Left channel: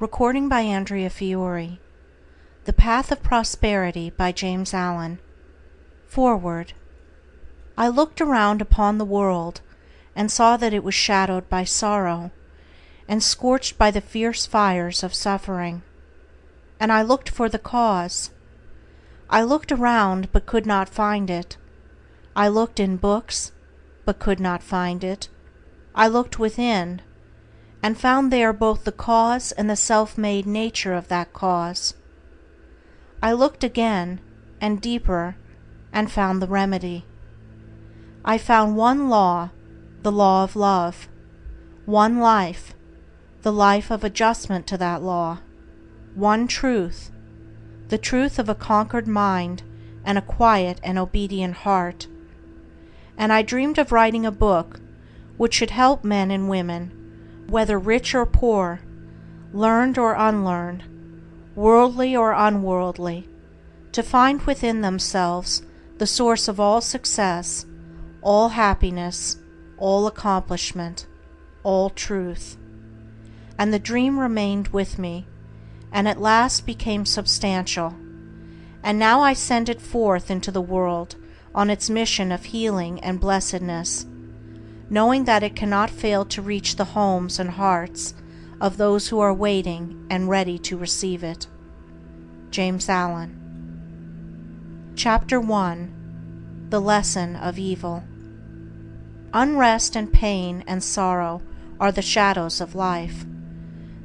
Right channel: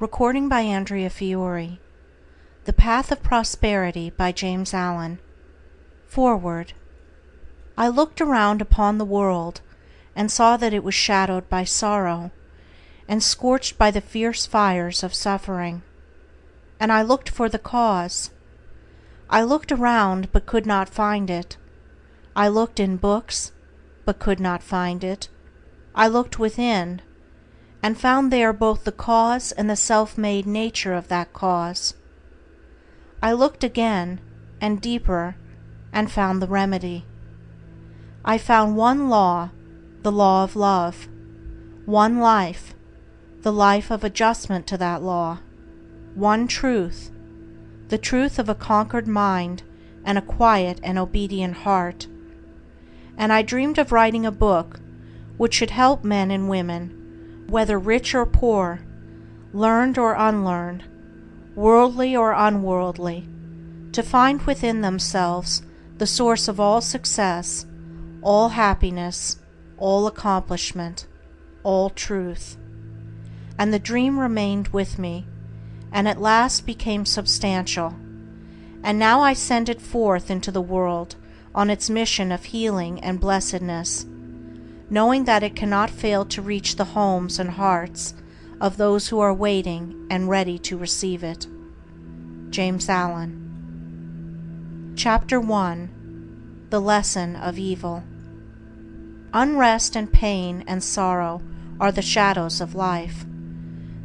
Recording by Andrea Fiore. The Path of Prosperity by James Allen. Foreword. I looked around upon the world, and saw that it was shadowed by sorrow, and scorched by the fierce fires of suffering. And I looked for the cause. I looked around, but could not find it. I looked in books, but could not find it. I looked within, and found there both the cause and the self-made nature of that cause. I looked again, and deeper, and found the remedy. I found one law, the law of love; one life, the life of adjustment to that law; one truth, the truth of a conquered mind and a quiet and obedient heart. And I dreamed of writing a book which should help men and women, whether rich or poor, learned or unlearned, worldly or unworldly, to find within themselves the source of all success, all happiness, all accomplishment, all truth. And the dream remained with me, and at last became substantial, and now I send it forth into the world on its mission of healing and blessedness, knowing that it cannot fail to reach the homes and hearts of those who are waiting and ready to receive it. James Allen. Chapter 1. The Lesson of Evil. Unrest and pain and sorrow are the shadows of life.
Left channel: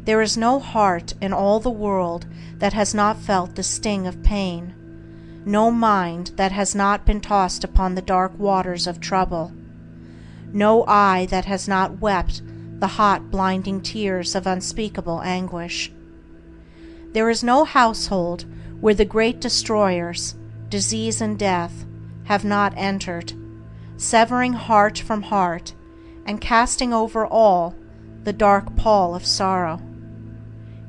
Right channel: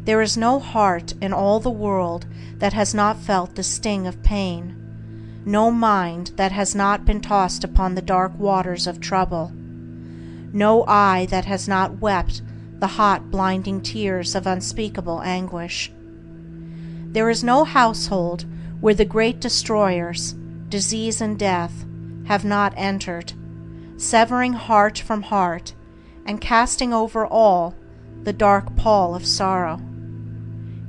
There is no heart in all the world that has not felt the sting of pain, no mind that has not been tossed upon the dark waters of trouble, no eye that has not wept the hot blinding tears of unspeakable anguish. There is no household where the great destroyers, disease and death, have not entered, severing heart from heart, and casting over all the dark pall of sorrow.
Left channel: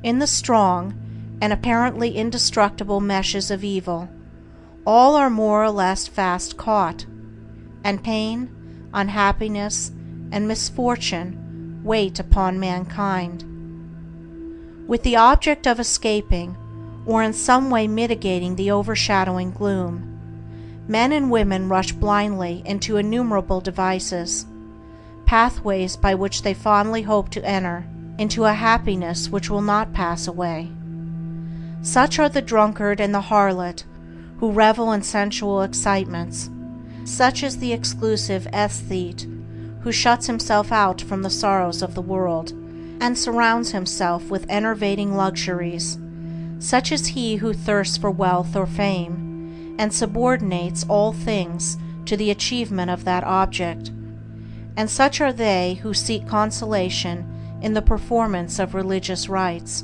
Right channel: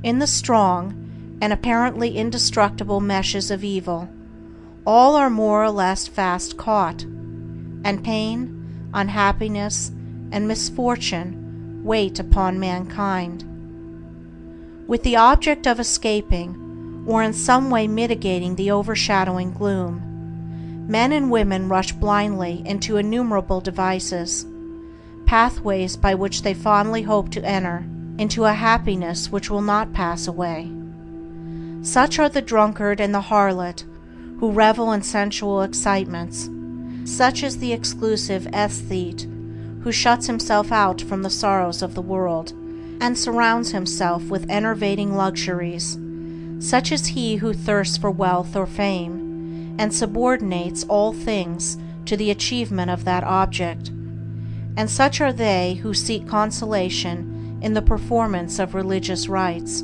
In the strong and apparently indestructible meshes of evil, all are more or less fast caught, and pain, unhappiness, and misfortune wait upon mankind. With the object of escaping, or in some way mitigating the overshadowing gloom, men and women rush blindly into innumerable devices, pathways by which they fondly hope to enter into a happiness which will not pass away. Such are the drunkard and the harlot, who revel in sensual excitements. Such is the exclusive aesthete, who shuts himself out from the sorrows of the world, and surrounds himself with enervating luxuries. Such is he who thirsts for wealth or fame, and subordinates all things to the achievement of that object. And such are they who seek consolation in the performance of religious rites.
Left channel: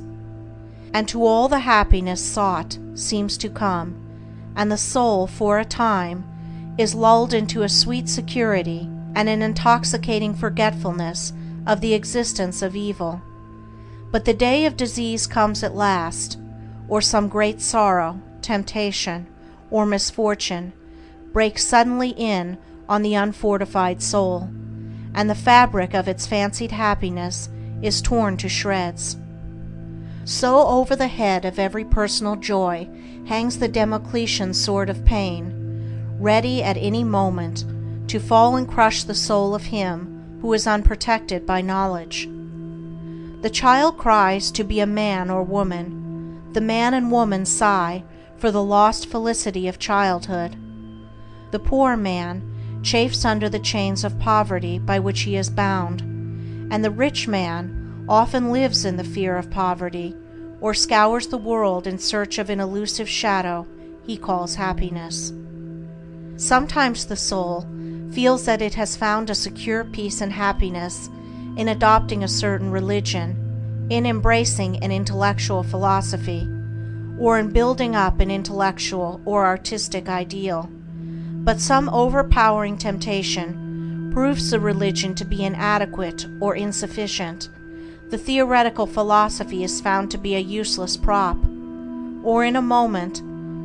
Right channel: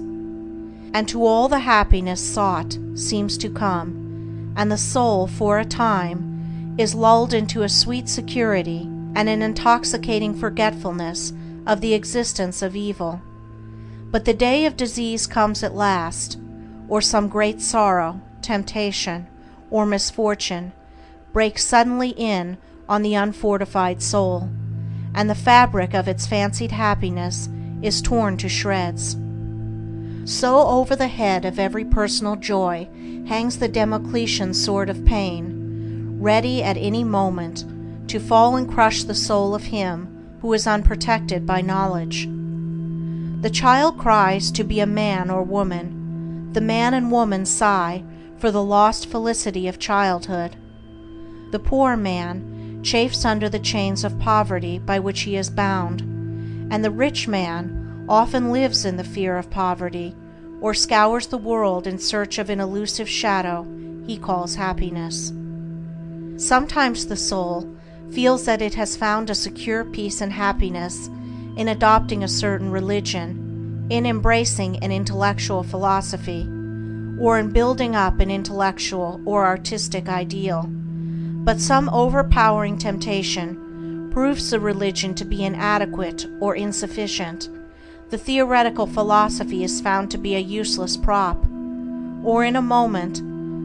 And to all the happiness sought seems to come, and the soul for a time is lulled into a sweet security and an intoxicating forgetfulness of the existence of evil. But the day of disease comes at last, or some great sorrow, temptation, or misfortune breaks suddenly in on the unfortified soul, and the fabric of its fancied happiness is torn to shreds. So over the head of every personal joy hangs the Damocletian sword of pain, ready at any moment to fall and crush the soul of him who is unprotected by knowledge. The child cries to be a man or woman. The man and woman sigh for the lost felicity of childhood. The poor man chafes under the chains of poverty by which he is bound, and the rich man often lives in the fear of poverty, or scours the world in search of an elusive shadow he calls happiness. Sometimes the soul feels that it has found a secure peace and happiness in adopting a certain religion, in embracing an intellectual philosophy, or in building up an intellectual or artistic ideal. But some overpowering temptation proves the religion to be inadequate or insufficient. The theoretical philosophy is found to be a useless prop, or in a moment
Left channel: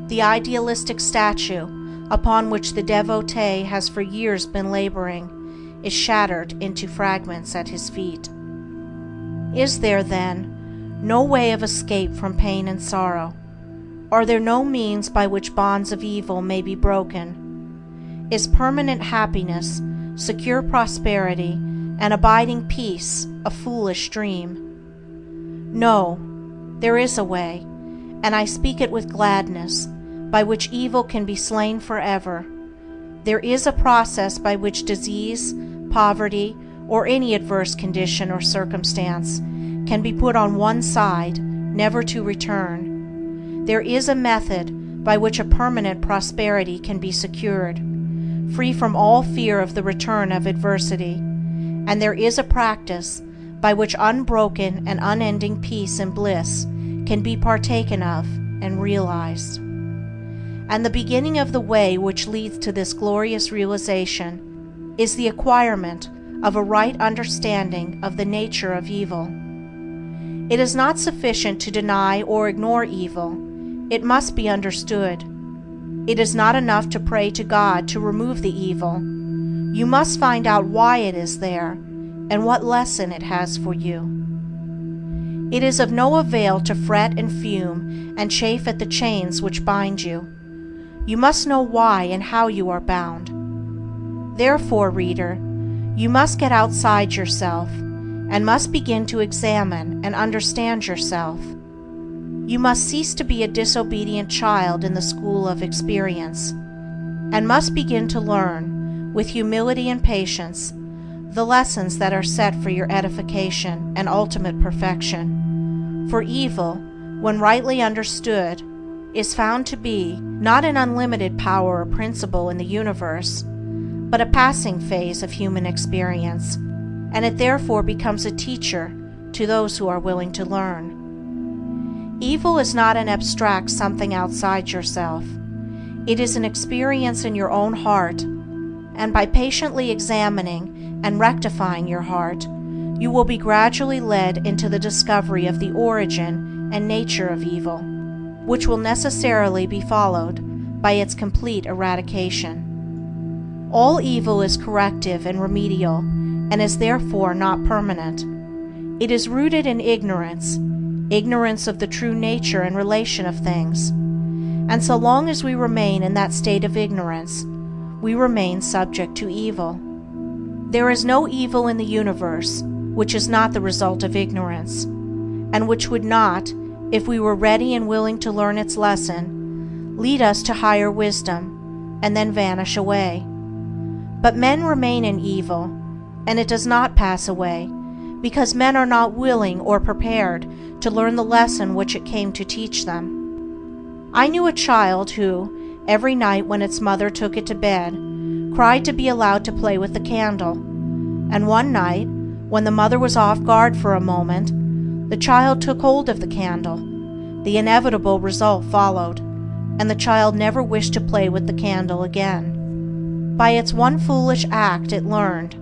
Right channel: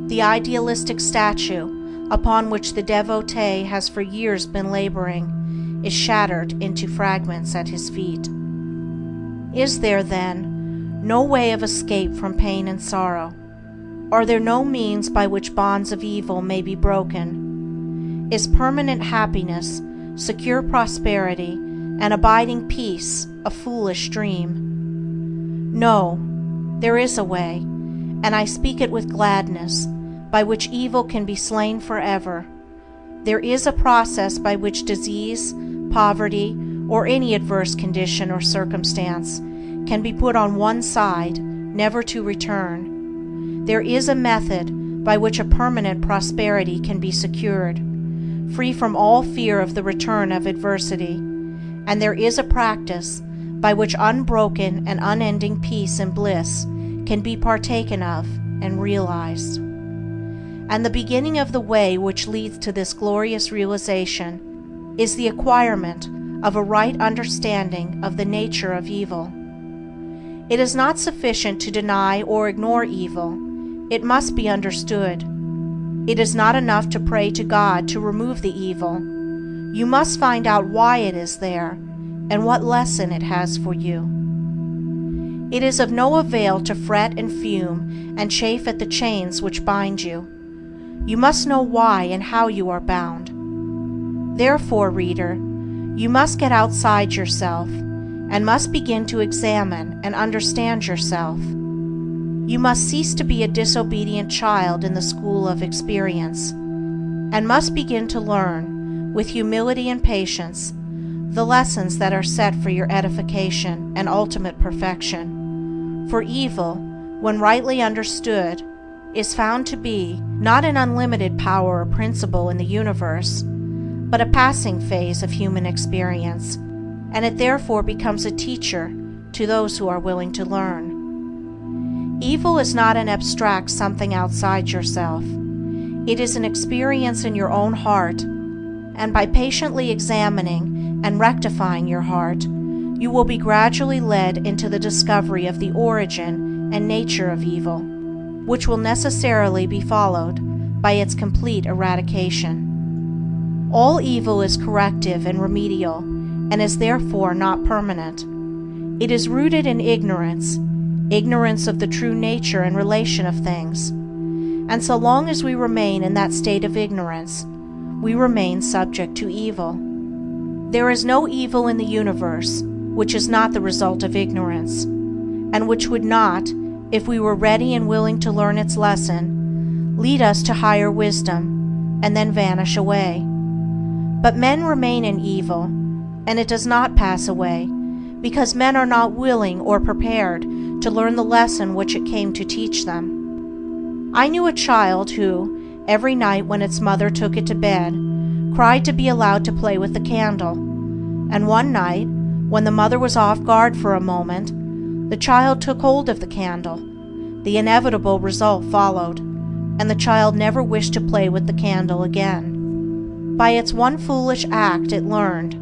the idealistic statue upon which the devotee has for years been laboring is shattered into fragments at his feet. Is there, then, no way of escape from pain and sorrow? Are there no means by which bonds of evil may be broken? Is permanent happiness, secure prosperity, and abiding peace a foolish dream? No, there is a way, and I speak it with gladness, by which evil can be slain forever. There is a process by which disease, poverty, or any adverse condition or circumstance can be put on one side, never to return. There is a method by which a permanent prosperity can be secured, free from all fear of the return of adversity, and there is a practice by which unbroken and unending peace and bliss can be partaken of and realized. And the beginning of the way which leads to this glorious realization is the acquirement of a right understanding of the nature of evil. It is not sufficient to deny or ignore evil, it must be understood. It is not enough to pray to God to remove the evil. You must find out why it is there and what lesson it has for you. It is of no avail to fret and fume and chafe at the chains which bind you. You must know why and how you are bound. Therefore, reader, you must get outside yourself and must begin to examine and understand yourself. You must cease to be a disobedient child in the school of experience, and must begin to learn, with humility and patience, the lessons that are set for your edification and ultimate perfection. For evil, when rightly understood, is found to be not an unlimited power or principle in the universe, but a passing phase of human experience, and it therefore becomes a teacher to those who are willing to learn. Evil is not an abstract something outside yourself. It is an experience in your own heart, and by patiently examining and rectifying your heart, you will be gradually led into the discovery of the origin and nature of evil, which will necessarily be followed by its complete eradication. All evil is corrective and remedial, and is therefore not permanent. It is rooted in ignorance of the true nature and relation of things, and so long as we remain in that state of ignorance, we remain subject to evil. There is no evil in the universe which is not the result of ignorance, and which would not, if we were ready and willing to learn its lesson, lead us to higher wisdom, and then vanish away. But men remain in evil, and it does not pass away, because men are not willing or prepared to learn the lesson which it came to teach them. I knew a child who, every night when its mother took it to bed, cried to be allowed to play with the candle, and one night, when the mother was off guard for a moment, the child took hold of the candle. The inevitable result followed, and the child never wished to play with the candle again. By its one foolish act it learned,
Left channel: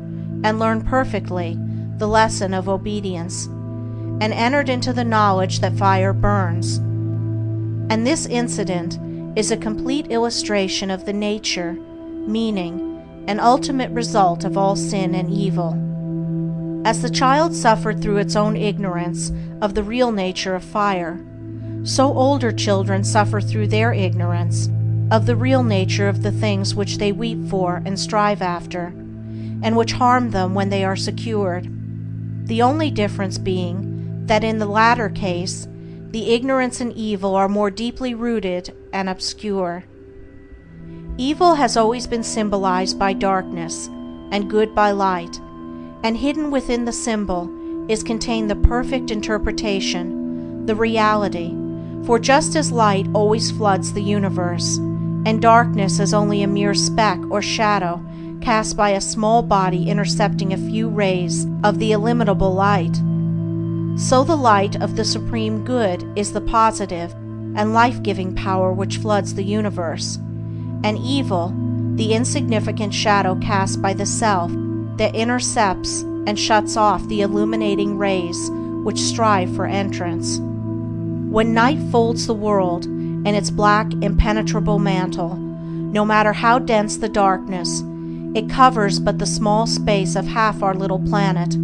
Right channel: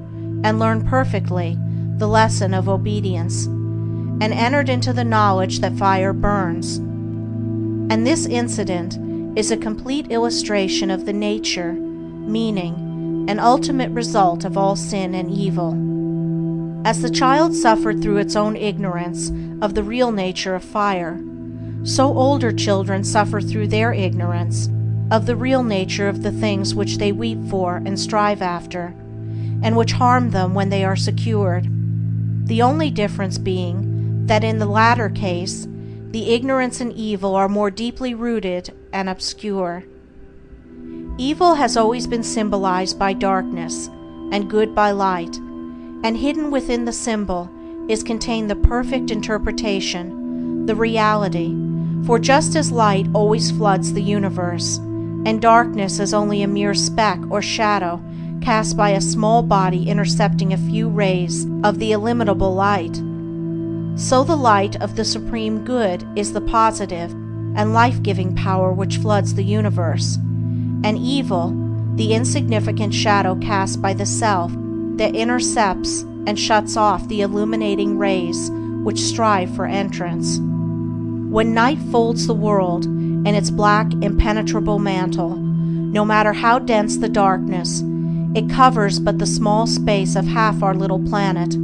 and learned perfectly, the lesson of obedience, and entered into the knowledge that fire burns. And this incident is a complete illustration of the nature, meaning, and ultimate result of all sin and evil. As the child suffered through its own ignorance of the real nature of fire, so older children suffer through their ignorance of the real nature of the things which they weep for and strive after, and which harm them when they are secured, the only difference being that in the latter case the ignorance and evil are more deeply rooted and obscure. Evil has always been symbolized by darkness, and good by light, and hidden within the symbol is contained the perfect interpretation, the reality, for just as light always floods the universe, and darkness is only a mere speck or shadow cast by a small body intercepting a few rays of the illimitable light, so the light of the Supreme Good is the positive and life-giving power which floods the universe, and evil, the insignificant shadow cast by the self that intercepts and shuts off the illuminating rays which strive for entrance. When night folds the world in its black, impenetrable mantle, no matter how dense the darkness, it covers but the small space of half our little planet,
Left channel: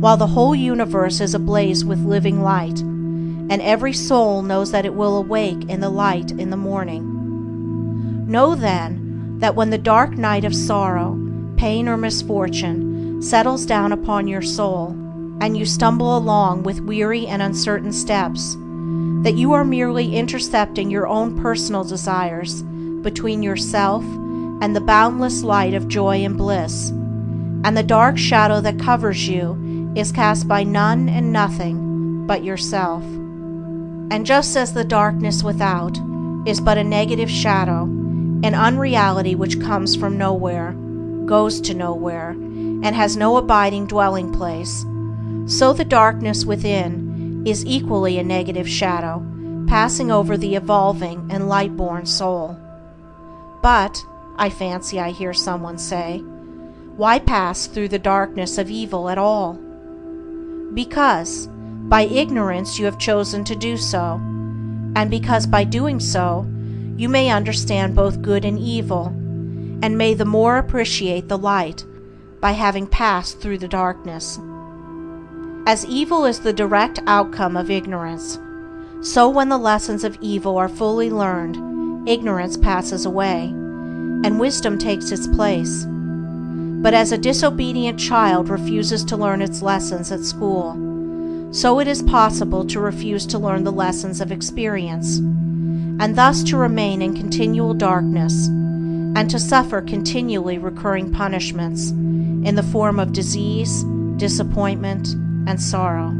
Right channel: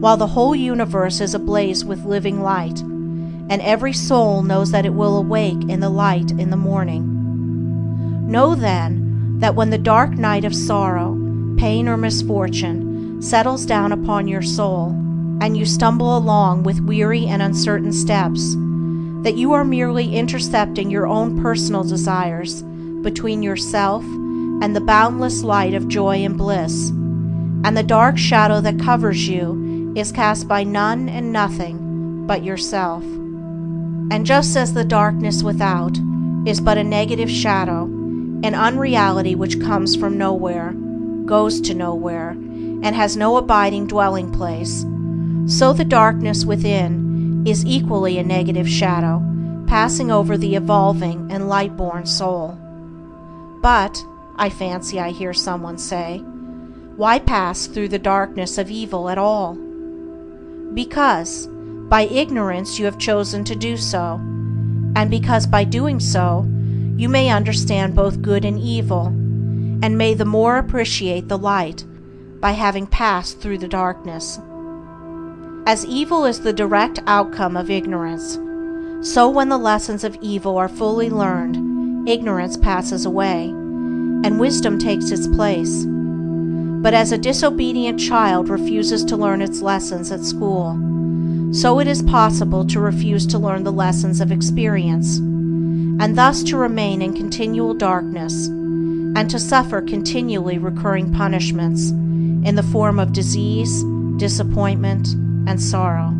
while the whole universe is ablaze with living light, and every soul knows that it will awake in the light in the morning. Know then that when the dark night of sorrow, pain, or misfortune settles down upon your soul, and you stumble along with weary and uncertain steps, that you are merely intercepting your own personal desires between yourself and the boundless light of joy and bliss, and the dark shadow that covers you is cast by none and nothing but yourself. And just as the darkness without is but a negative shadow, an unreality which comes from nowhere, goes to nowhere, and has no abiding dwelling place, so the darkness within is equally a negative shadow, passing over the evolving and light-born soul. But, I fancy I hear someone say, why pass through the darkness of evil at all? Because, by ignorance you have chosen to do so, and because by doing so, you may understand both good and evil, and may the more appreciate the light by having passed through the darkness. As evil is the direct outcome of ignorance, so when the lessons of evil are fully learned, ignorance passes away, and wisdom takes its place. But as a disobedient child refuses to learn its lessons at school, so it is possible to refuse to learn the lessons of experience, and thus to remain in continual darkness, and to suffer continually recurring punishments in the form of disease, disappointment, and sorrow.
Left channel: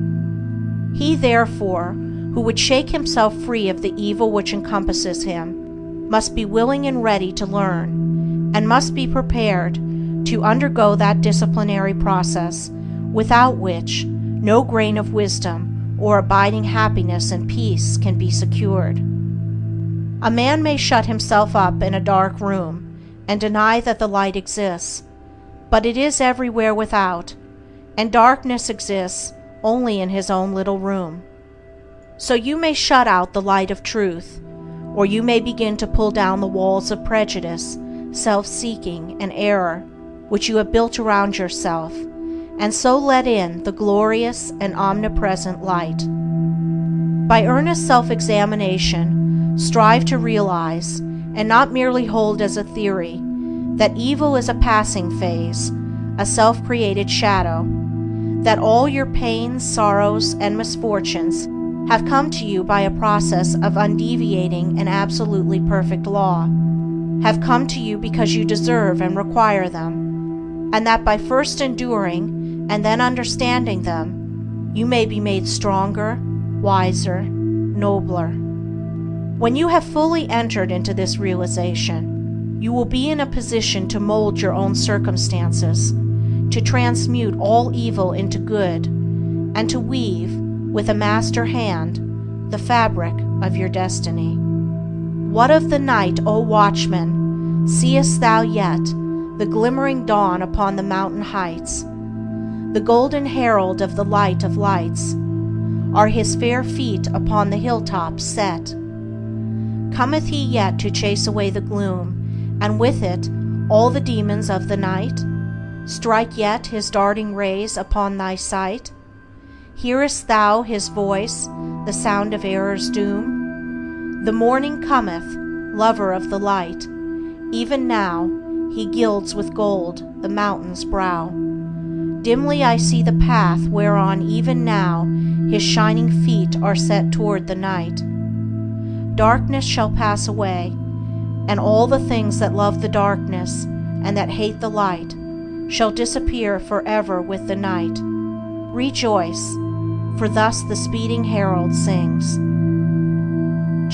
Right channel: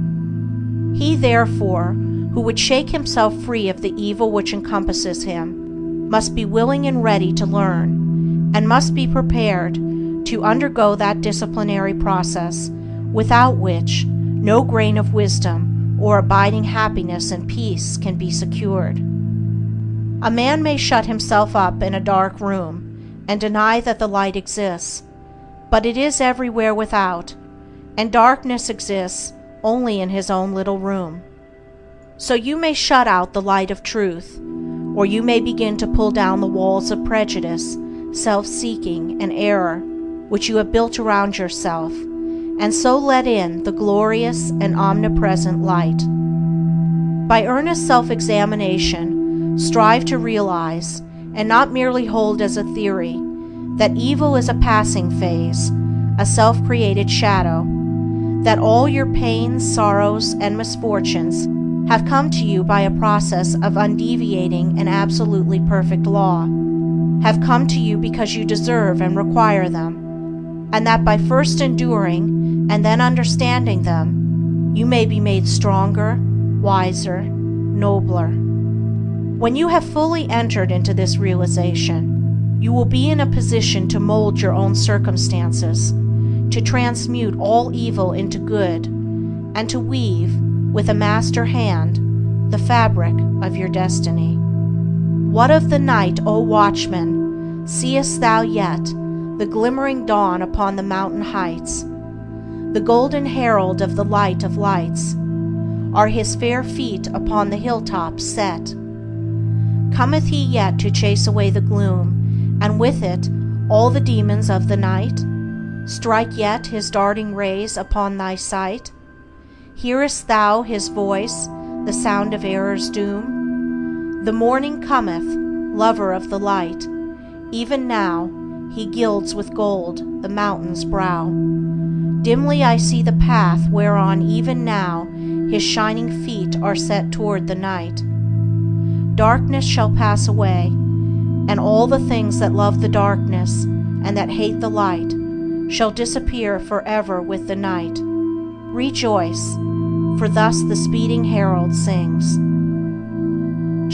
He, therefore, who would shake himself free of the evil which encompasses him, must be willing and ready to learn, and must be prepared to undergo that disciplinary process without which no grain of wisdom or abiding happiness and peace can be secured. A man may shut himself up in a dark room and deny that the light exists, but it is everywhere without, and darkness exists only in his own little room. So you may shut out the light of truth, or you may begin to pull down the walls of prejudice, self-seeking, and error which you have built around yourself, and so let in the glorious and omnipresent light. By earnest self-examination, strive to realize, and not merely hold as a theory, that evil is a passing phase, a self-created shadow, that all your pains, sorrows, and misfortunes have come to you by a process of undeviating and absolutely perfect law, have come to you because you deserve and require them, and that by first enduring and then understanding them, you may be made stronger, wiser, nobler. When you have fully entered into this realization, you will be in a position to mold your own circumstances, to transmute all evil into good, and to weave, with a master hand, the fabric of your destiny. What of the night, O watchman? Seest thou yet the glimmering dawn upon the mountain heights? The golden herald of the light of lights, are his fair feet upon the hilltops set? Cometh he yet to chase away the gloom, and with it all the demons of the night? Strike yet his darting rays upon thy sight? Hearest thou his voice, the sound of error's doom? The morning cometh, lover of the light. Even now he gilds with gold the mountain's brow. Dimly I see the path whereon even now his shining feet are set toward the night. Darkness shall pass away, and all the things that love the darkness and that hate the light shall disappear forever with the night. Rejoice, for thus the speeding herald sings.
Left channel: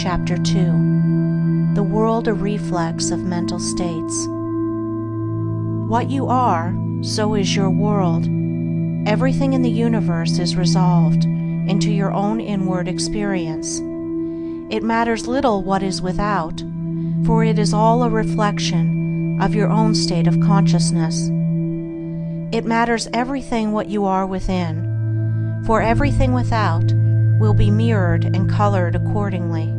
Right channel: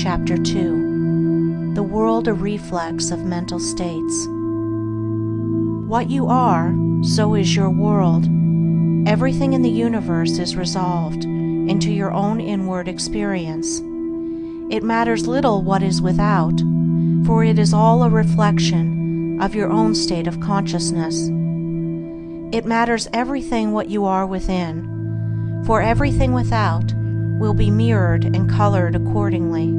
Chapter 2. The World a Reflex of Mental States. What you are, so is your world. Everything in the universe is resolved into your own inward experience. It matters little what is without, for it is all a reflection of your own state of consciousness. It matters everything what you are within, for everything without will be mirrored and colored accordingly.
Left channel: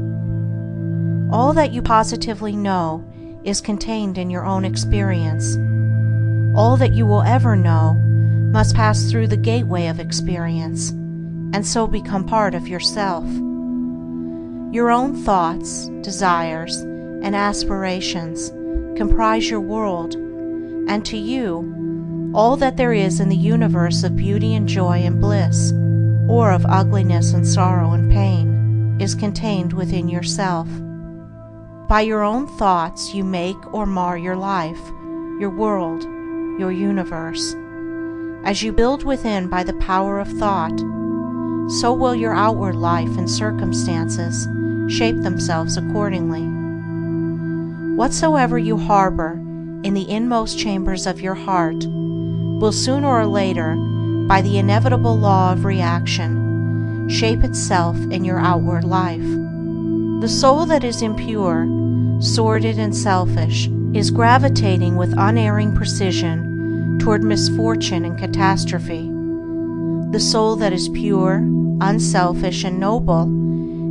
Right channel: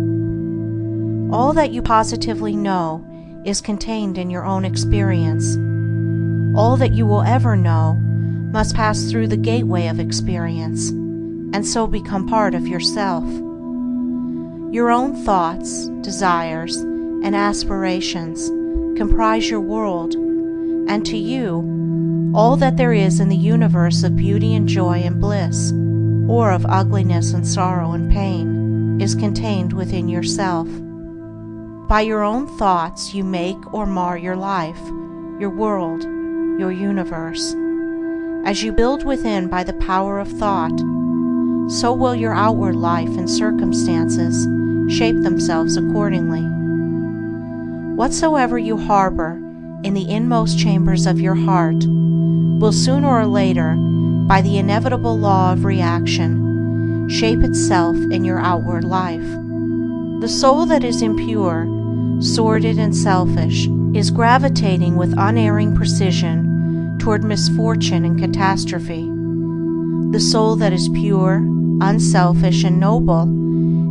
All that you positively know is contained in your own experience. All that you will ever know must pass through the gateway of experience, and so become part of yourself. Your own thoughts, desires, and aspirations comprise your world, and to you, all that there is in the universe of beauty and joy and bliss, or of ugliness and sorrow and pain, is contained within yourself. By your own thoughts you make or mar your life, your world, your universe. As you build within by the power of thought, so will your outward life and circumstances shape themselves accordingly. Whatsoever you harbor in the inmost chambers of your heart will sooner or later, by the inevitable law of reaction, shape itself in your outward life. The soul that is impure, sordid, and selfish is gravitating with unerring precision toward misfortune and catastrophe. The soul that is pure, unselfish, and noble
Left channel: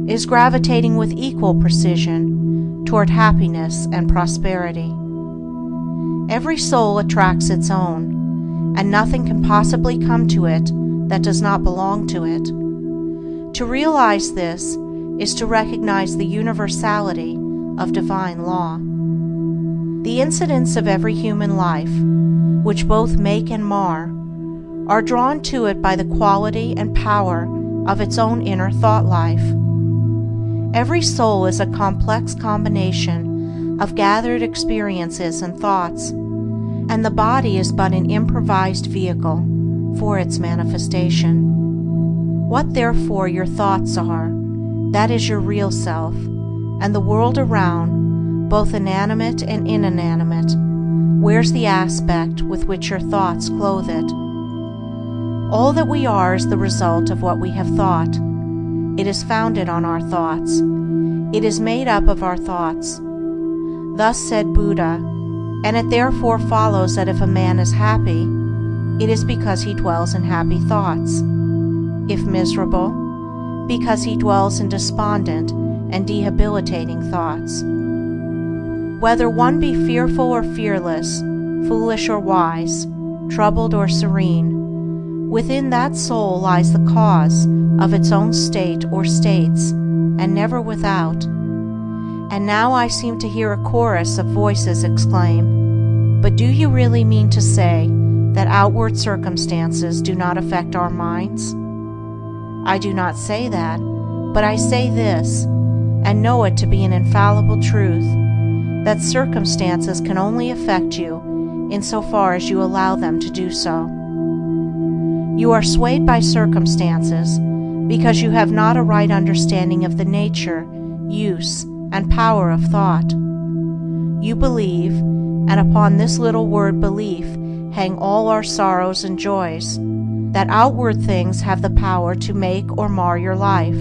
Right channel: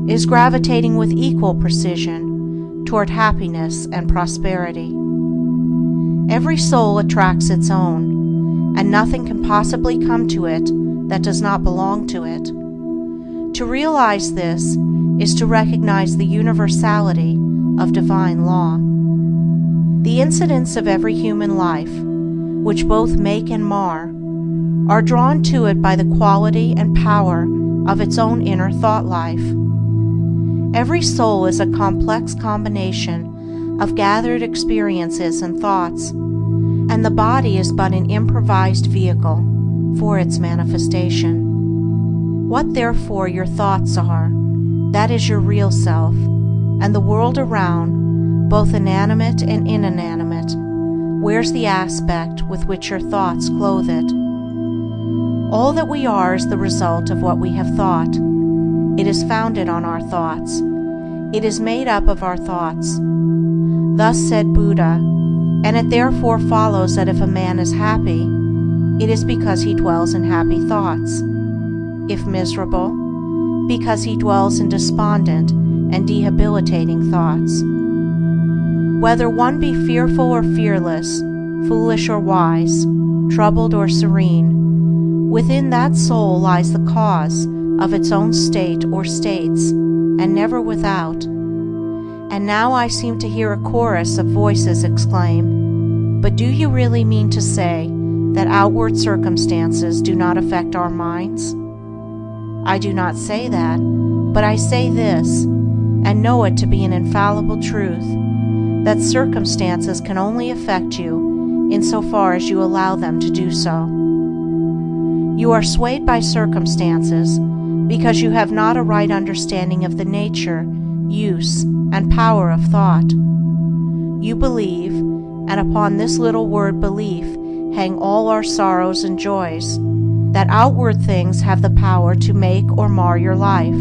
is gravitating with equal precision toward happiness and prosperity. Every soul attracts its own, and nothing can possibly come to it that does not belong to it. To realize this is to recognize the universality of divine law. The incidents of every human life, which both make and mar, are drawn to it by the quality and power of its own inner thought life. Every soul is a complex combination of gathered experiences and thoughts, and the body is but an improvised vehicle for its manifestation. What therefore your thoughts are, that is your real self, and the world around, both inanimate and inanimate, wears the aspect with which your thoughts clothe it. All that we are is the result of what we have thought. It is founded on our thoughts. It is made up of our thoughts. Thus said Buddha, and it therefore follows that if a man is happy, it is because he dwells in happy thoughts. If miserable, because he dwells in despondent and debilitating thoughts. Whether one be fearful or fearless, foolish or wise, troubled or serene, within that soul lies the cause of its own state or states, and never without. And now I seem to hear a chorus of voices exclaim, "But do you really mean to say that outward circumstances do not affect our minds?" I do not say that, but I say this, and know it to be an infallible truth, that circumstances can only affect you insofar as you allow them to do so. You are swayed by circumstances because you have not a right understanding of the nature, use, and power of thought. You believe, and upon this little word belief hang all our sorrows and joys, that outward things have the power to make or mar your life.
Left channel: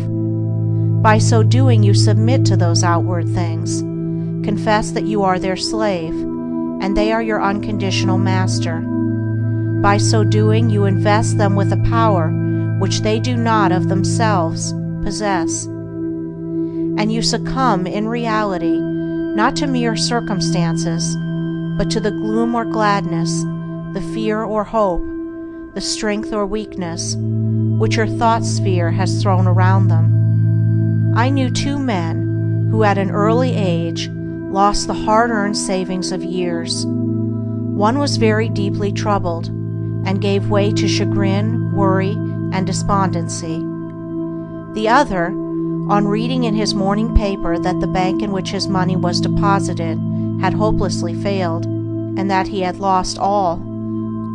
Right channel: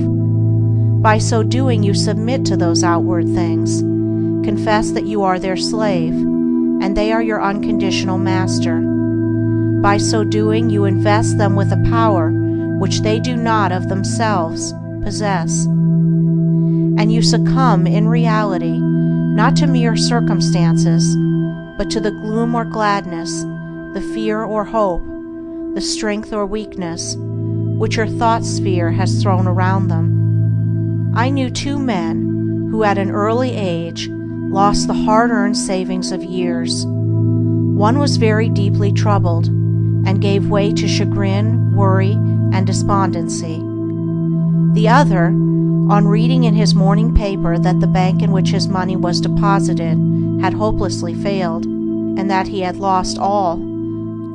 By so doing you submit to those outward things, confess that you are their slave, and they are your unconditional master. By so doing you invest them with a power which they do not of themselves possess. And you succumb in reality not to mere circumstances, but to the gloom or gladness, the fear or hope, the strength or weakness, which your thought sphere has thrown around them. I knew two men who at an early age lost the hard-earned savings of years. One was very deeply troubled, and gave way to chagrin, worry, and despondency. The other, on reading in his morning paper that the bank in which his money was deposited had hopelessly failed, and that he had lost all,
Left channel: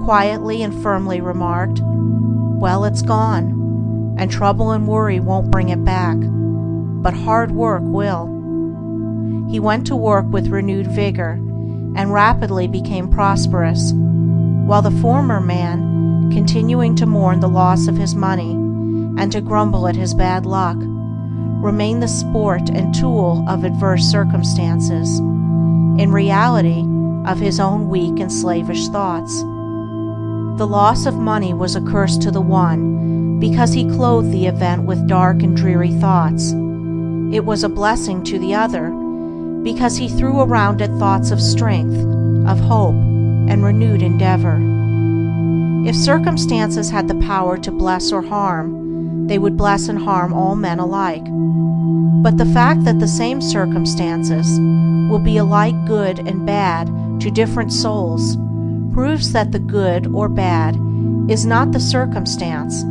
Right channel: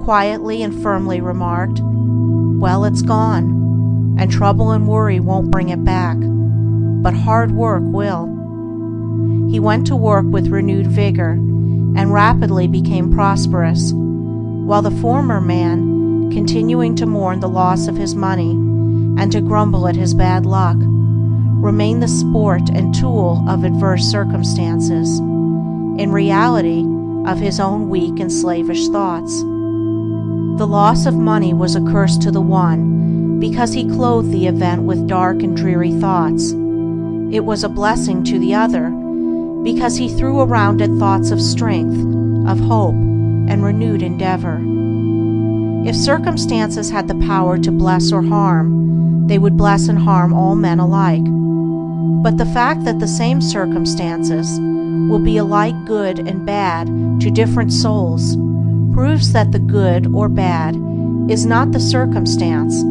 quietly and firmly remarked, "Well, it's gone, and trouble and worry won't bring it back, but hard work will." He went to work with renewed vigor, and rapidly became prosperous, while the former man, continuing to mourn the loss of his money, and to grumble at his bad luck, remained the sport and tool of adverse circumstances, in reality of his own weak and slavish thoughts. The loss of money was a curse to the one, because he clothed the event with dark and dreary thoughts. It was a blessing to the other, because he threw around it thoughts of strength, of hope, and renewed endeavor. If circumstances had the power to bless or harm, they would bless and harm all men alike. But the fact that the same circumstances will be alike good and bad to different souls proves that the good or bad is not the circumstance,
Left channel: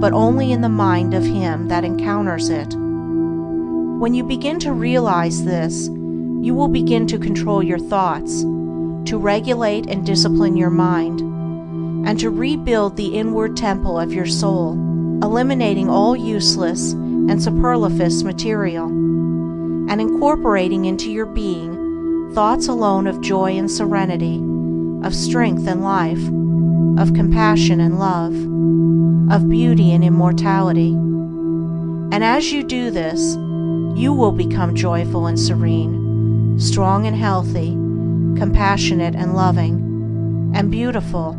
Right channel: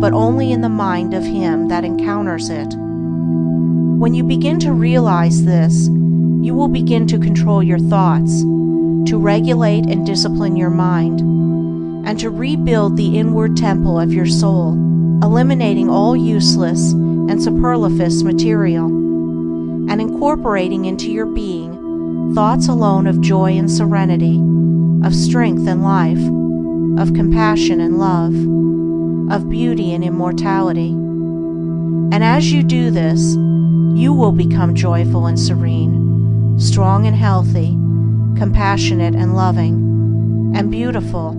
but only in the mind of him that encounters it. When you begin to realize this, you will begin to control your thoughts, to regulate and discipline your mind, and to rebuild the inward temple of your soul, eliminating all useless and superfluous material, and incorporating into your being thoughts alone of joy and serenity, of strength and life, of compassion and love, of beauty and immortality. And as you do this, you will become joyful and serene, strong and healthy, compassionate and loving, and beautiful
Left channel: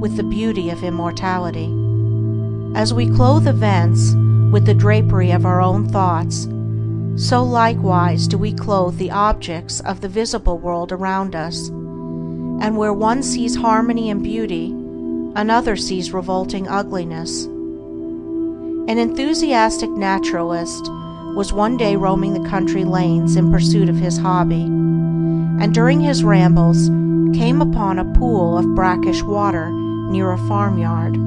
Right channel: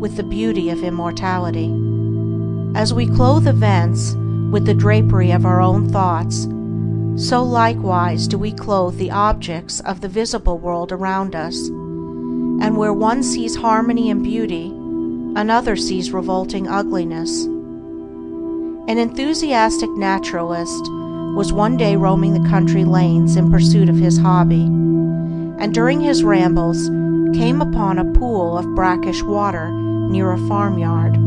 with the beauty of immortality. As we clothe events with the drapery of our own thoughts, so likewise do we clothe the objects of the visible world around us, and where one sees harmony and beauty, another sees revolting ugliness. An enthusiastic naturalist was one day roaming the country lanes in pursuit of his hobby, and during his rambles came upon a pool of brackish water near a farmyard.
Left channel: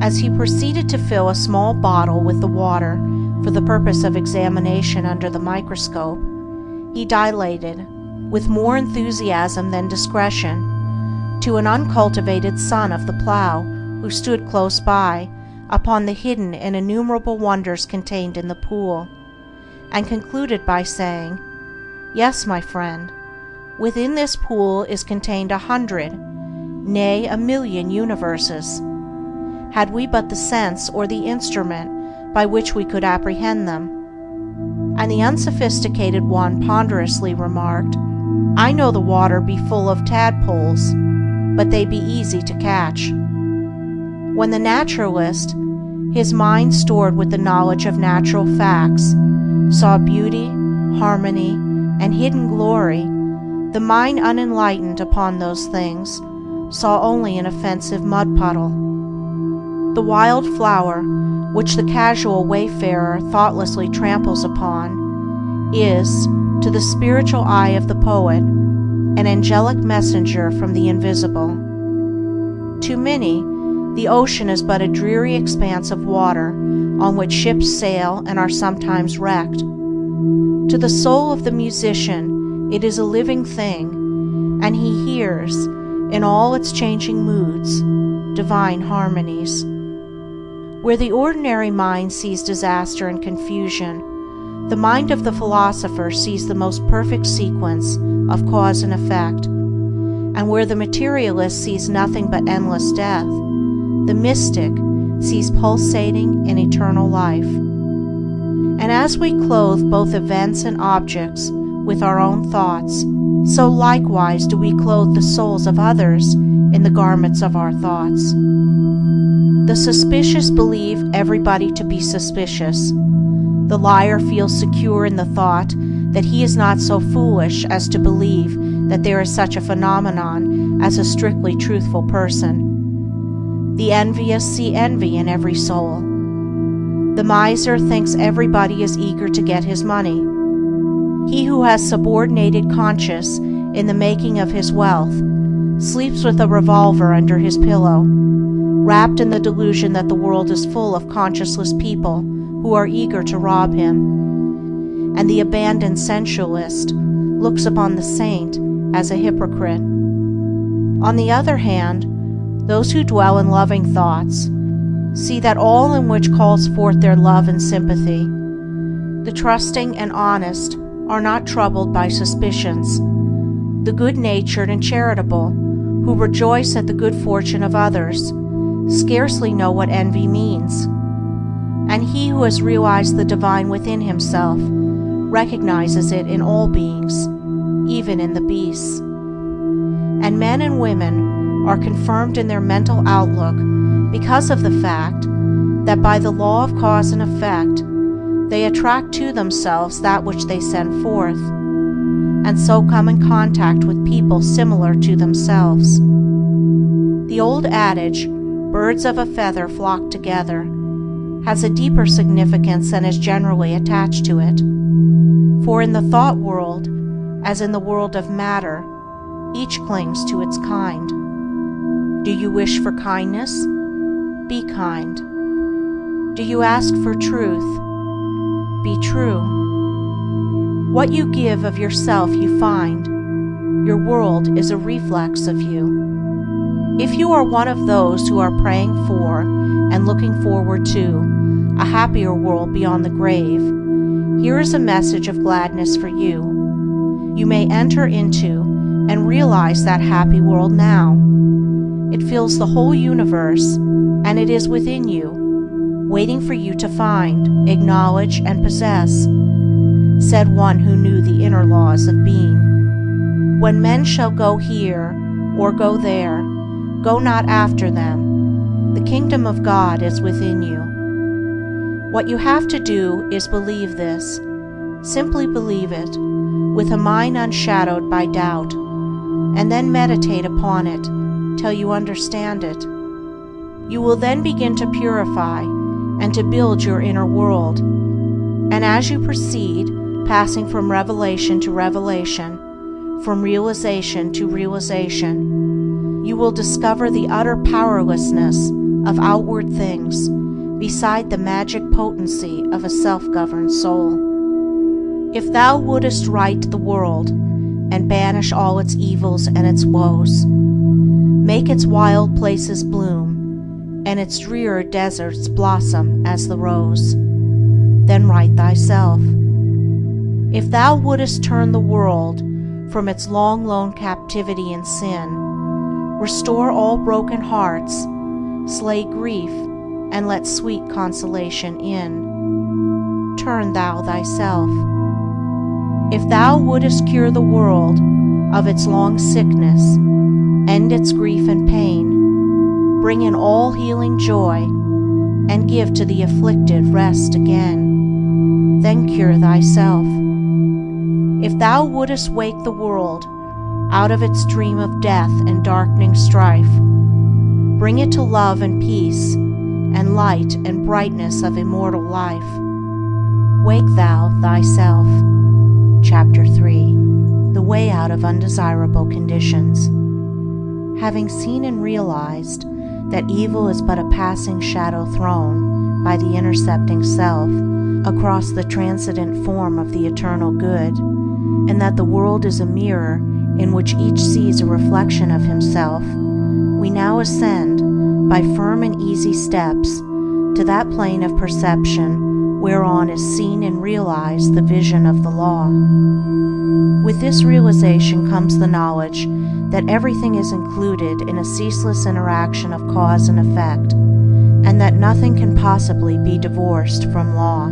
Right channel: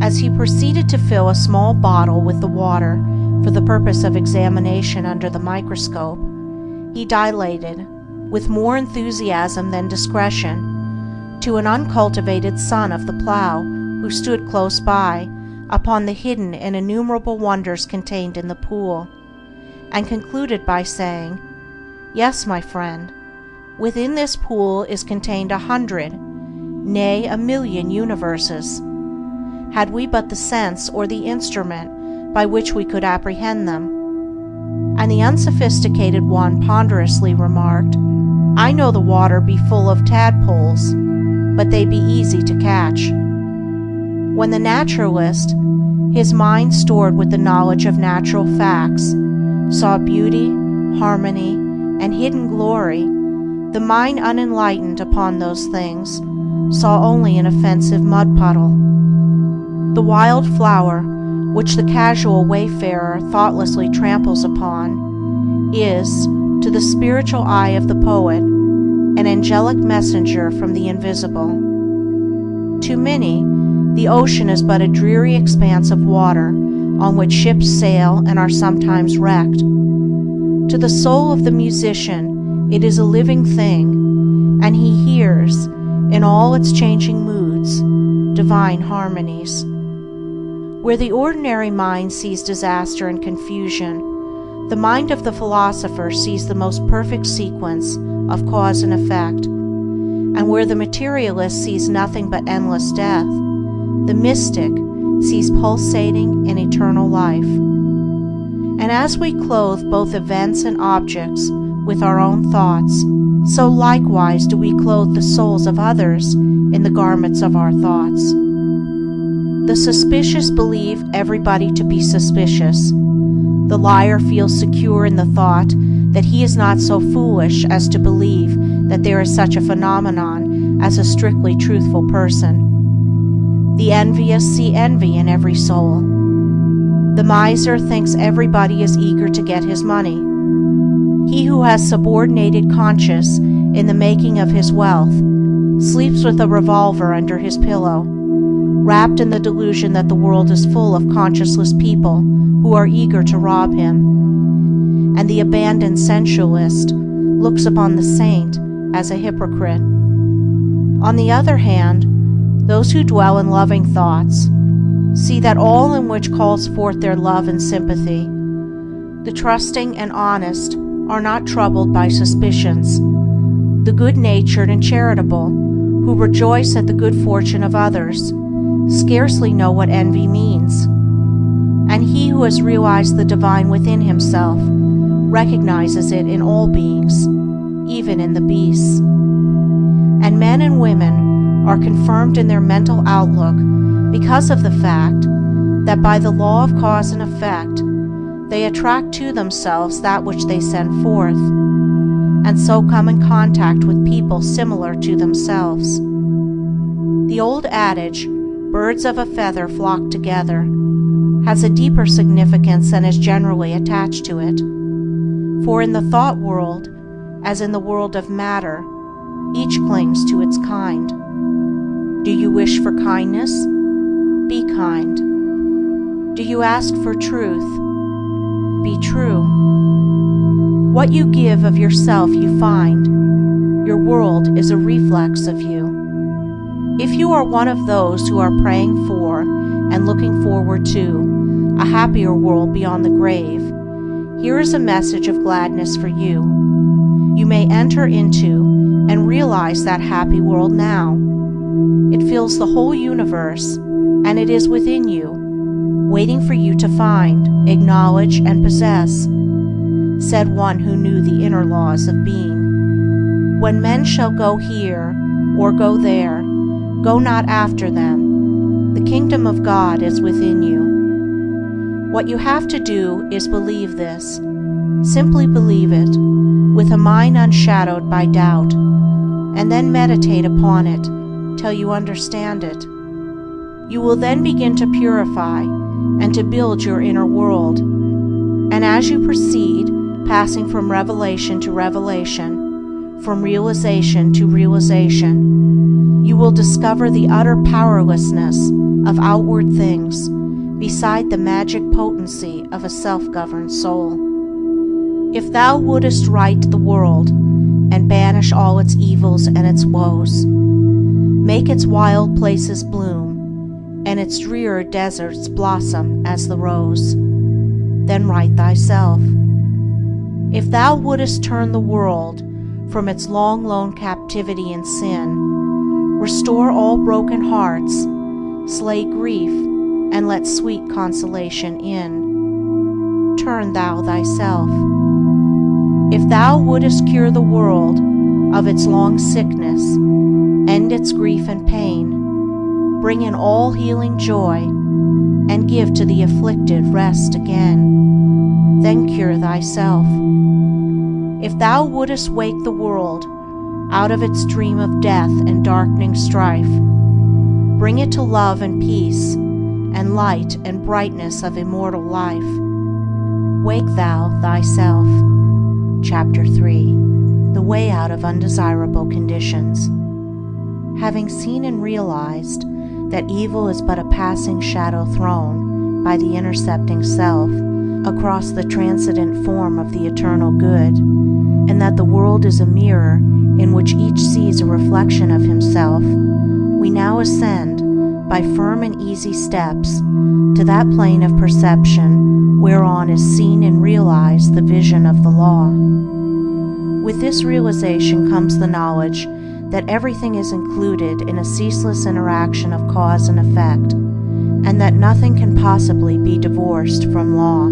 As he proceeded to fill a small bottle with the water for the purpose of examination under the microscope, he dilated, with more enthusiasm than discretion, to an uncultivated son of the plough who stood close by, upon the hidden and innumerable wonders contained in the pool, and concluded by saying, "Yes, my friend, within this pool is contained 100, nay, 1,000,000 universes, had we but the sense or the instrument by which we could apprehend them." And the unsophisticated one ponderously remarked, "I know the water be full of tadpoles, but they be easy to catch." When the naturalist, his mind stored with the knowledge of natural facts, saw beauty, harmony, and hidden glory, the mind unenlightened upon those things saw only an offensive mud puddle. The wild flower, which the casual wayfarer thoughtlessly tramples upon, is, to the spiritual eye of the poet, an angelic messenger from the invisible. To many, the ocean is but a dreary expanse of water on which ships sail and are sometimes wrecked. To the soul of the musician, it is a living thing, and he hears, in all its changing moods, divine harmonies. Where the ordinary mind sees disaster and confusion, the mind of the philosopher sees the most perfect sequence of cause and effect, and where the materialist sees nothing but endless death, the mystic sees pulsating and eternal life. And as we clothe both events and objects with our own thoughts, so likewise do we clothe the souls of others in the garments of our thoughts. The suspicious believe everybody to be suspicious. The liar feels secure in the thought that he is not so foolish as to believe that there is such a phenomenon as a strictly truthful person. The envious see envy in every soul. The miser thinks everybody is eager to get his money. He who has subordinated conscience in the making of his wealth sleeps with a revolver under his pillow, wrapped in the delusion that the world is full of conscienceless people who are eager to rob him. And the abandoned sensualist looks upon the saint as a hypocrite. On the other hand, those who dwell in loving thoughts see that all in which calls forth their love and sympathy. The trusting and honest are not troubled by suspicions. The good-natured and charitable, who rejoice at the good fortune of others, scarcely know what envy means. And he who has realized the divine within himself recognizes it in all beings, even in the beasts. And men and women are confirmed in their mental outlook because of the fact that by the law of cause and effect, they attract to themselves that which they send forth, and so come in contact with people similar to themselves. The old adage, "Birds of a feather flock together," has a deeper significance than is generally attached to it. For in the thought world, as in the world of matter, each clings to its kind. Do you wish for kindness? Be kind. Do you ask for truth? Be true. What you give of yourself you find. Your world is a reflex of you. If you are one of those who are praying for and looking forward to a happier world beyond the grave, here is a message of gladness for you. You may enter into and realize that happy world now. It fills the whole universe, and it is within you, waiting for you to find, acknowledge, and possess, said one who knew the inner laws of being. When men shall go here or go there, go not after them. The kingdom of God is within you. What you have to do is believe this. Simply believe it, with a mind unshadowed by doubt, and then meditate upon it till you understand it. You will then begin to purify and to build your inner world. And as you proceed, passing from revelation to revelation, from realization to realization, you will discover the utter powerlessness of outward things beside the magic potency of a self-governed soul. If thou wouldest right the world and banish all its evils and its woes, make its wild places bloom and its drear deserts blossom as the rose, then right thyself. If thou wouldest turn the world from its long lone captivity in sin, restore all broken hearts, slay grief, and let sweet consolation in, turn thou thyself. If thou wouldest cure the world of its long sickness, end its grief and pain, bring in all healing joy, and give to the afflicted rest again, then cure thyself. If thou wouldest wake the world out of its dream of death and darkening strife, bring it to love and peace and light and brightness of immortal life, wake thou thyself. Chapter 3. The Way Out of Undesirable Conditions. Having seen and realized that evil is but a passing shadow thrown by the intercepting self across the transcendent form of the eternal good, and that the world is a mirror in which each sees a reflection of himself, we now ascend by firm and easy steps to that plane of perception whereon is seen and realized the vision of the law. With this realization comes the knowledge that everything is included in a ceaseless interaction of cause and effect, and that nothing can possibly be divorced from law.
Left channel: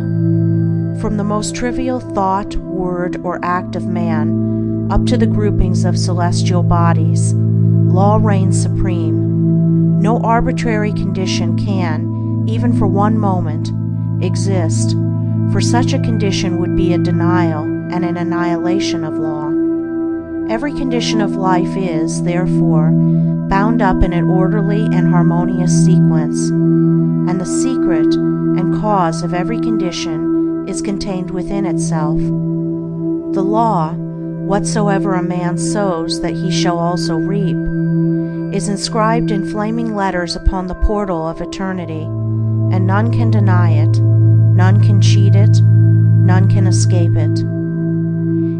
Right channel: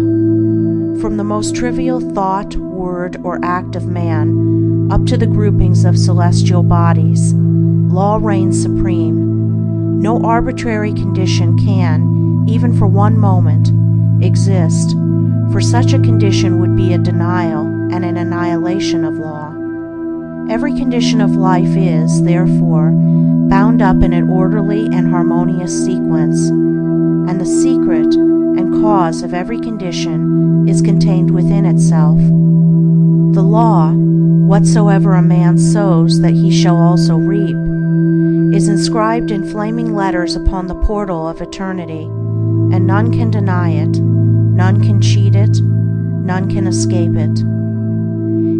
From the most trivial thought, word, or act of man, up to the groupings of celestial bodies, law reigns supreme. No arbitrary condition can, even for one moment, exist, for such a condition would be a denial and an annihilation of law. Every condition of life is, therefore, bound up in an orderly and harmonious sequence, and the secret and cause of every condition is contained within itself. The law, whatsoever a man sows that he shall also reap, is inscribed in flaming letters upon the portal of eternity, and none can deny it, none can cheat it, none can escape it.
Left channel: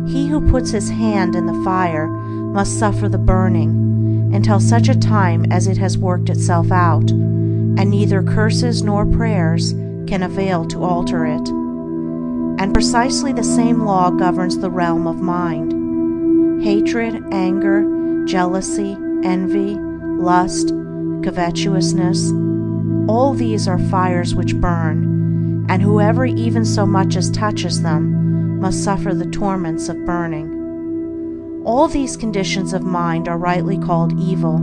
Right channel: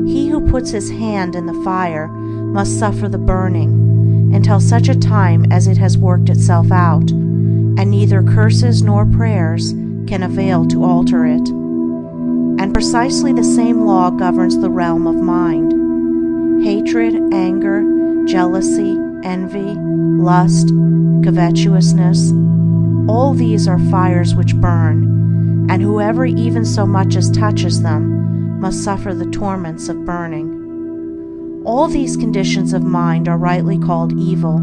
He who puts his hand in the fire must suffer the burning until such a time as it has worked itself out, and neither curses nor prayers can avail to alter it. And precisely the same law governs the realm of mind. Hatred, anger, jealousy, envy, lust, covetousness, all these are fires which burn, and whoever even so much as touches them must suffer the torments of burning. All these conditions of mind are rightly called evil,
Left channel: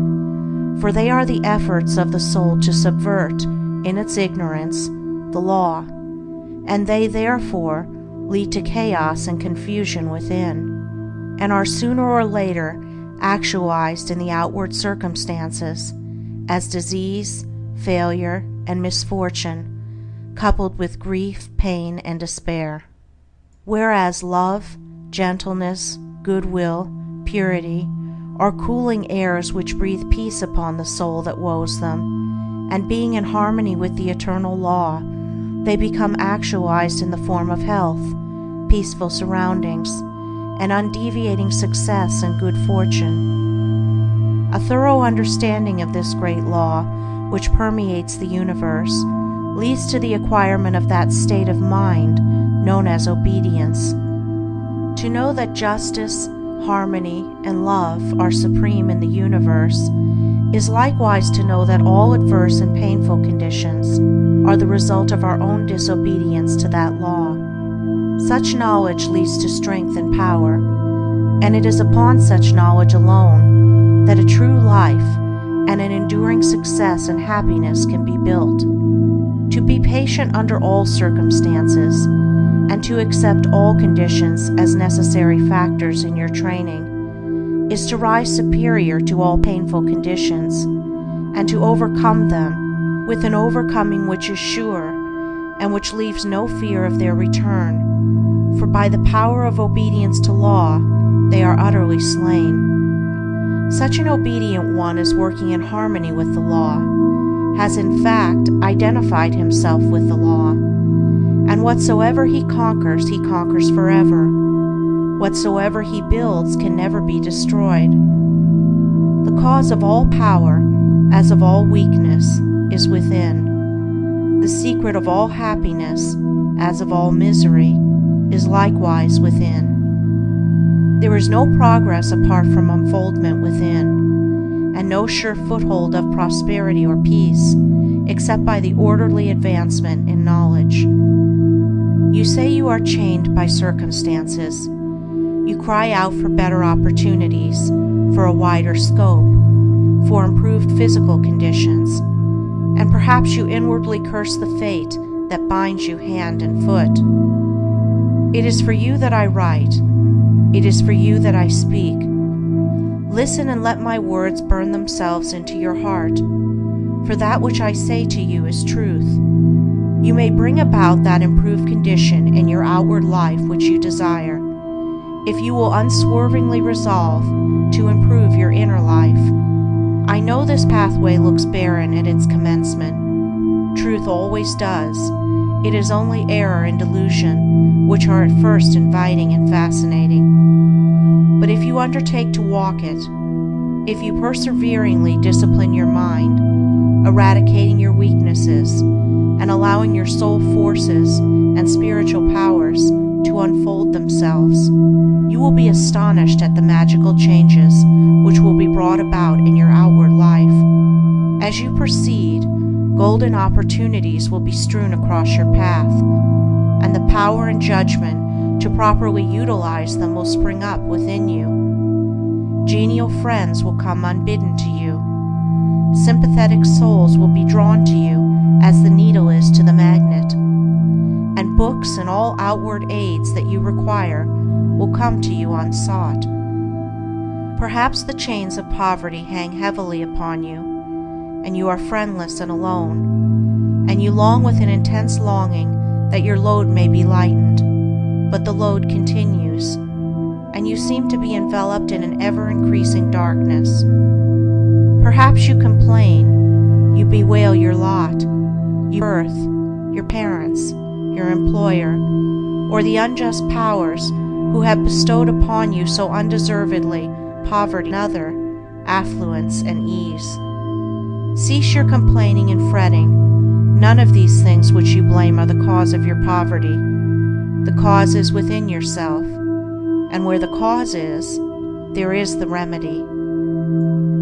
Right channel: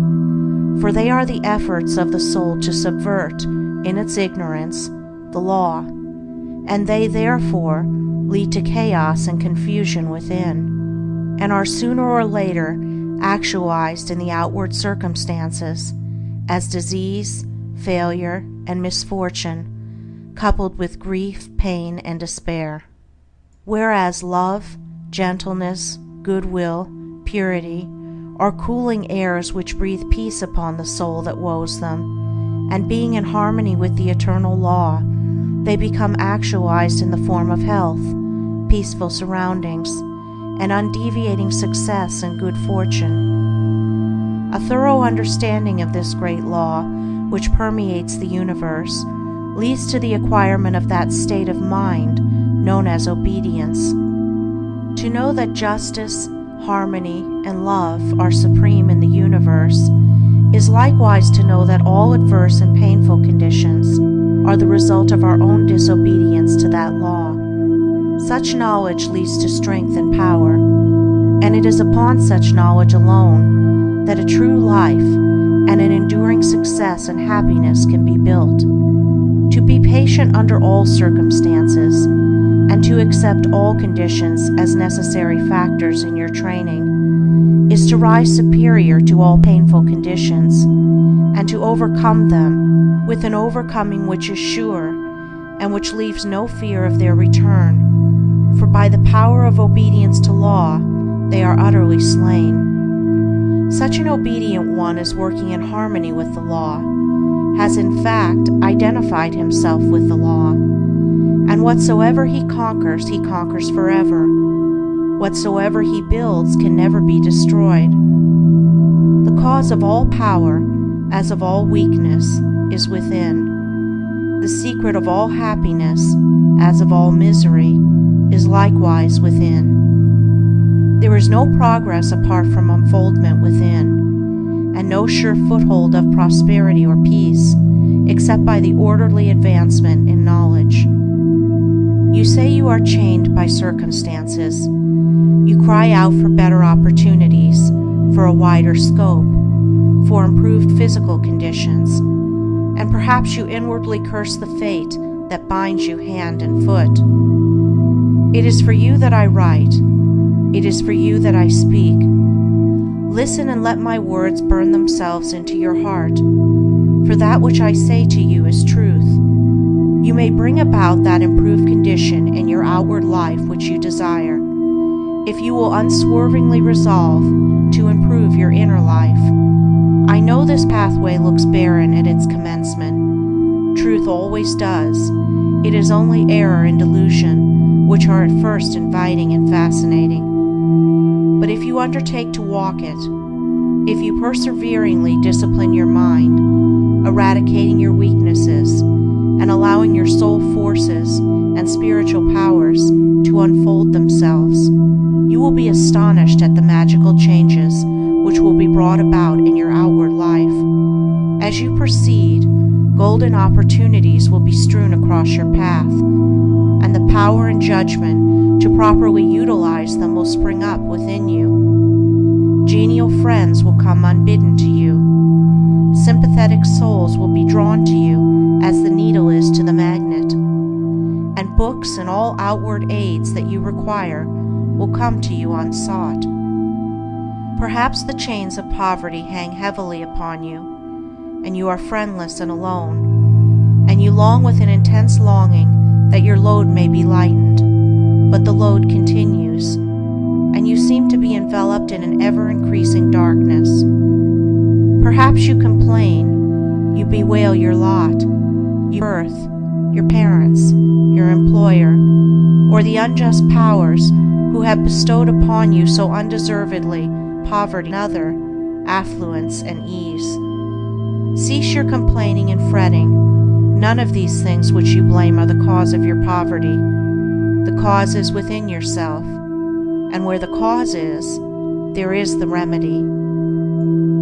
for they are the efforts of the soul to subvert, in its ignorance, the law, and they therefore lead to chaos and confusion within, and are sooner or later actualized in the outward circumstances as disease, failure, and misfortune, coupled with grief, pain, and despair. Whereas love, gentleness, goodwill, purity are cooling airs which breathe peace upon the soul that woes them, and being in harmony with the eternal law, they become actualized in the form of health, peaceful surroundings, and undeviating success and good fortune. A thorough understanding of this great law, which permeates the universe, leads to the acquirement of that state of mind known as obedience. To know that justice, harmony, and love are supreme in the universe is likewise to know that all adverse and painful conditions are the result of our own disobedience to that law. Such knowledge leads to strength and power, and it is upon such knowledge alone that a true life and an enduring success and happiness can be built. To be patient under all circumstances, and to accept all conditions as necessary factors in your training, is to rise superior to all painful conditions, and to overcome them with an overcoming which is sure, and which leaves no fear of their return, for by the power of obedience to law they are utterly slain. Such an obedient one is working in harmony with the law, has in fact identified himself with the law, and whatsoever he conquers forever. Whatsoever he builds can never be destroyed. The cause of all power, as of all weakness, is within. The secret of all happiness, as of all misery, is likewise within. There is no progress apart from unfoldment within, and no sure foothold of prosperity or peace except by the orderly advancement in knowledge. You say you are chained by circumstances. You cry out for better opportunities, for a wider scope, for improved physical conditions, and perhaps you inwardly curse the fate that binds you hand and foot. It is for you that I write. It is for you that I speak. Listen and let my words burn themselves into your heart, for that which I say to you is truth. You may bring about that improved condition in your outward life which you desire, if you will unswervingly resolve to improve your inner life. I know this pathway looks barren at its commencement. Truth always does. It is only error and delusion which are at first inviting and fascinating. But if you undertake to walk it, if you perseveringly discipline your mind, eradicating your weaknesses, and allowing your soul forces and spiritual powers to unfold themselves, you will be astonished at the magical changes which will be brought about in your outward life. As you proceed, golden opportunities will be strewn across your path, and the power and judgment to properly utilize them will spring up within you. Genial friends will come unbidden to you. Sympathetic souls will be drawn to you as the needle is to the magnet, and books and all outward aids that you require will come to you unsought. Perhaps the chains of poverty hang heavily upon you, and you are friendless and alone, and you long with an intense longing that your load may be lightened, but the load continues, and you seem to be enveloped in an ever-increasing darkness. Perhaps you complain, you bewail your lot, your birth, your parents, your employer, or the unjust powers who have bestowed upon you so undeservedly poverty and other, affluence and ease. Cease your complaining and fretting. None of these things which you blame are the cause of your poverty. The cause is within yourself, and where the cause is, there is the remedy.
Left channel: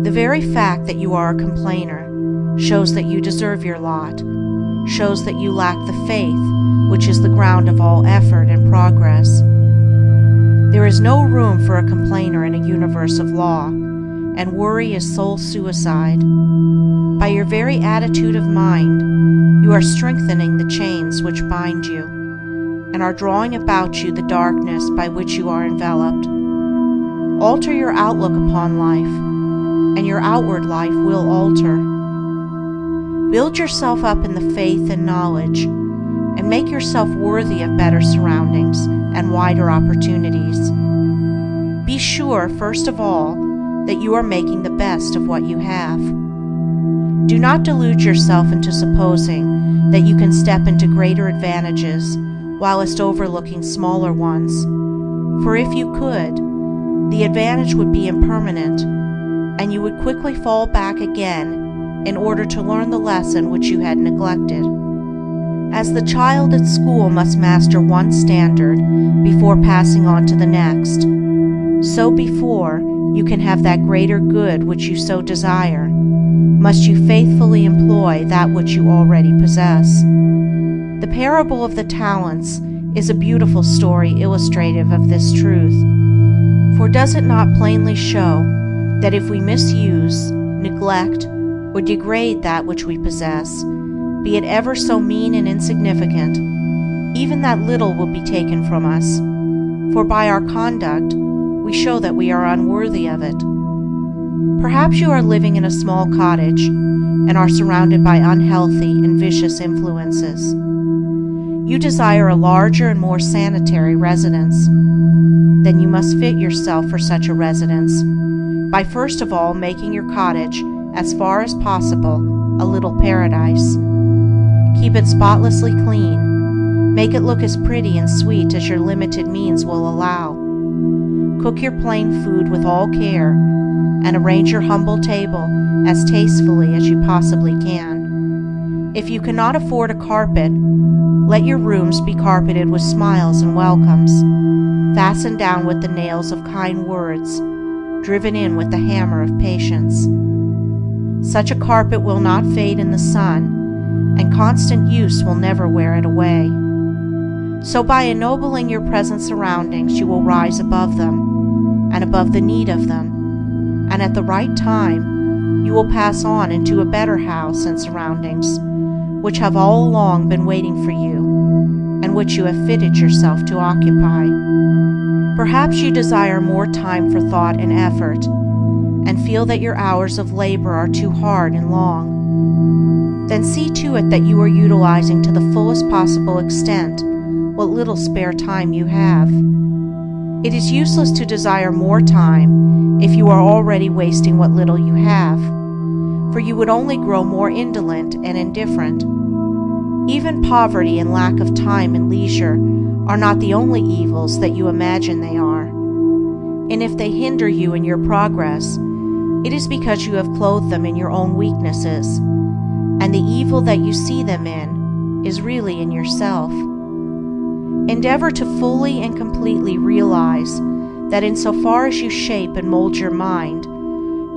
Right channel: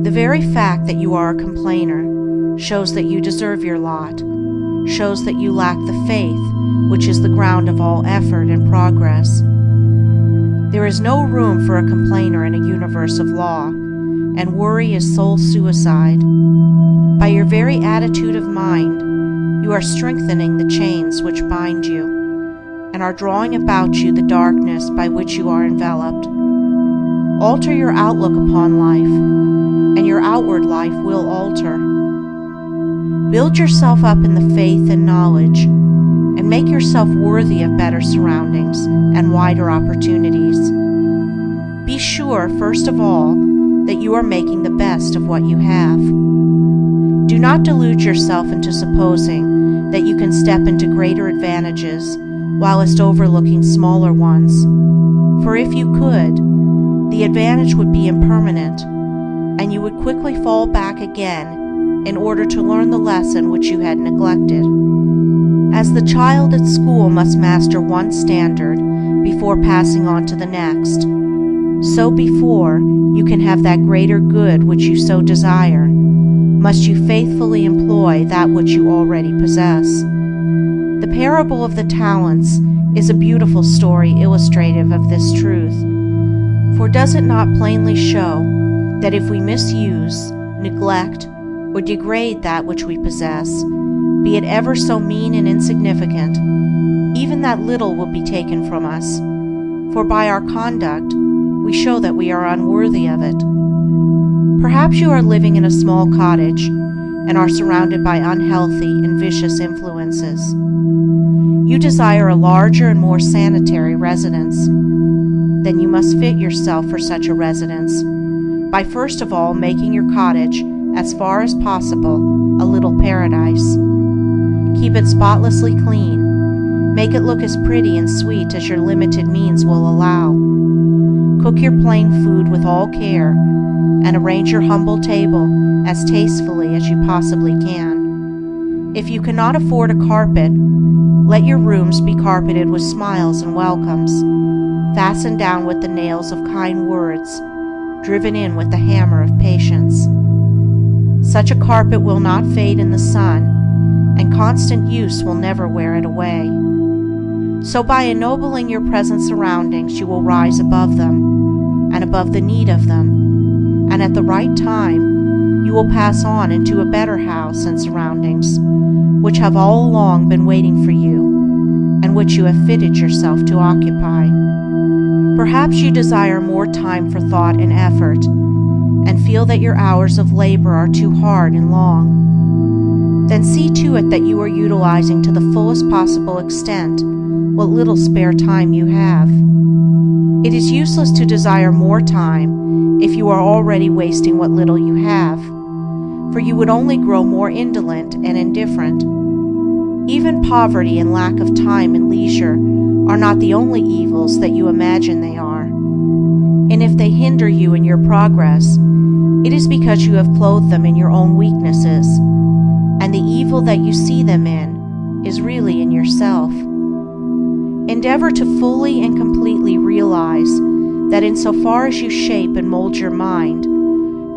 The very fact that you are a complainer shows that you deserve your lot, shows that you lack the faith which is the ground of all effort and progress. There is no room for a complainer in a universe of law, and worry is soul suicide. By your very attitude of mind, you are strengthening the chains which bind you, and are drawing about you the darkness by which you are enveloped. Alter your outlook upon life, and your outward life will alter. Build yourself up in the faith and knowledge, and make yourself worthy of better surroundings and wider opportunities. Be sure, first of all, that you are making the best of what you have. Do not delude yourself into supposing that you can step into greater advantages whilst overlooking smaller ones, for if you could, the advantage would be impermanent, and you would quickly fall back again in order to learn the lesson which you had neglected. As the child at school must master one standard before passing on to the next, so before you can have that greater good which you so desire, must you faithfully employ that which you already possess. The parable of the talents is a beautiful story illustrative of this truth, for does it not plainly show that if we misuse, neglect, or degrade that which we possess, be it ever so mean and insignificant, even that little will be taken from us, for by our conduct we show that we are unworthy of it. Perhaps you are living in a small cottage and are surrounded by unhealthy and vicious influences. You desire a larger and more sanitary residence. Then you must fit yourself for such a residence by first of all making your cottage, as far as possible, a little paradise. Keep it spotlessly clean. Make it look as pretty and sweet as your limited means will allow. Cook your plain food with all care, and arrange your humble table as tastefully as you possibly can. If you cannot afford a carpet, let your rooms be carpeted with smiles and welcomes, fastened down with the nails of kind words, driven in with the hammer of patience. Such a carpet will not fade in the sun, and constant use will never wear it away. So by ennobling your present surroundings, you will rise above them, and above the need of them, and at the right time you will pass on into a better house and surroundings, which have all along been waiting for you, and which you have fitted yourself to occupy. Perhaps you desire more time for thought and effort, and feel that your hours of labor are too hard and long. Then see to it that you are utilizing to the fullest possible extent what little spare time you have. It is useless to desire more time if you are already wasting what little you have, for you would only grow more indolent and indifferent. Even poverty and lack of time and leisure are not the only evils that you imagine they are. And if they hinder you in your progress, it is because you have clothed them in your own weaknesses, and the evil that you see them in is really in yourself. Endeavor to fully and completely realize that insofar as you shape and mold your mind,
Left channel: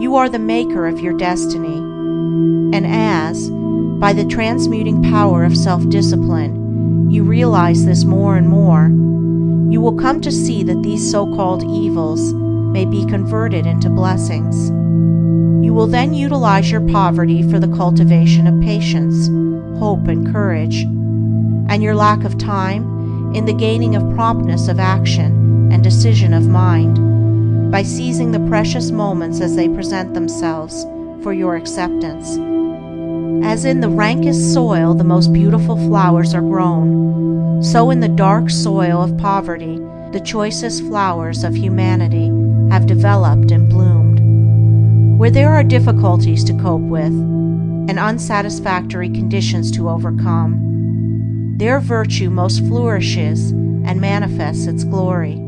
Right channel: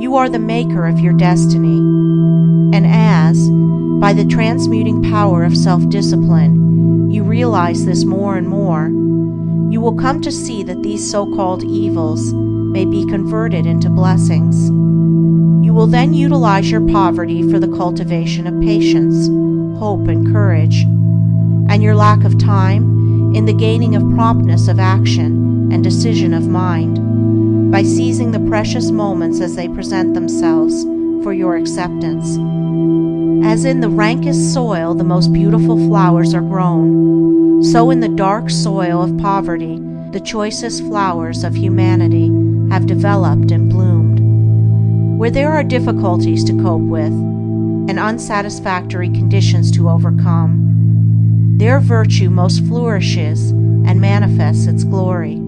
you are the maker of your destiny, and as, by the transmuting power of self-discipline, you realize this more and more, you will come to see that these so-called evils may be converted into blessings. You will then utilize your poverty for the cultivation of patience, hope, and courage, and your lack of time in the gaining of promptness of action and decision of mind, by seizing the precious moments as they present themselves for your acceptance. As in the rankest soil the most beautiful flowers are grown, so in the dark soil of poverty the choicest flowers of humanity have developed and bloomed. Where there are difficulties to cope with and unsatisfactory conditions to overcome, there virtue most flourishes and manifests its glory.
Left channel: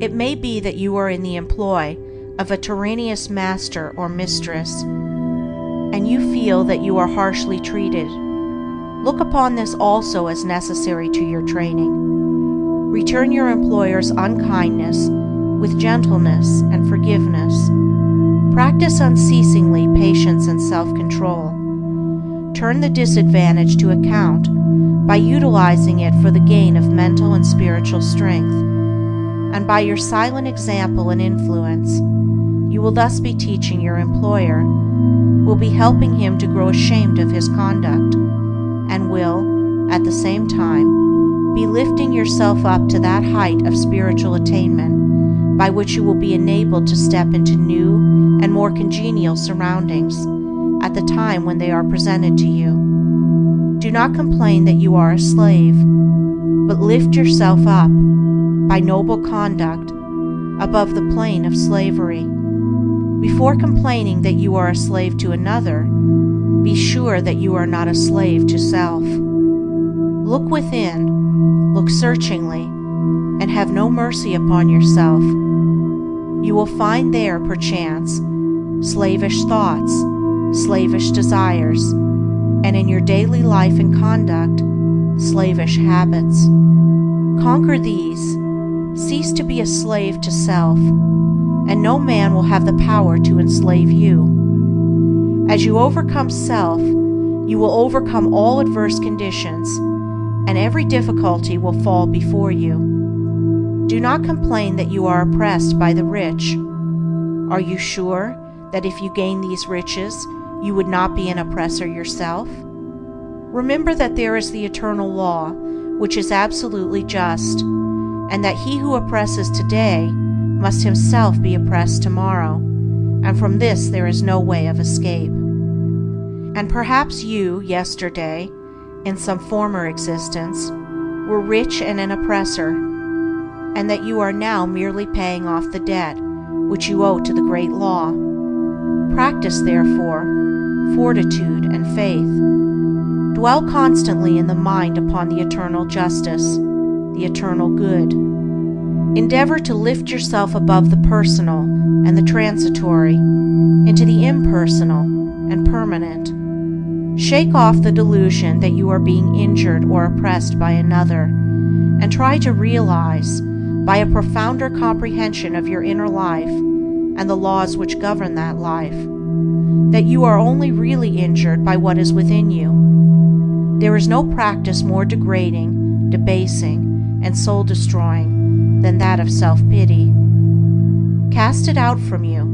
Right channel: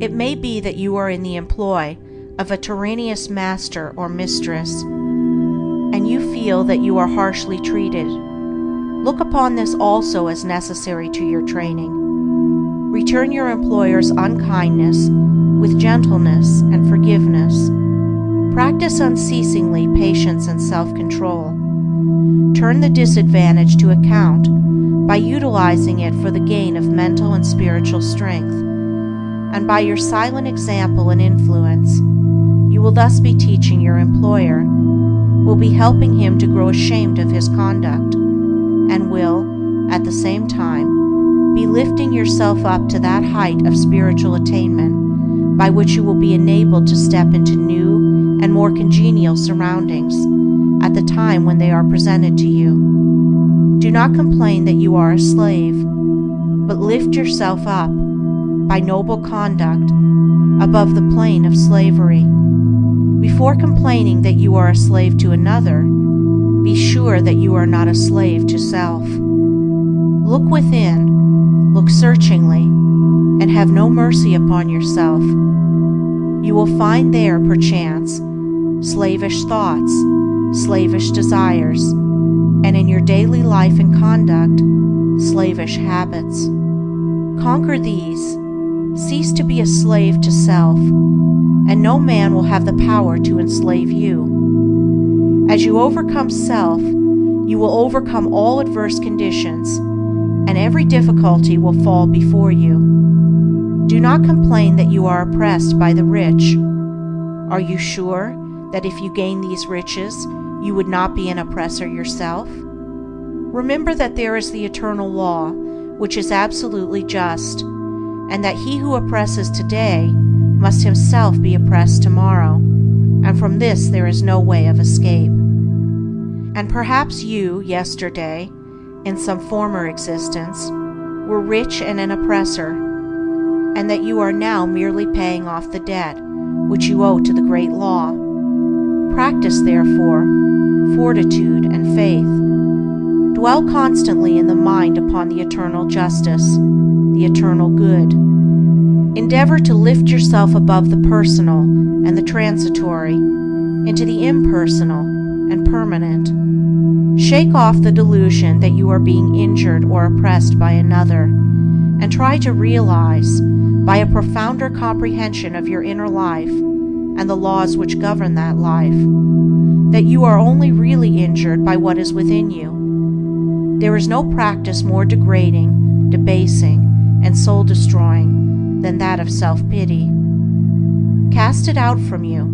It may be that you are in the employ of a tyrannous master or mistress, and you feel that you are harshly treated. Look upon this also as necessary to your training. Return your employer's unkindness with gentleness and forgiveness. Practice unceasingly patience and self-control. Turn the disadvantage to account by utilizing it for the gain of mental and spiritual strength, and by your silent example and influence, you will thus be teaching your employer, will be helping him to grow ashamed of his conduct, and will, at the same time, be lifting yourself up to that height of spiritual attainment by which you will be enabled to step into new and more congenial surroundings at the time when they are presented to you. Do do not complain that you are a slave, but lift yourself up, by noble conduct, above the plane of slavery. Before complaining that you are a slave to another, be sure that you are not a slave to self. Look within, look searchingly, and have no mercy upon yourself. You will find there, perchance, slavish thoughts, slavish desires, and in your daily life and conduct, slavish habits. Conquer these, cease to be a slave to self, and no man will have the power to enslave you. As you overcome self, you will overcome all adverse conditions, and every difficulty will fall before you. Do not complain that you are oppressed by the rich. Are you sure that if you gain these riches, you would not be an oppressor yourself? Remember that there is the eternal law, which is absolutely just, and that he who oppresses today must himself be oppressed tomorrow, and from this there is no way of escape. And perhaps you, yesterday, in some former existence, were rich and an oppressor, and that you are now merely paying off the debt which you owe to the great law. Practice, therefore, fortitude and faith. Dwell constantly in the mind upon the eternal justice, the eternal good. Endeavor to lift yourself above the personal and the transitory into the impersonal and permanent. Shake off the delusion that you are being injured or oppressed by another, and try to realize, by a profounder comprehension of your inner life and the laws which govern that life, that you are only really injured by what is within you. There is no practice more degrading, debasing, and soul-destroying than that of self-pity. Cast it out from you.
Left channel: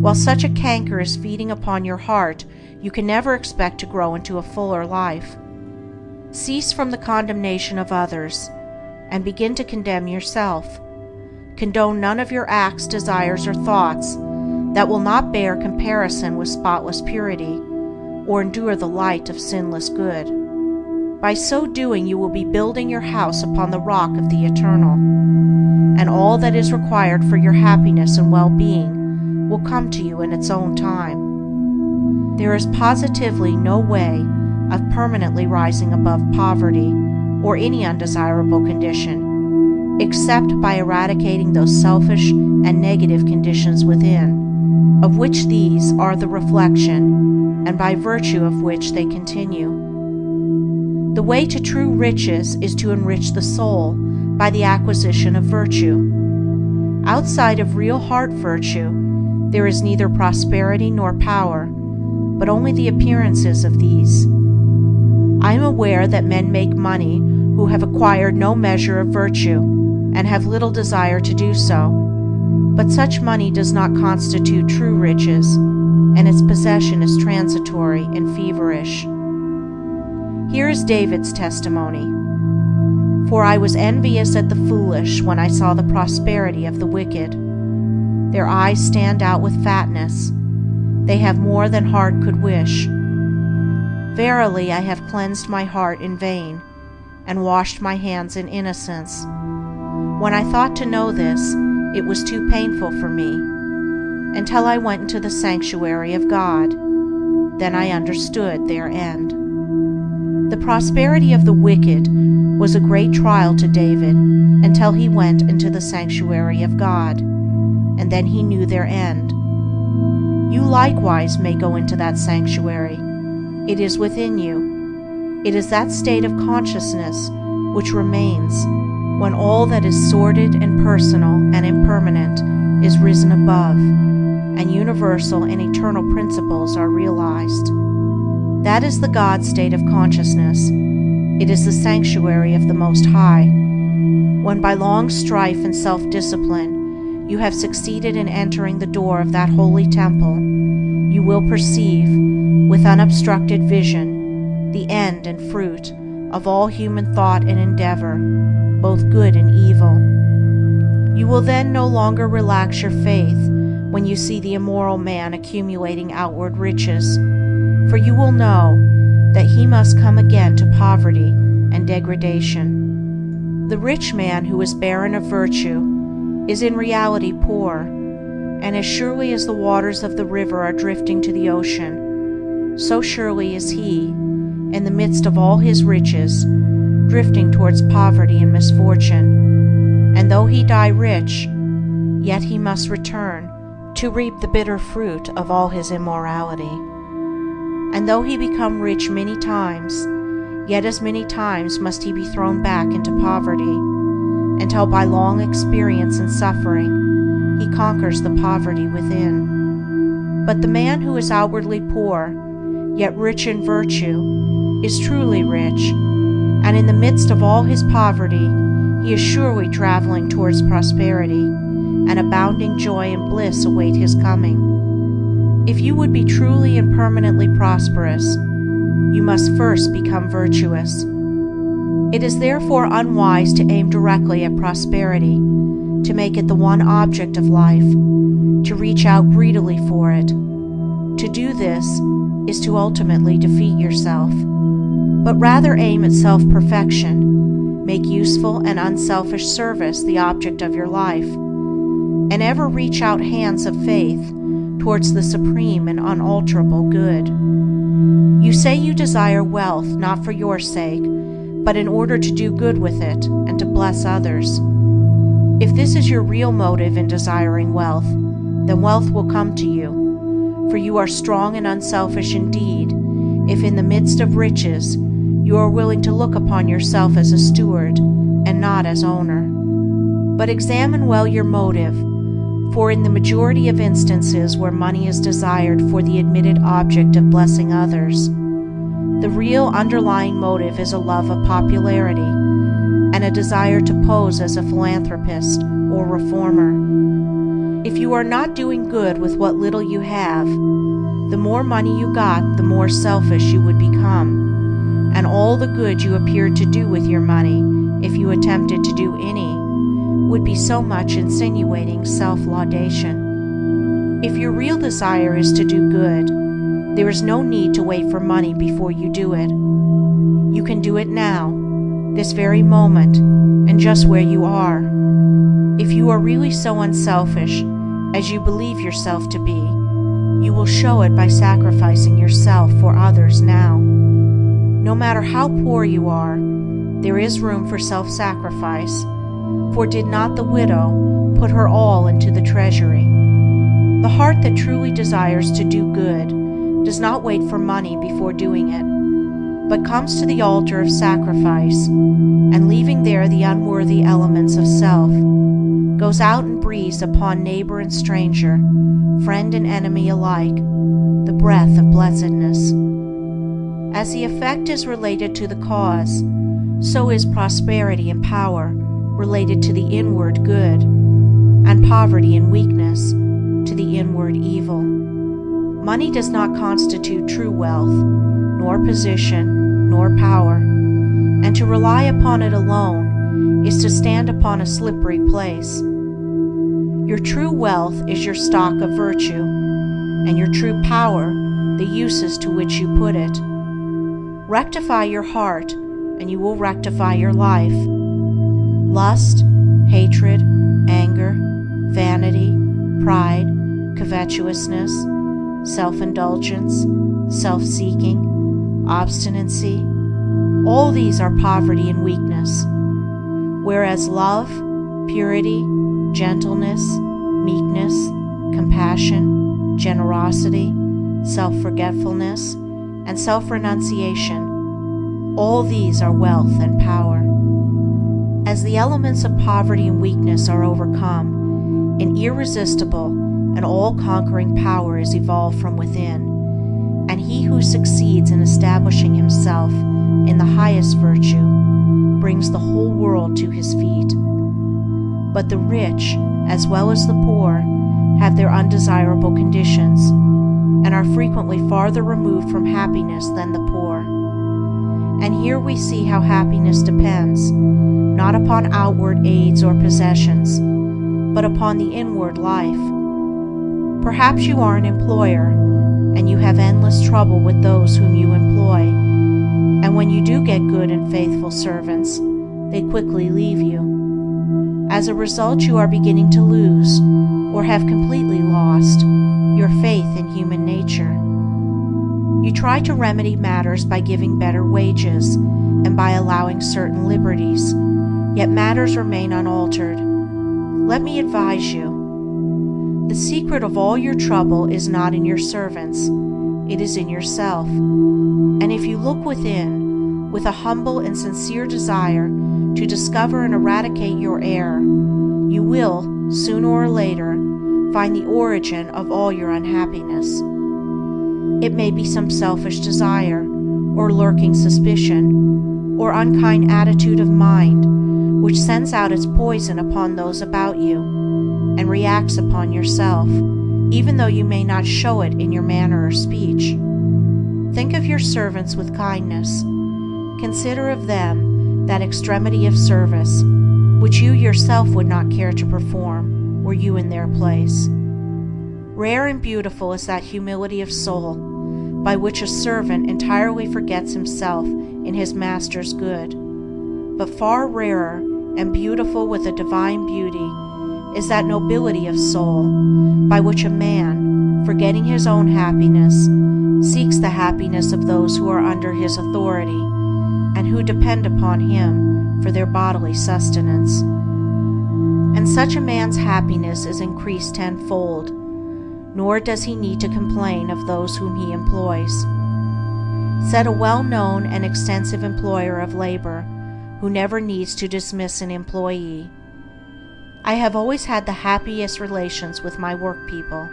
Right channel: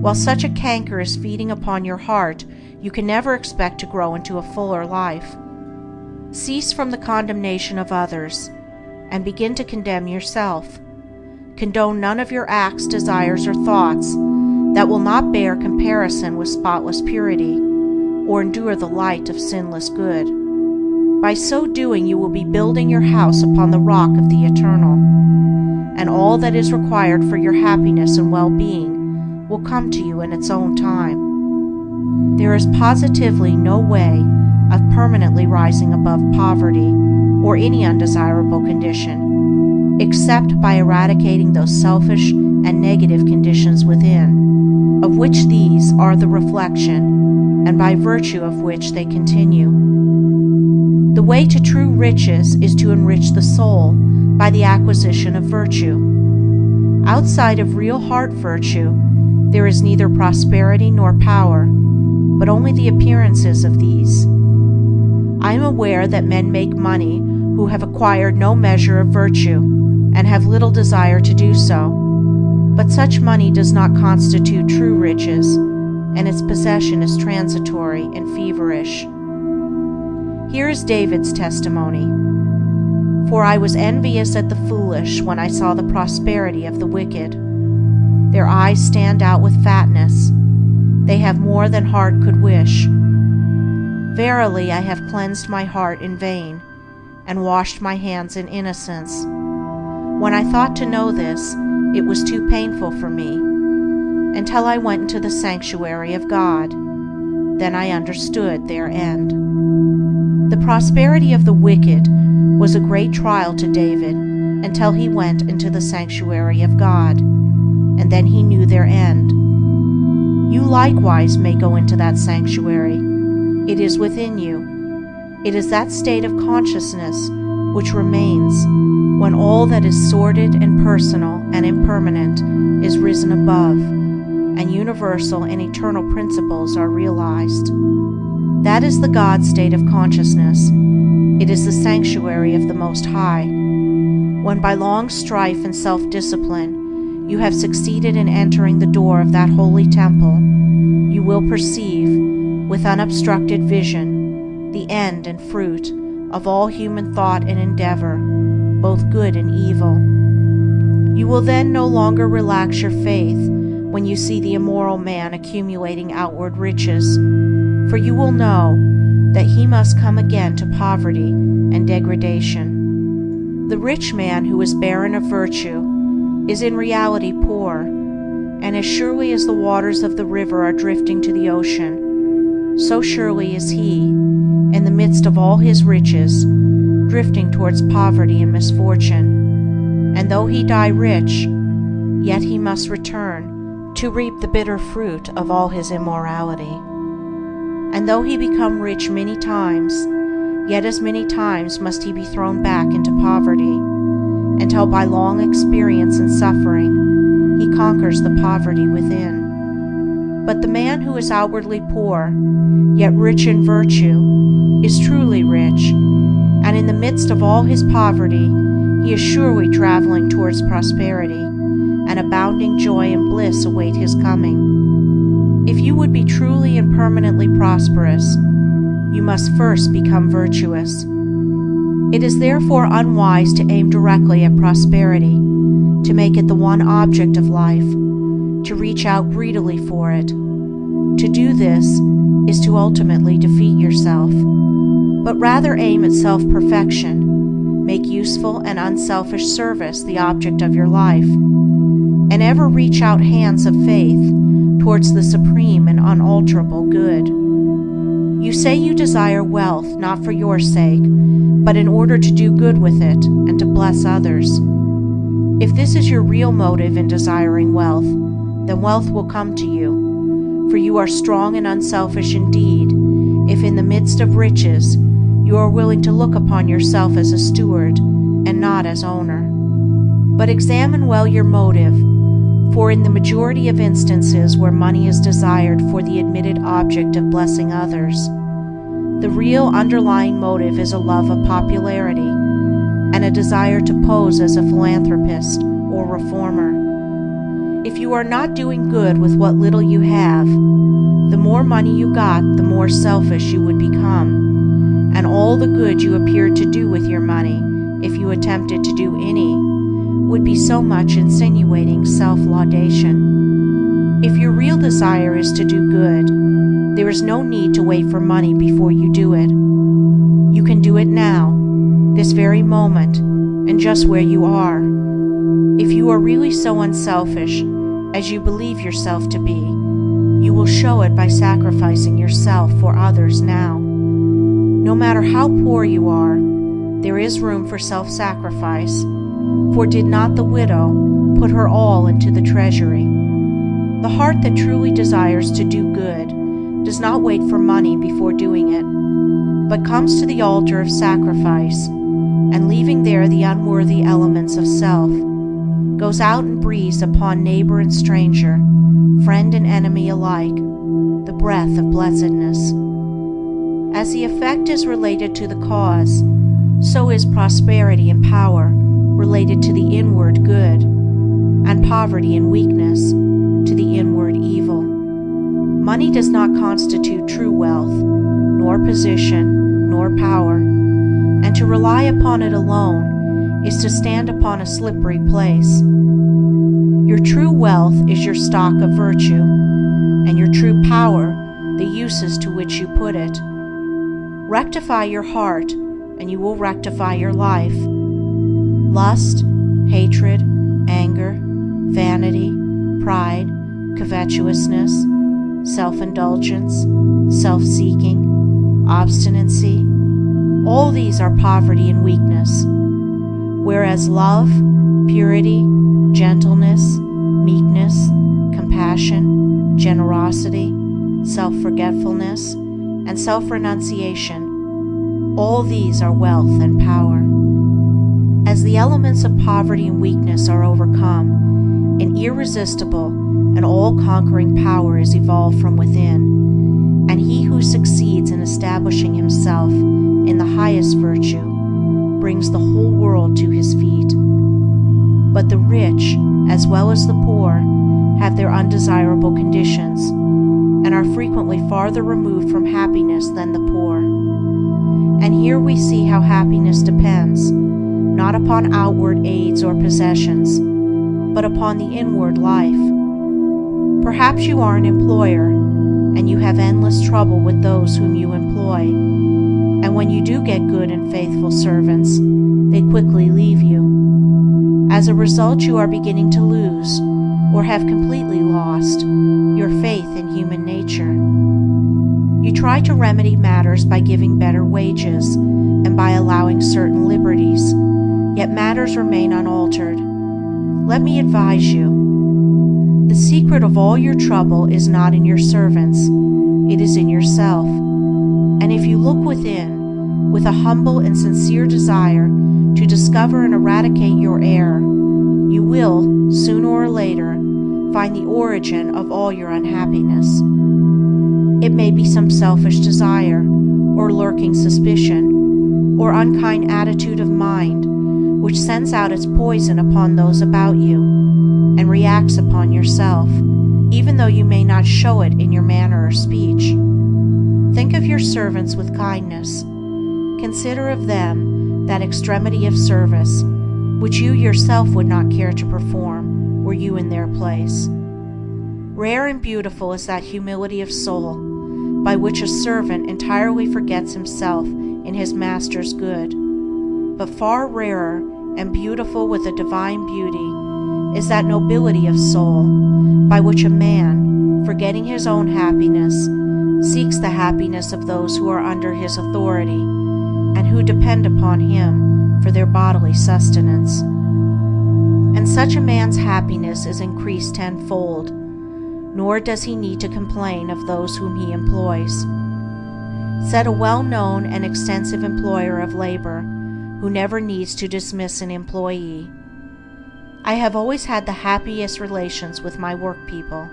While such a canker is feeding upon your heart, you can never expect to grow into a fuller life. Cease from the condemnation of others, and begin to condemn yourself. Condone none of your acts, desires, or thoughts that will not bear comparison with spotless purity, or endure the light of sinless good. By so doing, you will be building your house upon the rock of the eternal, and all that is required for your happiness and well-being will come to you in its own time. There is positively no way of permanently rising above poverty or any undesirable condition, except by eradicating those selfish and negative conditions within, of which these are the reflection, and by virtue of which they continue. The way to true riches is to enrich the soul by the acquisition of virtue. Outside of real heart virtue, there is neither prosperity nor power, but only the appearances of these. I am aware that men make money who have acquired no measure of virtue, and have little desire to do so, but such money does not constitute true riches, and its possession is transitory and feverish. Here is David's testimony. For I was envious at the foolish when I saw the prosperity of the wicked. Their eyes stand out with fatness. They have more than heart could wish. Verily, I have cleansed my heart in vain, and washed my hands in innocence. When I thought to know this, it was too painful for me, until I went into the sanctuary of God. Then I understood their end. The prosperity of the wicked was a great trial to David until he went into the sanctuary of God, and then he knew their end. You likewise may go into that sanctuary. It is within you. It is that state of consciousness which remains when all that is sordid and personal and impermanent is risen above, and universal and eternal principles are realized. That is the God state of consciousness. It is the sanctuary of the Most High. When by long strife and self-discipline you have succeeded in entering the door of that holy temple, you will perceive, with unobstructed vision, the end and fruit of all human thought and endeavor, both good and evil. You will then no longer relax your faith when you see the immoral man accumulating outward riches, for you will know that he must come again to poverty and degradation. The rich man who is barren of virtue is in reality poor, and as surely as the waters of the river are drifting to the ocean, so surely is he, in the midst of all his riches, drifting towards poverty and misfortune. And though he die rich, yet he must return to reap the bitter fruit of all his immorality. And though he become rich many times, yet as many times must he be thrown back into poverty, until by long experience and suffering he conquers the poverty within. But the man who is outwardly poor, yet rich in virtue, is truly rich, and in the midst of all his poverty he is surely traveling towards prosperity, and abounding joy and bliss await his coming. If you would be truly and permanently prosperous, you must first become virtuous. It is therefore unwise to aim directly at prosperity, to make it the one object of life, to reach out greedily for it. To do this is to ultimately defeat yourself, but rather aim at self-perfection, make useful and unselfish service the object of your life, and ever reach out hands of faith towards the supreme and unalterable good. You say you desire wealth not for your sake, but in order to do good with it and to bless others. If this is your real motive in desiring wealth, then wealth will come to you, for you are strong and unselfish indeed, if in the midst of riches you are willing to look upon yourself as a steward and not as owner. But examine well your motive, for in the majority of instances where money is desired for the admitted object of blessing others, the real underlying motive is a love of popularity and a desire to pose as a philanthropist or reformer. If you are not doing good with what little you have, the more money you got, the more selfish you would become, and all the good you appeared to do with your money, if you attempted to do any, would be so much insinuating self-laudation. If your real desire is to do good, there is no need to wait for money before you do it. You can do it now, this very moment, and just where you are. If you are really so unselfish as you believe yourself to be, you will show it by sacrificing yourself for others now. No matter how poor you are, there is room for self-sacrifice, for did not the widow put her all into the treasury? The heart that truly desires to do good does not wait for money before doing it, but comes to the altar of sacrifice, and leaving there the unworthy elements of self, goes out and breathes upon neighbor and stranger, friend and enemy alike, the breath of blessedness. As the effect is related to the cause, so is prosperity and power related to the inward good, and poverty and weakness to the inward evil. Money does not constitute true wealth, nor position, nor power, and to rely upon it alone is to stand upon a slippery place. Your true wealth is your stock of virtue, and your true power the uses to which you put it. Rectify your heart, and you will rectify your life. Lust, hatred, anger, vanity, pride, covetousness, self-indulgence, self-seeking, obstinacy, all these are poverty and weakness, whereas love, purity, gentleness, meekness, compassion, generosity, self-forgetfulness, and self-renunciation, all these are wealth and power. As the elements of poverty and weakness are overcome, an irresistible and all-conquering power is evolved from within, and he who succeeds in establishing himself in the highest virtue brings the whole world to his feet. But the rich, as well as the poor, have their undesirable conditions, and are frequently farther removed from happiness than the poor. And here we see how happiness depends, not upon outward aids or possessions, but upon the inward life. Perhaps you are an employer, and you have endless trouble with those whom you employ, and when you do get good and faithful servants, they quickly leave you. As a result, you are beginning to lose, or have completely lost, your faith in human nature. You try to remedy matters by giving better wages and by allowing certain liberties, yet matters remain unaltered. Let me advise you. The secret of all your trouble is not in your servants, it is in yourself. And if you look within, with a humble and sincere desire to discover and eradicate your error, you will, sooner or later, find the origin of all your unhappiness. It may be some selfish desire, or lurking suspicion, or unkind attitude of mind, which sends out its poison upon those about you, and reacts upon yourself, even though you may not show it in your manner or speech. Think of your servants with kindness. Consider of them that extremity of service, which you yourself would not care to perform, were you in their place. Rare and beautiful is that humility of soul, by which a servant entirely forgets himself in his master's good. But far rarer and beautiful with a divine beauty is that nobility of soul, by which a man, forgetting his own happiness, seeks the happiness of those who are under his authority, and who depend upon him for their bodily sustenance. And such a man's happiness is increased tenfold, nor does he need to complain of those whom he employs. Said a well-known and extensive employer of labor, who never needs to dismiss an employee, "I have always had the happiest relations with my work people.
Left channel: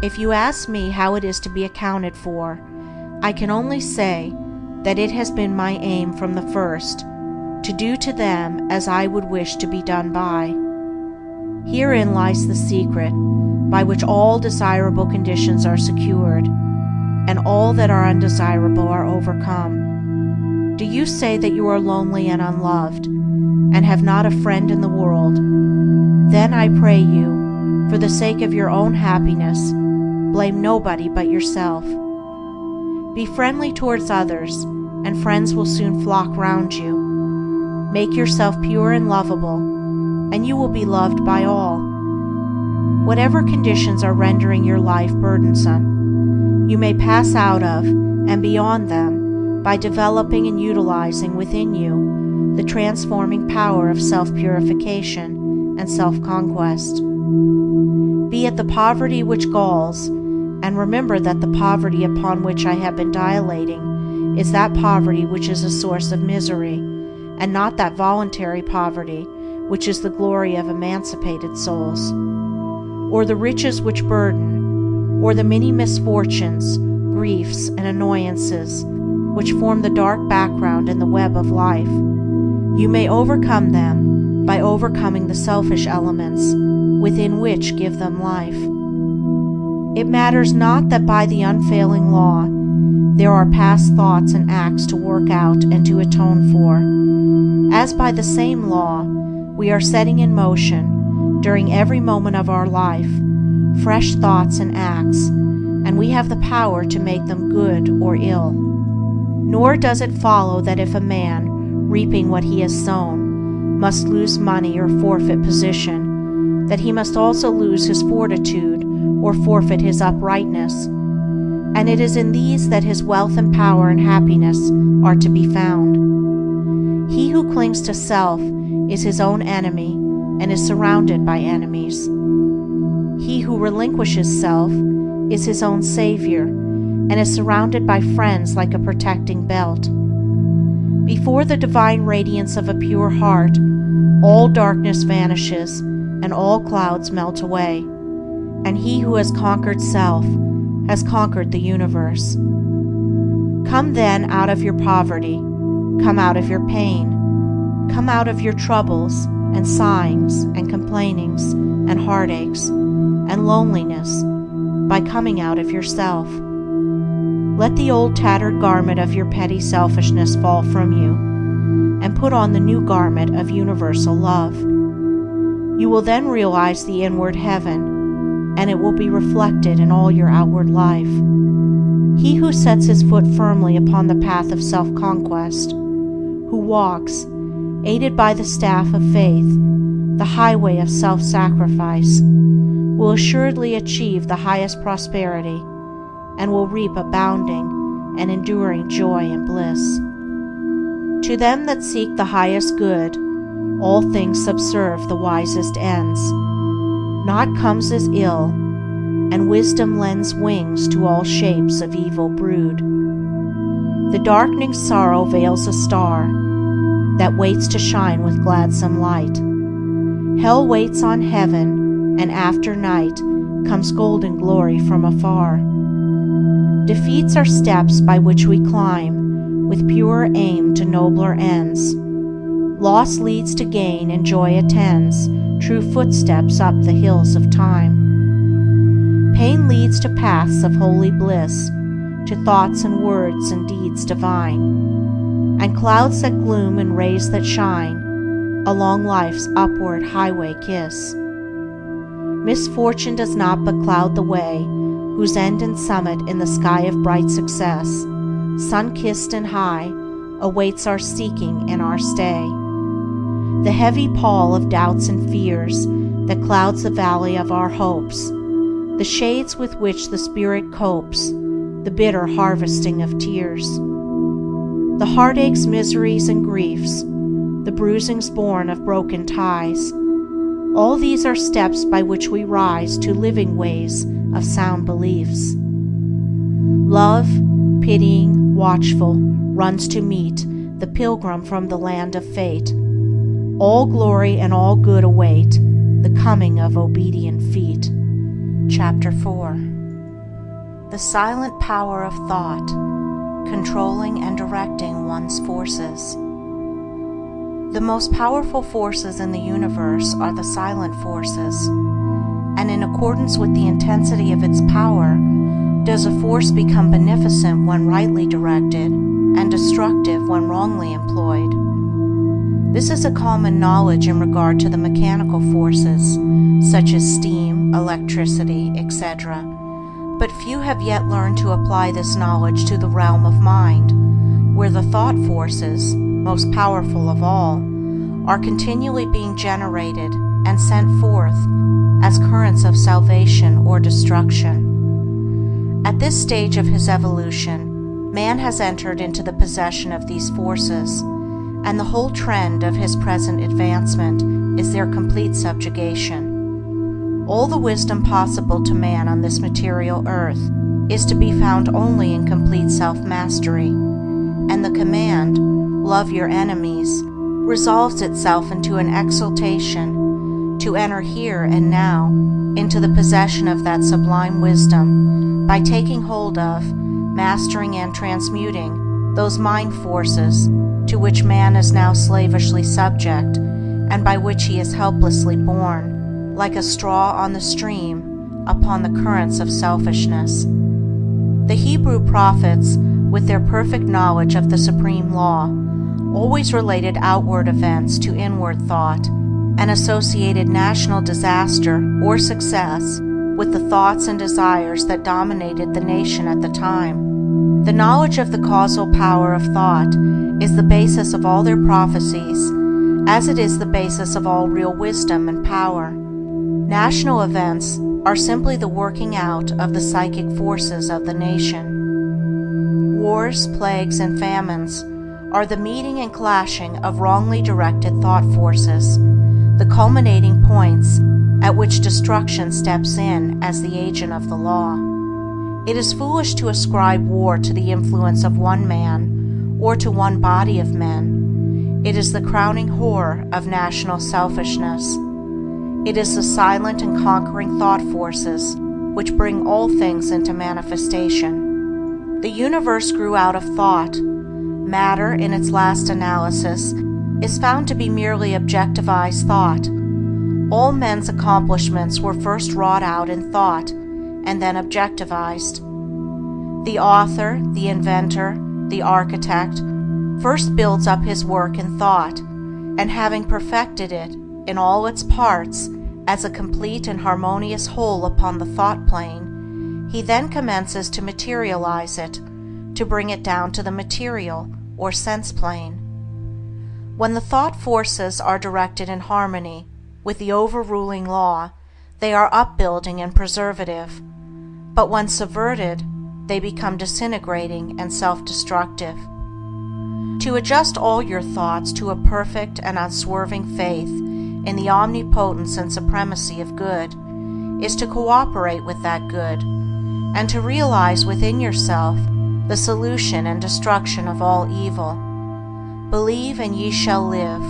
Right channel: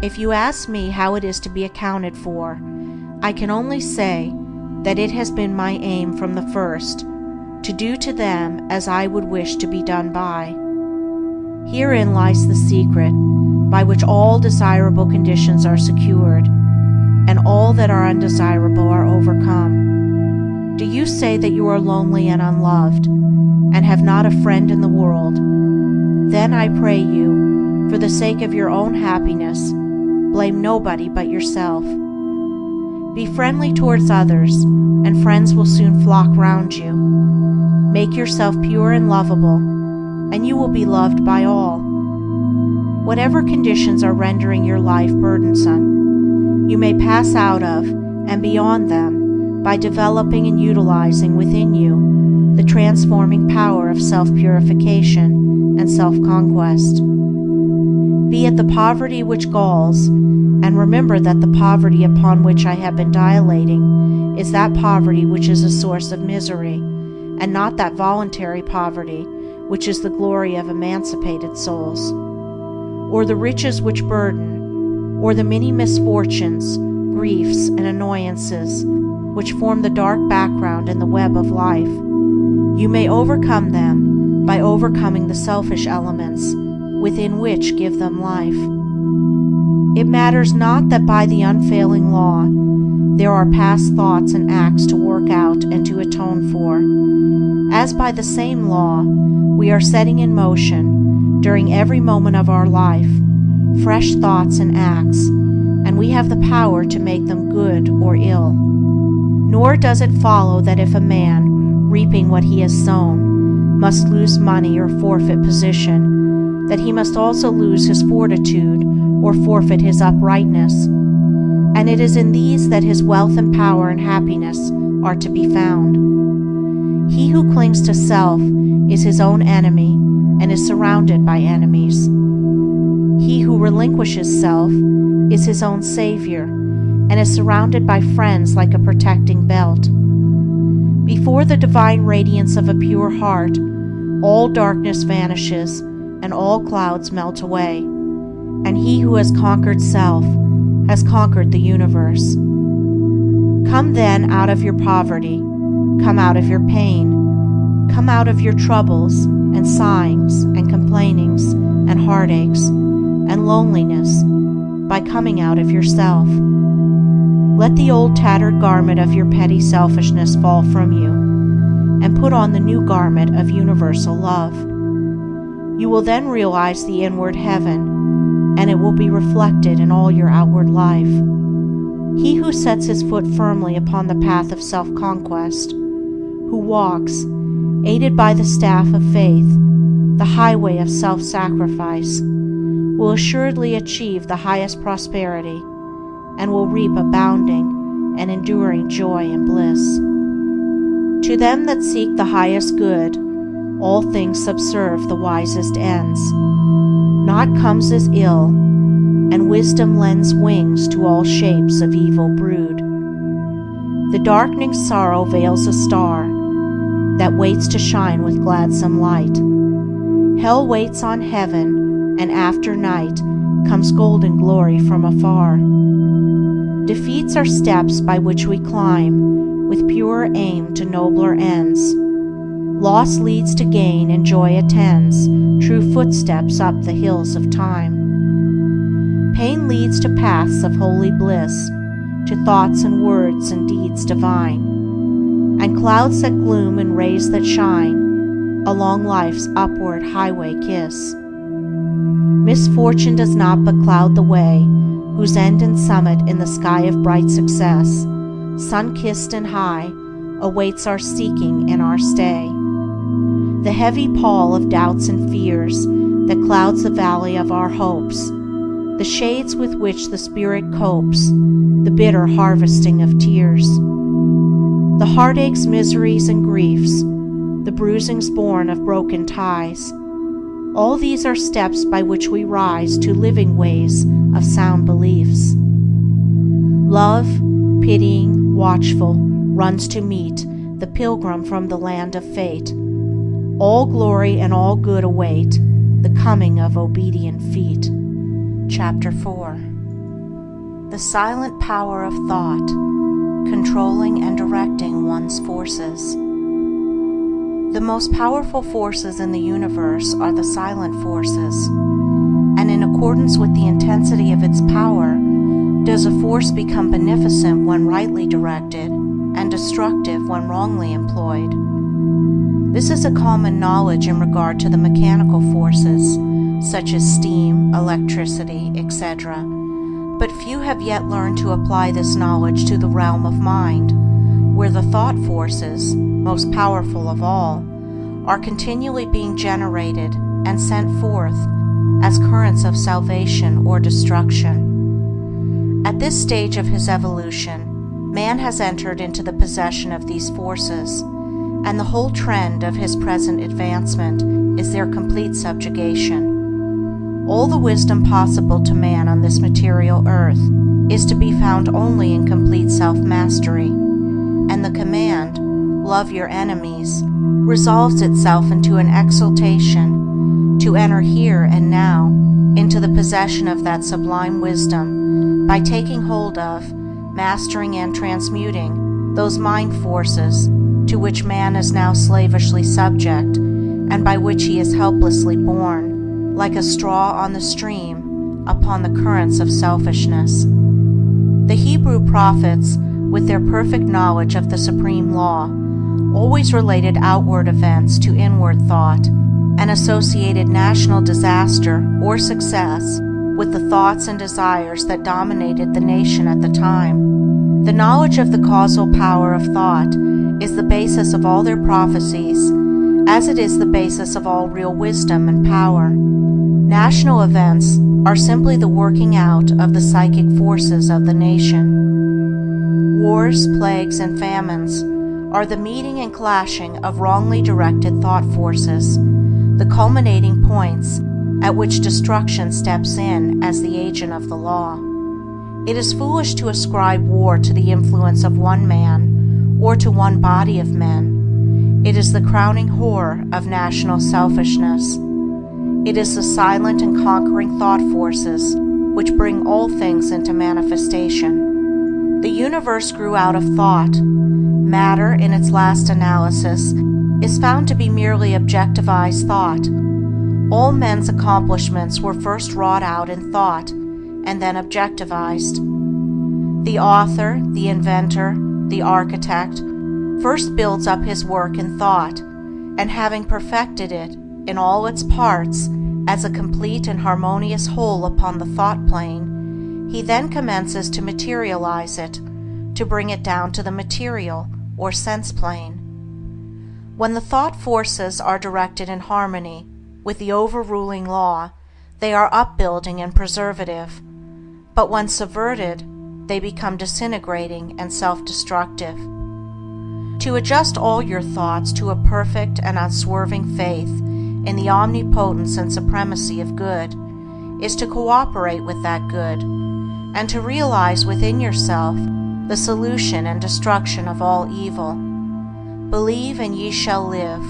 If you ask me how it is to be accounted for, I can only say that it has been my aim from the first to do to them as I would wish to be done by. Herein lies the secret by which all desirable conditions are secured, and all that are undesirable are overcome. Do you say that you are lonely and unloved, and have not a friend in the world? Then I pray you, for the sake of your own happiness, blame nobody but yourself. Be friendly towards others, and friends will soon flock round you. Make yourself pure and lovable, and you will be loved by all. Whatever conditions are rendering your life burdensome, you may pass out of and beyond them by developing and utilizing within you the transforming power of self-purification and self-conquest. Be it the poverty which galls, and remember that the poverty upon which I have been dilating is that poverty which is a source of misery, and not that voluntary poverty which is the glory of emancipated souls. Or the riches which burden, or the many misfortunes, griefs, and annoyances which form the dark background in the web of life. You may overcome them by overcoming the selfish elements within which give them life. It matters not that by the unfailing law there are past thoughts and acts to work out and to atone for, as by the same law we are setting in motion, during every moment of our life, fresh thoughts and acts, and we have the power to make them good or ill. Nor does it follow that if a man, reaping what he has sown, must lose money or forfeit position, that he must also lose his fortitude or forfeit his uprightness. And it is in these that his wealth and power and happiness are to be found. He who clings to self is his own enemy and is surrounded by enemies. He who relinquishes self is his own savior and is surrounded by friends like a protecting belt. Before the divine radiance of a pure heart, all darkness vanishes and all clouds melt away, and he who has conquered self has conquered the universe. Come then out of your poverty, come out of your pain, come out of your troubles and sighings and complainings and heartaches and loneliness by coming out of yourself. Let the old tattered garment of your petty selfishness fall from you, and put on the new garment of universal love. You will then realize the inward heaven, and it will be reflected in all your outward life. He who sets his foot firmly upon the path of self-conquest, who walks, aided by the staff of faith, the highway of self-sacrifice, will assuredly achieve the highest prosperity and will reap abounding and enduring joy and bliss. To them that seek the highest good, all things subserve the wisest ends. Naught comes as ill, and wisdom lends wings to all shapes of evil brood. The darkening sorrow veils a star that waits to shine with gladsome light. Hell waits on heaven, and after night comes golden glory from afar. Defeats are steps by which we climb, with purer aim to nobler ends. Loss leads to gain, and joy attends true footsteps up the hills of time. Pain leads to paths of holy bliss, to thoughts and words and deeds divine, and clouds that gloom and rays that shine along life's upward highway kiss. Misfortune does not but cloud the way, whose end and summit in the sky of bright success, sun-kissed and high, awaits our seeking and our stay. The heavy pall of doubts and fears that clouds the valley of our hopes, the shades with which the spirit copes, the bitter harvesting of tears. The heartaches, miseries, and griefs, the bruisings born of broken ties, all these are steps by which we rise to living ways of sound beliefs. Love, pitying, watchful, runs to meet the pilgrim from the land of fate. All glory and all good await the coming of obedient feet. Chapter 4. The silent power of thought, controlling and directing one's forces. The most powerful forces in the universe are the silent forces, and in accordance with the intensity of its power, does a force become beneficent when rightly directed, and destructive when wrongly employed. This is a common knowledge in regard to the mechanical forces, such as steam, electricity, etc., but few have yet learned to apply this knowledge to the realm of mind, where the thought forces, most powerful of all, are continually being generated and sent forth as currents of salvation or destruction. At this stage of his evolution, man has entered into the possession of these forces, and the whole trend of his present advancement is their complete subjugation. All the wisdom possible to man on this material earth is to be found only in complete self-mastery, and the command, "Love your enemies," resolves itself into an exaltation to enter here and now into the possession of that sublime wisdom by taking hold of, mastering and transmuting those mind forces to which man is now slavishly subject, and by which he is helplessly borne, like a straw on the stream, upon the currents of selfishness. The Hebrew prophets, with their perfect knowledge of the supreme law, always related outward events to inward thought, and associated national disaster or success with the thoughts and desires that dominated the nation at the time. The knowledge of the causal power of thought is the basis of all their prophecies, as it is the basis of all real wisdom and power. National events are simply the working out of the psychic forces of the nation. Wars, plagues, and famines are the meeting and clashing of wrongly directed thought forces, the culminating points at which destruction steps in as the agent of the law. It is foolish to ascribe war to the influence of one man or to one body of men. It is the crowning horror of national selfishness. It is the silent and conquering thought forces which bring all things into manifestation. The universe grew out of thought. Matter, in its last analysis, is found to be merely objectivized thought. All men's accomplishments were first wrought out in thought, and then objectivized. The author, the inventor, the architect, first builds up his work in thought, and having perfected it in all its parts as a complete and harmonious whole upon the thought plane, he then commences to materialize it, to bring it down to the material or sense plane. When the thought forces are directed in harmony with the overruling law, they are upbuilding and preservative, but when subverted, they become disintegrating and self-destructive. To adjust all your thoughts to a perfect and unswerving faith in the omnipotence and supremacy of good is to cooperate with that good, and to realize within yourself the solution and destruction of all evil. Believe and ye shall live.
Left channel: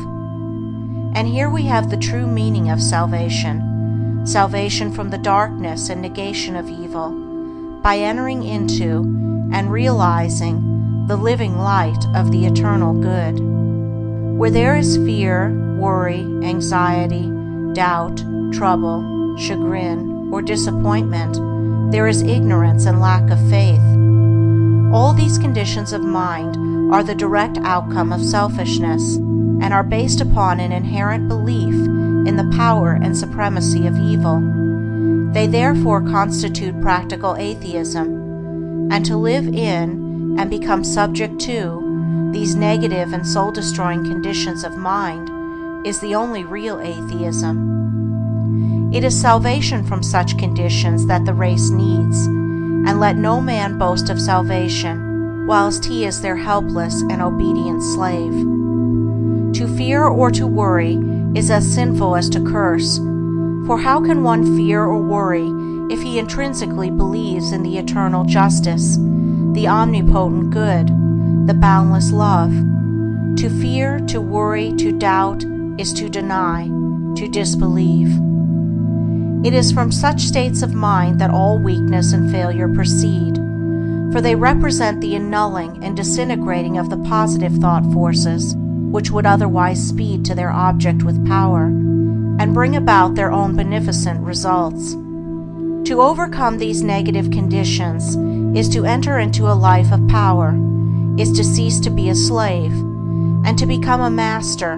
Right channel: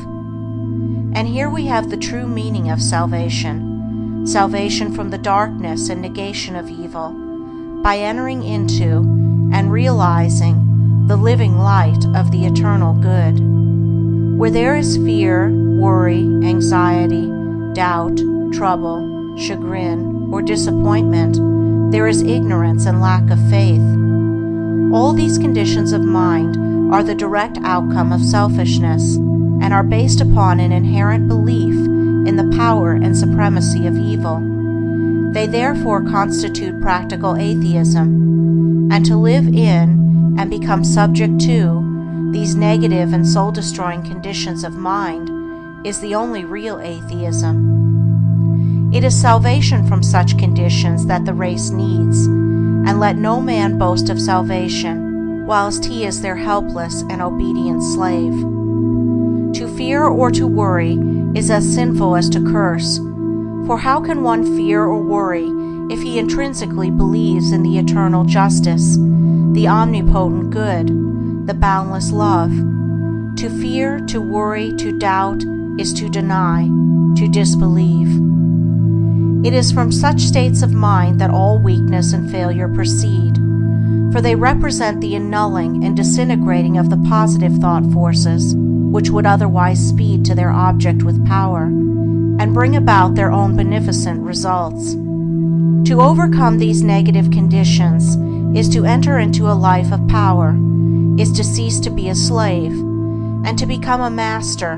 And here we have the true meaning of salvation, salvation from the darkness and negation of evil, by entering into and realizing the living light of the eternal good. Where there is fear, worry, anxiety, doubt, trouble, chagrin, or disappointment, there is ignorance and lack of faith. All these conditions of mind are the direct outcome of selfishness and are based upon an inherent belief in the power and supremacy of evil. They therefore constitute practical atheism, and to live in and become subject to these negative and soul-destroying conditions of mind is the only real atheism. It is salvation from such conditions that the race needs, and let no man boast of salvation whilst he is their helpless and obedient slave. To fear or to worry is as sinful as to curse, for how can one fear or worry if he intrinsically believes in the eternal justice, the omnipotent good, the boundless love? To fear, to worry, to doubt is to deny, to disbelieve. It is from such states of mind that all weakness and failure proceed, for they represent the annulling and disintegrating of the positive thought forces which would otherwise speed to their object with power, and bring about their own beneficent results. To overcome these negative conditions is to enter into a life of power, is to cease to be a slave, and to become a master,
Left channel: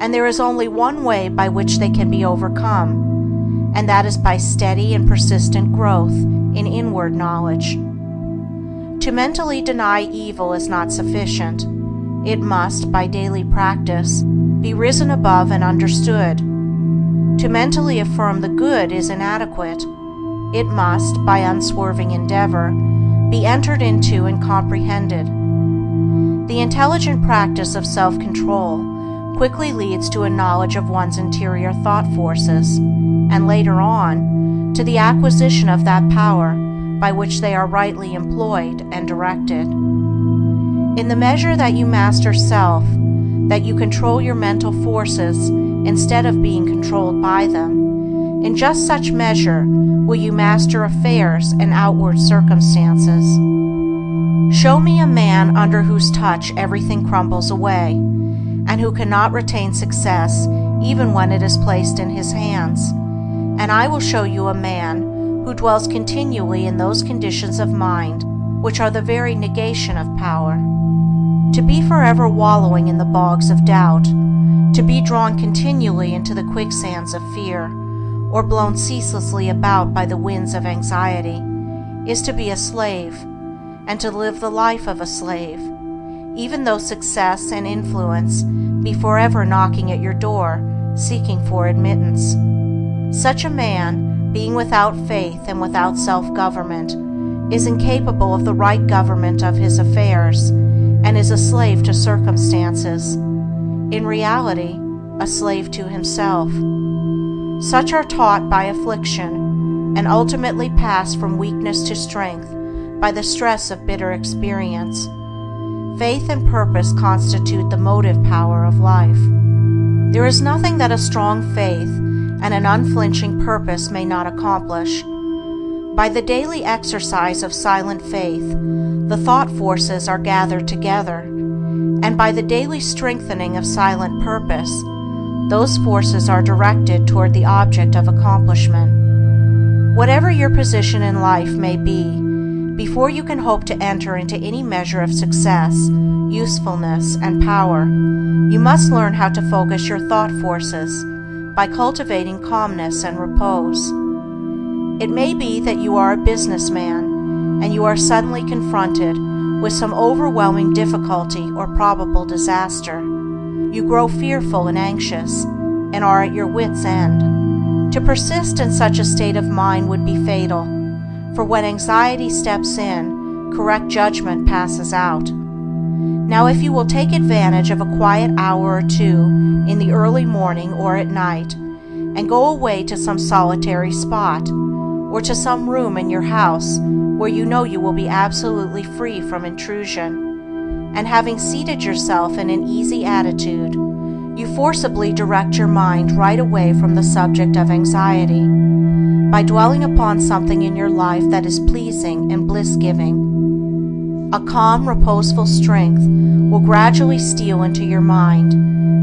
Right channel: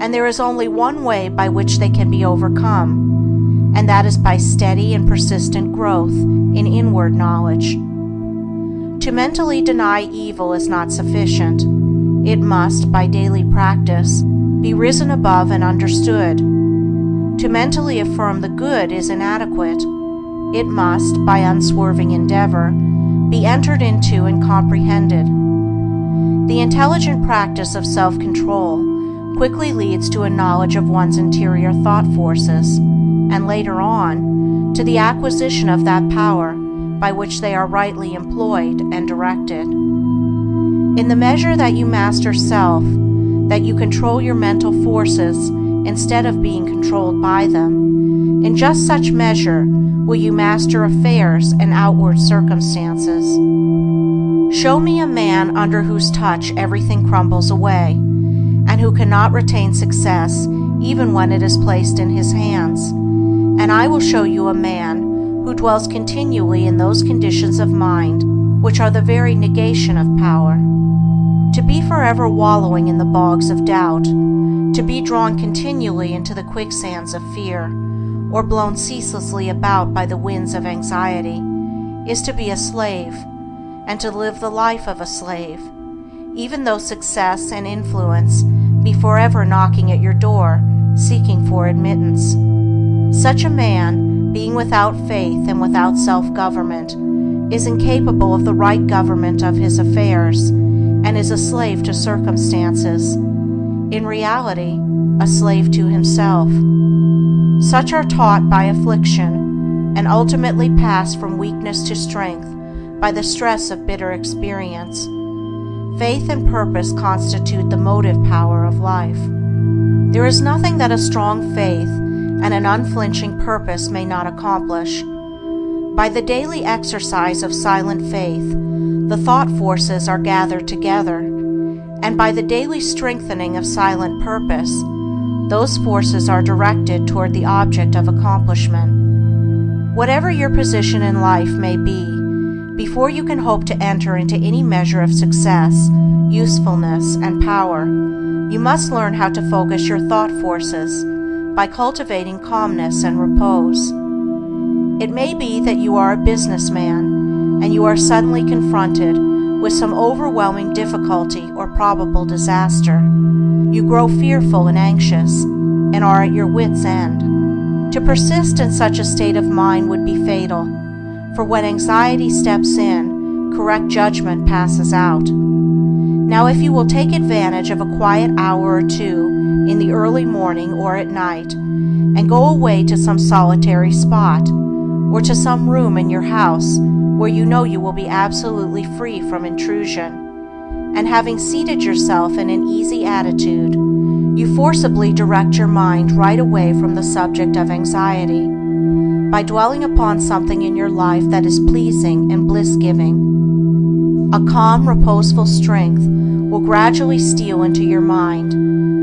and there is only one way by which they can be overcome, and that is by steady and persistent growth in inward knowledge. To mentally deny evil is not sufficient. It must, by daily practice, be risen above and understood. To mentally affirm the good is inadequate. It must, by unswerving endeavor, be entered into and comprehended. The intelligent practice of self-control quickly leads to a knowledge of one's interior thought forces, and later on, to the acquisition of that power by which they are rightly employed and directed. In the measure that you master self, that you control your mental forces instead of being controlled by them, in just such measure will you master affairs and outward circumstances. Show me a man under whose touch everything crumbles away, and who cannot retain success even when it is placed in his hands, and I will show you a man who dwells continually in those conditions of mind which are the very negation of power. To be forever wallowing in the bogs of doubt, to be drawn continually into the quicksands of fear, or blown ceaselessly about by the winds of anxiety, is to be a slave, and to live the life of a slave, even though success and influence be forever knocking at your door, seeking for admittance. Such a man, being without faith and without self-government, is incapable of the right government of his affairs, and is a slave to circumstances, in reality, a slave to himself. Such are taught by affliction, and ultimately pass from weakness to strength by the stress of bitter experience. Faith and purpose constitute the motive power of life. There is nothing that a strong faith and an unflinching purpose may not accomplish. By the daily exercise of silent faith, the thought forces are gathered together, and by the daily strengthening of silent purpose, those forces are directed toward the object of accomplishment. Whatever your position in life may be, before you can hope to enter into any measure of success, usefulness, and power, you must learn how to focus your thought forces by cultivating calmness and repose. It may be that you are a businessman and you are suddenly confronted with some overwhelming difficulty or probable disaster. You grow fearful and anxious and are at your wits' end. To persist in such a state of mind would be fatal, for when anxiety steps in, correct judgment passes out. Now, if you will take advantage of a quiet hour or two in the early morning or at night, and go away to some solitary spot, or to some room in your house where you know you will be absolutely free from intrusion, and having seated yourself in an easy attitude, you forcibly direct your mind right away from the subject of anxiety, by dwelling upon something in your life that is pleasing and bliss-giving. A calm, reposeful strength will gradually steal into your mind,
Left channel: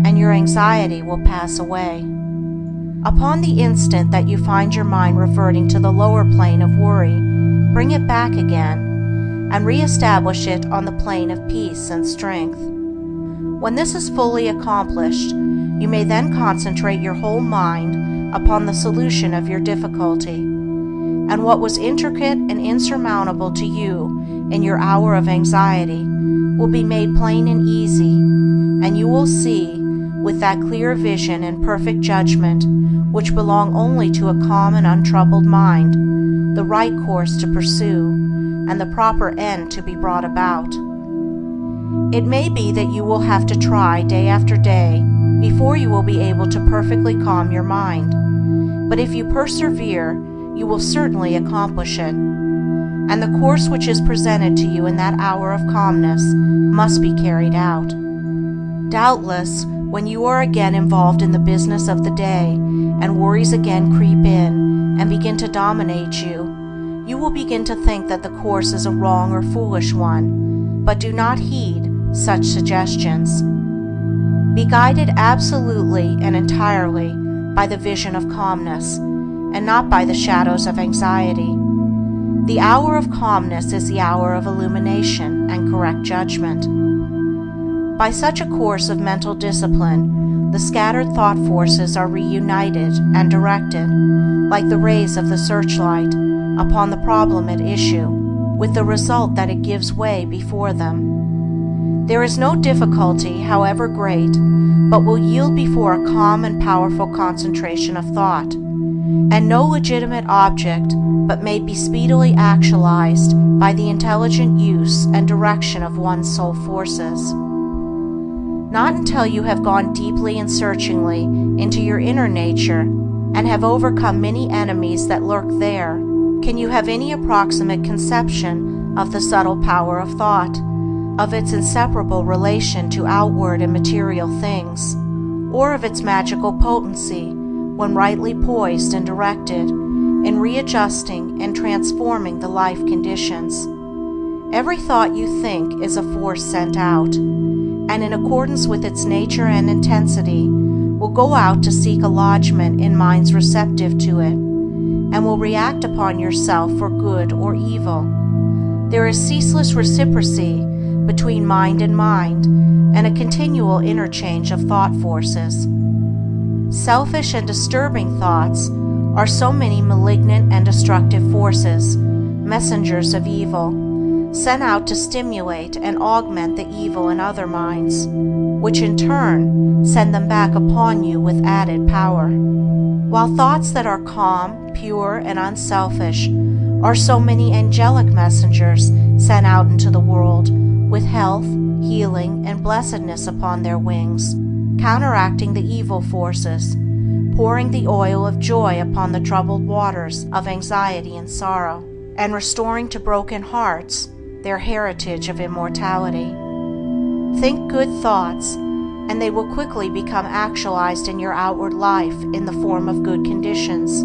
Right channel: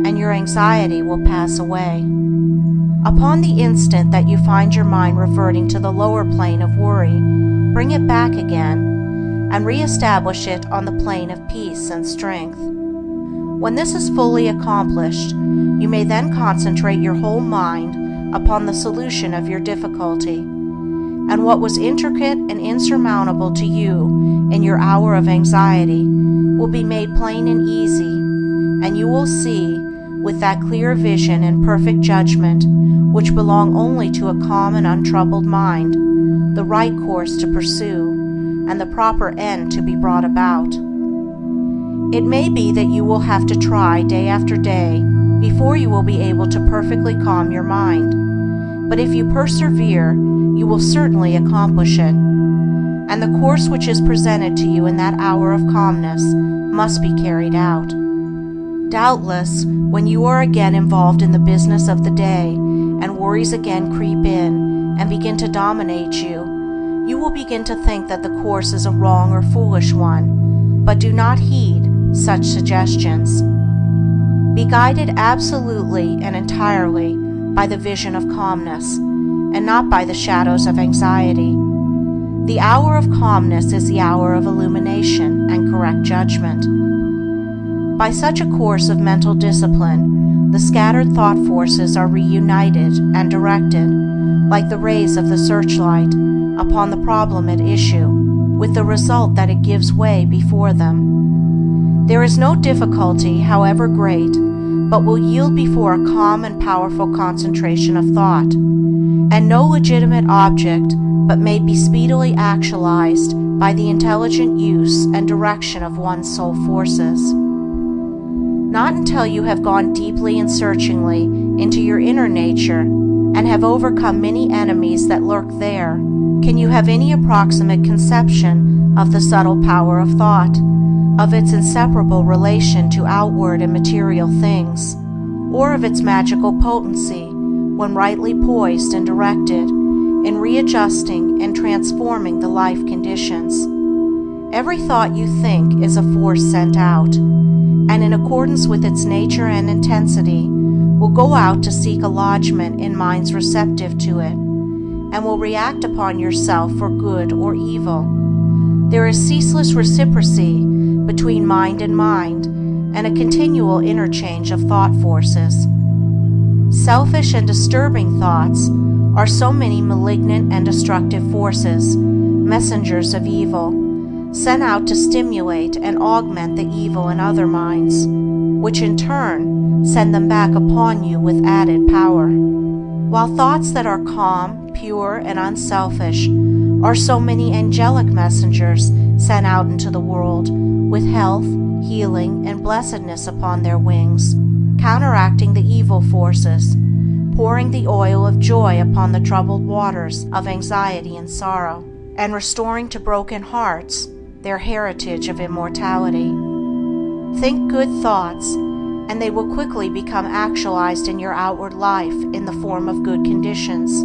and your anxiety will pass away. Upon the instant that you find your mind reverting to the lower plane of worry, bring it back again, and re-establish it on the plane of peace and strength. When this is fully accomplished, you may then concentrate your whole mind upon the solution of your difficulty, and what was intricate and insurmountable to you in your hour of anxiety will be made plain and easy, and you will see, with that clear vision and perfect judgment which belong only to a calm and untroubled mind, the right course to pursue, and the proper end to be brought about. It may be that you will have to try day after day before you will be able to perfectly calm your mind, but if you persevere, you will certainly accomplish it, and the course which is presented to you in that hour of calmness must be carried out. Doubtless, when you are again involved in the business of the day, and worries again creep in and begin to dominate you, you will begin to think that the course is a wrong or foolish one, but do not heed such suggestions. Be guided absolutely and entirely by the vision of calmness, and not by the shadows of anxiety. The hour of calmness is the hour of illumination and correct judgment. By such a course of mental discipline, the scattered thought forces are reunited and directed, like the rays of the searchlight, upon the problem at issue, with the result that it gives way before them. There is no difficulty, however great, but will yield before a calm and powerful concentration of thought, and no legitimate object but may be speedily actualized by the intelligent use and direction of one's soul forces. Not until you have gone deeply and searchingly into your inner nature and have overcome many enemies that lurk there, can you have any approximate conception of the subtle power of thought, of its inseparable relation to outward and material things, or of its magical potency, when rightly poised and directed, in readjusting and transforming the life conditions. Every thought you think is a force sent out, and in accordance with its nature and intensity, will go out to seek a lodgment in minds receptive to it, and will react upon yourself for good or evil. There is ceaseless reciprocity between mind, and a continual interchange of thought forces. Selfish and disturbing thoughts are so many malignant and destructive forces, messengers of evil, sent out to stimulate and augment the evil in other minds, which in turn send them back upon you with added power. While thoughts that are calm, pure, and unselfish are so many angelic messengers sent out into the world with health, healing, and blessedness upon their wings, counteracting the evil forces, pouring the oil of joy upon the troubled waters of anxiety and sorrow, and restoring to broken hearts their heritage of immortality. Think good thoughts, and they will quickly become actualized in your outward life in the form of good conditions.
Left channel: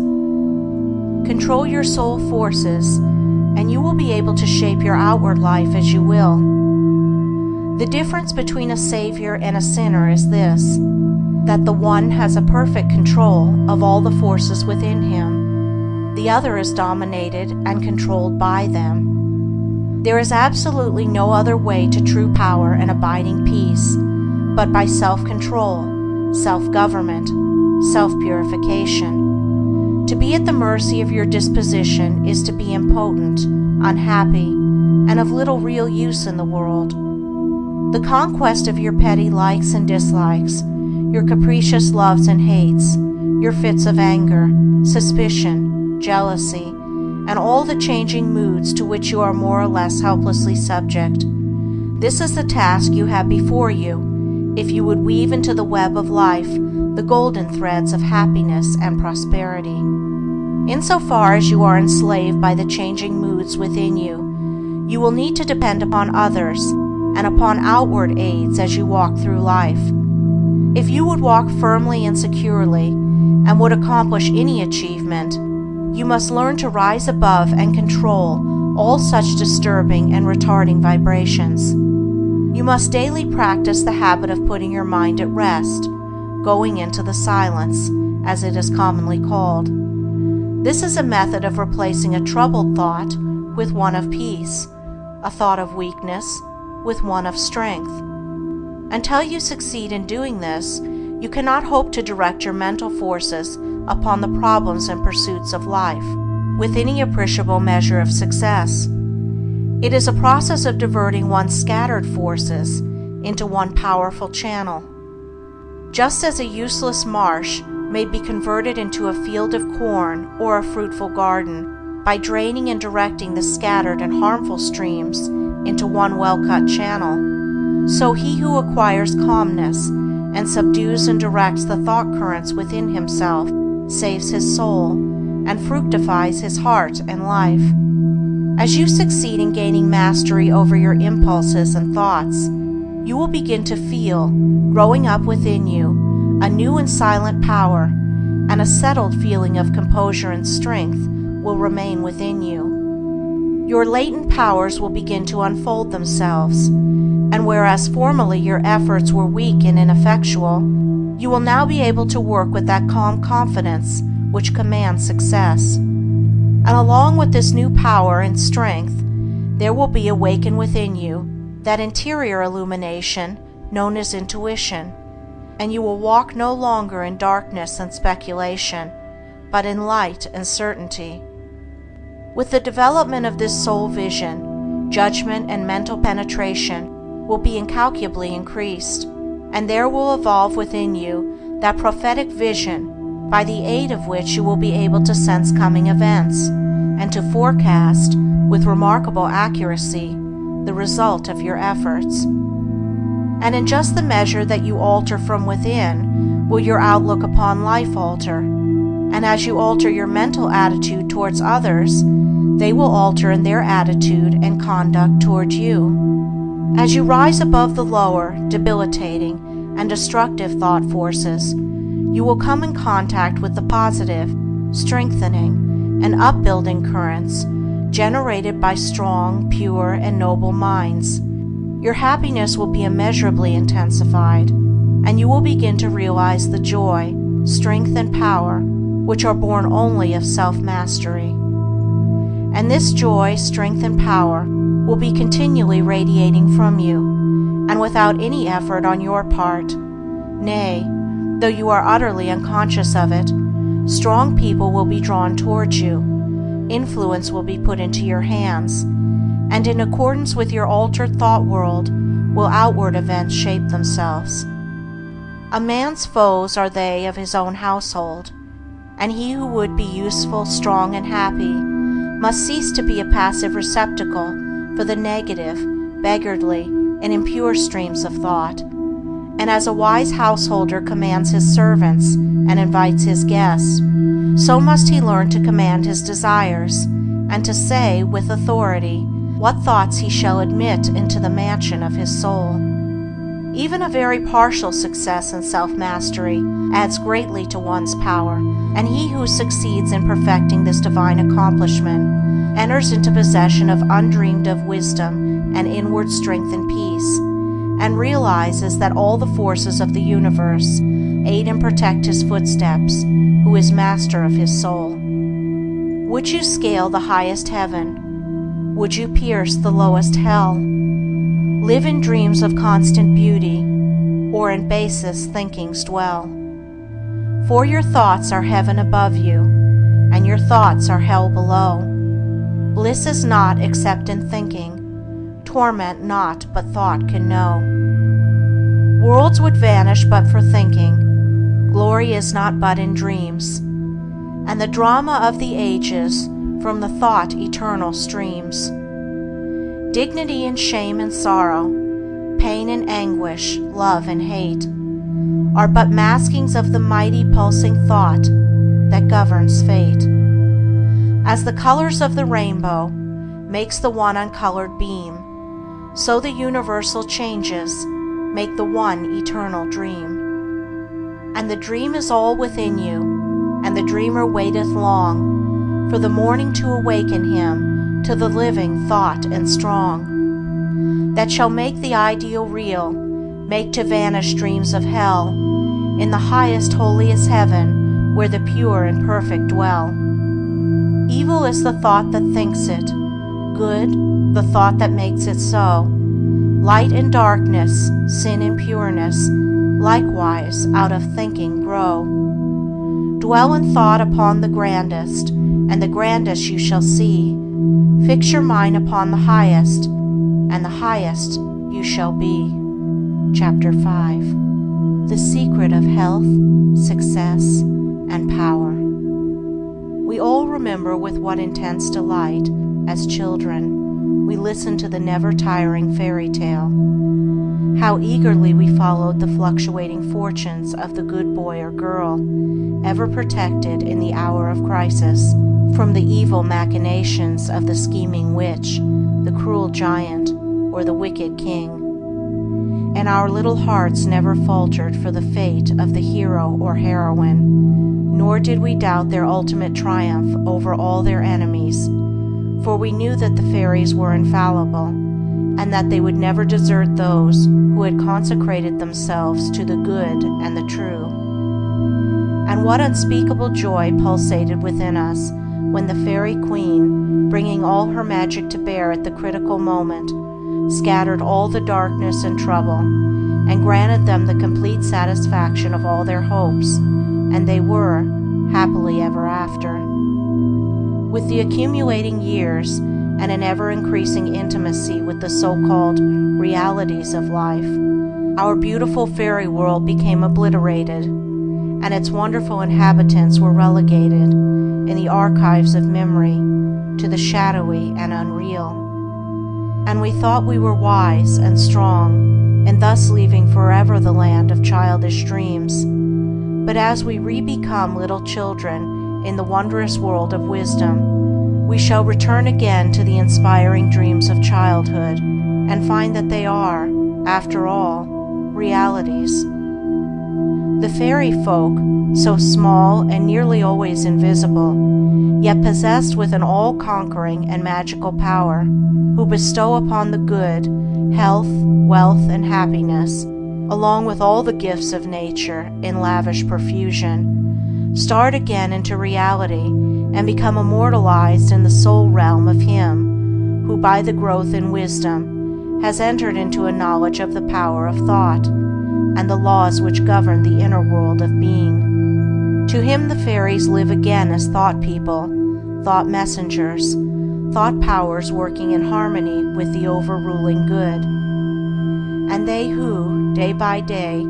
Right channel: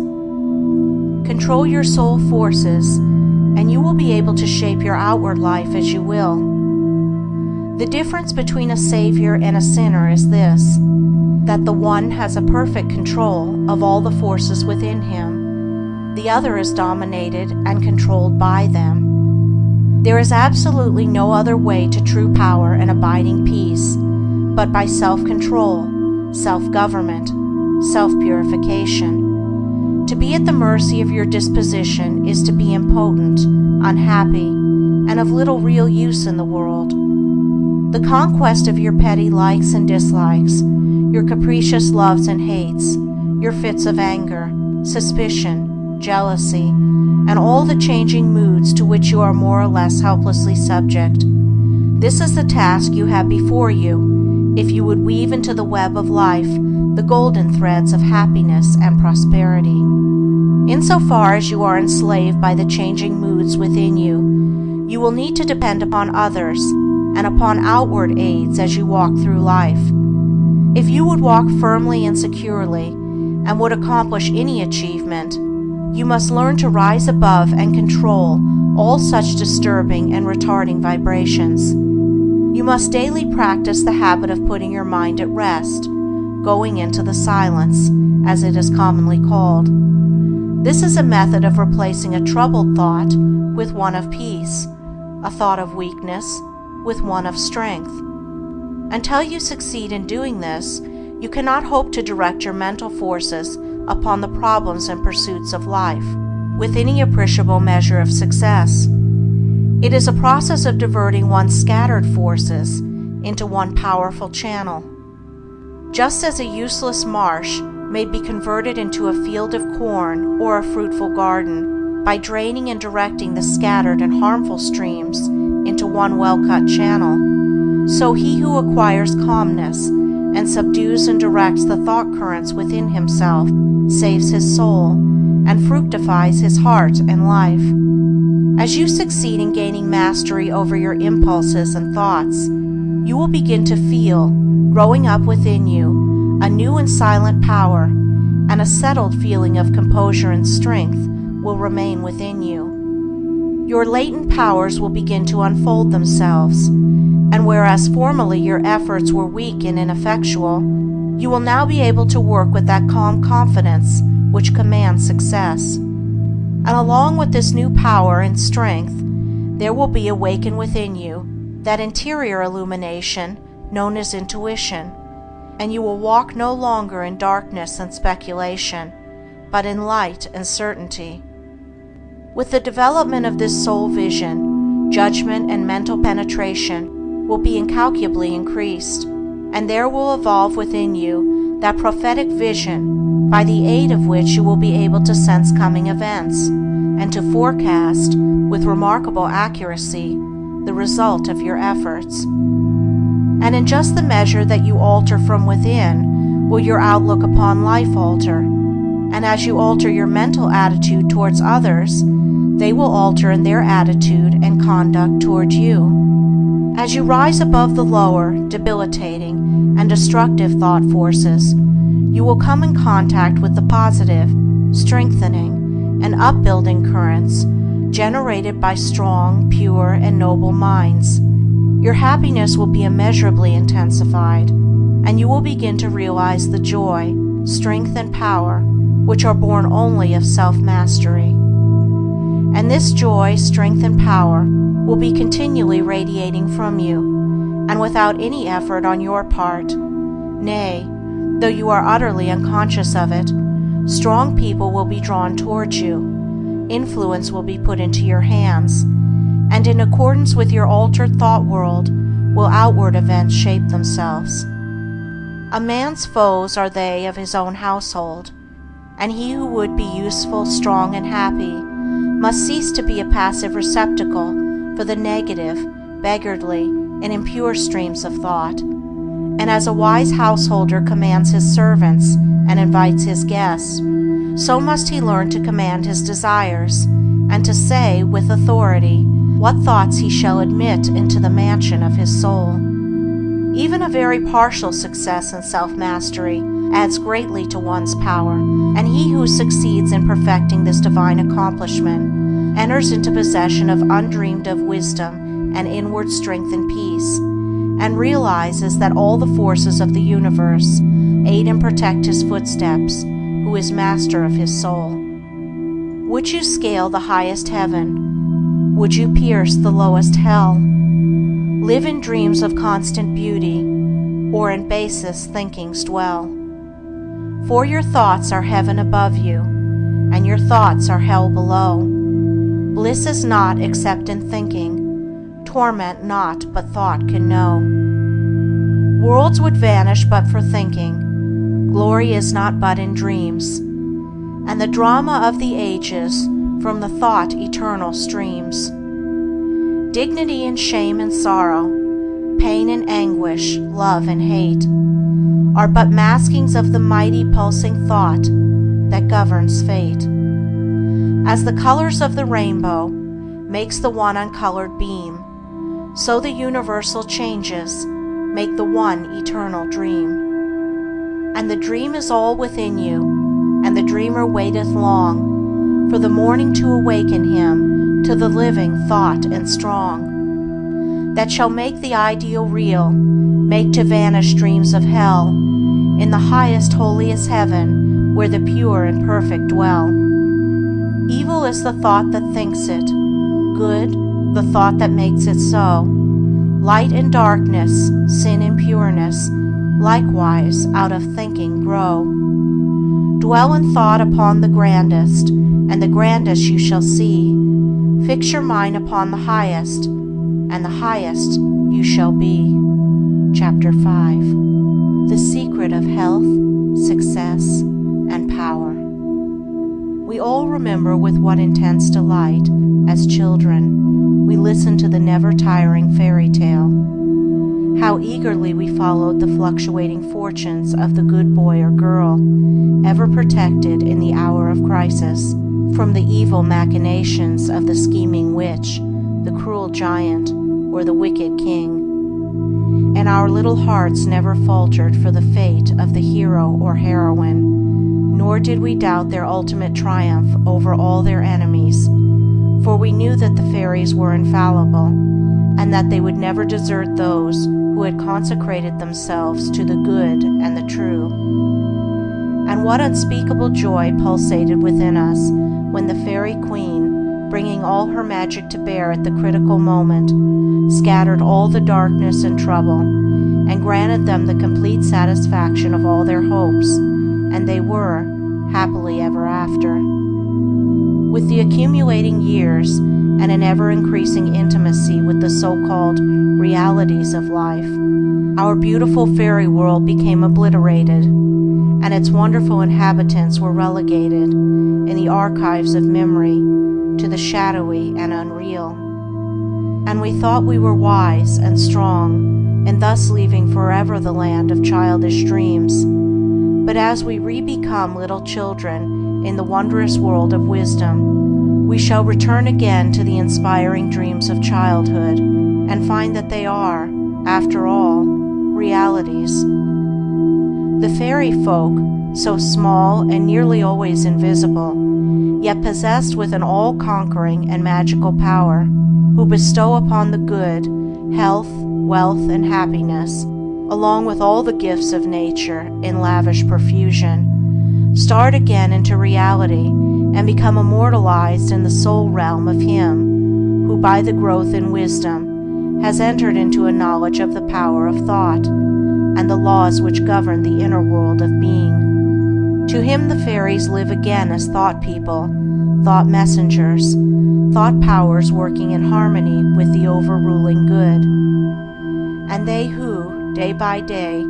Control your soul forces, and you will be able to shape your outward life as you will. The difference between a Savior and a sinner is this, that the one has a perfect control of all the forces within him. The other is dominated and controlled by them. There is absolutely no other way to true power and abiding peace, but by self-control, self-government, self-purification. To be at the mercy of your disposition is to be impotent, unhappy, and of little real use in the world. The conquest of your petty likes and dislikes, your capricious loves and hates, your fits of anger, suspicion, jealousy, and all the changing moods to which you are more or less helplessly subject. This is the task you have before you, if you would weave into the web of life the golden threads of happiness and prosperity. Insofar as you are enslaved by the changing moods within you, you will need to depend upon others and upon outward aids as you walk through life. If you would walk firmly and securely, and would accomplish any achievement, you must learn to rise above and control all such disturbing and retarding vibrations. You must daily practice the habit of putting your mind at rest, going into the silence, as it is commonly called. This is a method of replacing a troubled thought with one of peace, a thought of weakness with one of strength. Until you succeed in doing this, you cannot hope to direct your mental forces upon the problems and pursuits of life with any appreciable measure of success. It is a process of diverting one's scattered forces into one powerful channel. Just as a useless marsh may be converted into a field of corn or a fruitful garden by draining and directing the scattered and harmful streams into one well-cut channel, so he who acquires calmness and subdues and directs the thought currents within himself saves his soul and fructifies his heart and life. As you succeed in gaining mastery over your impulses and thoughts, you will begin to feel, growing up within you, a new and silent power, and a settled feeling of composure and strength will remain within you. Your latent powers will begin to unfold themselves, and whereas formerly your efforts were weak and ineffectual, you will now be able to work with that calm confidence which commands success. And along with this new power and strength, there will be awakened within you that interior illumination known as intuition, and you will walk no longer in darkness and speculation, but in light and certainty. With the development of this soul vision, judgment and mental penetration will be incalculably increased, and there will evolve within you that prophetic vision by the aid of which you will be able to sense coming events and to forecast with remarkable accuracy the result of your efforts. And in just the measure that you alter from within will your outlook upon life alter, and as you alter your mental attitude towards others, they will alter in their attitude and conduct toward you. As you rise above the lower, debilitating, and destructive thought forces, you will come in contact with the positive, strengthening, and upbuilding currents generated by strong, pure, and noble minds. Your happiness will be immeasurably intensified, and you will begin to realize the joy, strength, and power which are born only of self-mastery. And this joy, strength, and power will be continually radiating from you, and without any effort on your part. Nay, though you are utterly unconscious of it, strong people will be drawn towards you, influence will be put into your hands, and in accordance with your altered thought world will outward events shape themselves. A man's foes are they of his own household, and he who would be useful, strong, and happy must cease to be a passive receptacle for the negative, beggarly, and impure streams of thought. And as a wise householder commands his servants and invites his guests, so must he learn to command his desires, and to say with authority what thoughts he shall admit into the mansion of his soul. Even a very partial success in self-mastery adds greatly to one's power, and he who succeeds in perfecting this divine accomplishment enters into possession of undreamed of wisdom and inward strength and peace, and realizes that all the forces of the universe aid and protect his footsteps, who is master of his soul. Would you scale the highest heaven? Would you pierce the lowest hell? Live in dreams of constant beauty, or in basest thinkings dwell? For your thoughts are heaven above you, and your thoughts are hell below. Bliss is not except in thinking, torment not but thought can know. Worlds would vanish but for thinking, glory is not but in dreams, and the drama of the ages from the thought eternal streams. Dignity and shame and sorrow, pain and anguish, love and hate, are but maskings of the mighty pulsing thought that governs fate. As the colors of the rainbow makes the one uncolored beam, so the universal changes make the one eternal dream. And the dream is all within you, and the dreamer waiteth long for the morning to awaken him to the living thought and strong, that shall make the ideal real, make to vanish dreams of hell, in the highest holiest heaven where the pure and perfect dwell. Evil is the thought that thinks it, good the thought that makes it so. Light and darkness, sin and pureness, likewise out of thinking grow. Dwell in thought upon the grandest, and the grandest you shall see. Fix your mind upon the highest, and the highest you shall be. Chapter 5. The Secret of Health, Success, and Power. We all remember with what intense delight, as children, we listened to the never-tiring fairy tale. How eagerly we followed the fluctuating fortunes of the good boy or girl, ever protected in the hour of crisis from the evil machinations of the scheming witch, the cruel giant, or the wicked king. And our little hearts never faltered for the fate of the hero or heroine, nor did we doubt their ultimate triumph over all their enemies, for we knew that the fairies were infallible, and that they would never desert those who had consecrated themselves to the good and the true. And what unspeakable joy pulsated within us when the fairy queen, bringing all her magic to bear at the critical moment, scattered all the darkness and trouble, and granted them the complete satisfaction of all their hopes, and they were happily ever after. With the accumulating years and an ever-increasing intimacy with the so-called realities of life, our beautiful fairy world became obliterated, and its wonderful inhabitants were relegated in the archives of memory to the shadowy and unreal. And we thought we were wise and strong, and thus leaving forever the land of childish dreams. But as we re-become little children in the wondrous world of wisdom, we shall return again to the inspiring dreams of childhood, and find that they are, after all, realities. The fairy folk, so small and nearly always invisible, yet possessed with an all-conquering and magical power, who bestow upon the good health, wealth, and happiness, along with all the gifts of nature in lavish profusion, start again into reality and become immortalized in the soul realm of him who, by the growth in wisdom, has entered into a knowledge of the power of thought and the laws which govern the inner world of being. To him the fairies live again as thought people, thought messengers, thought powers working in harmony with the overruling good. And they who, day by day,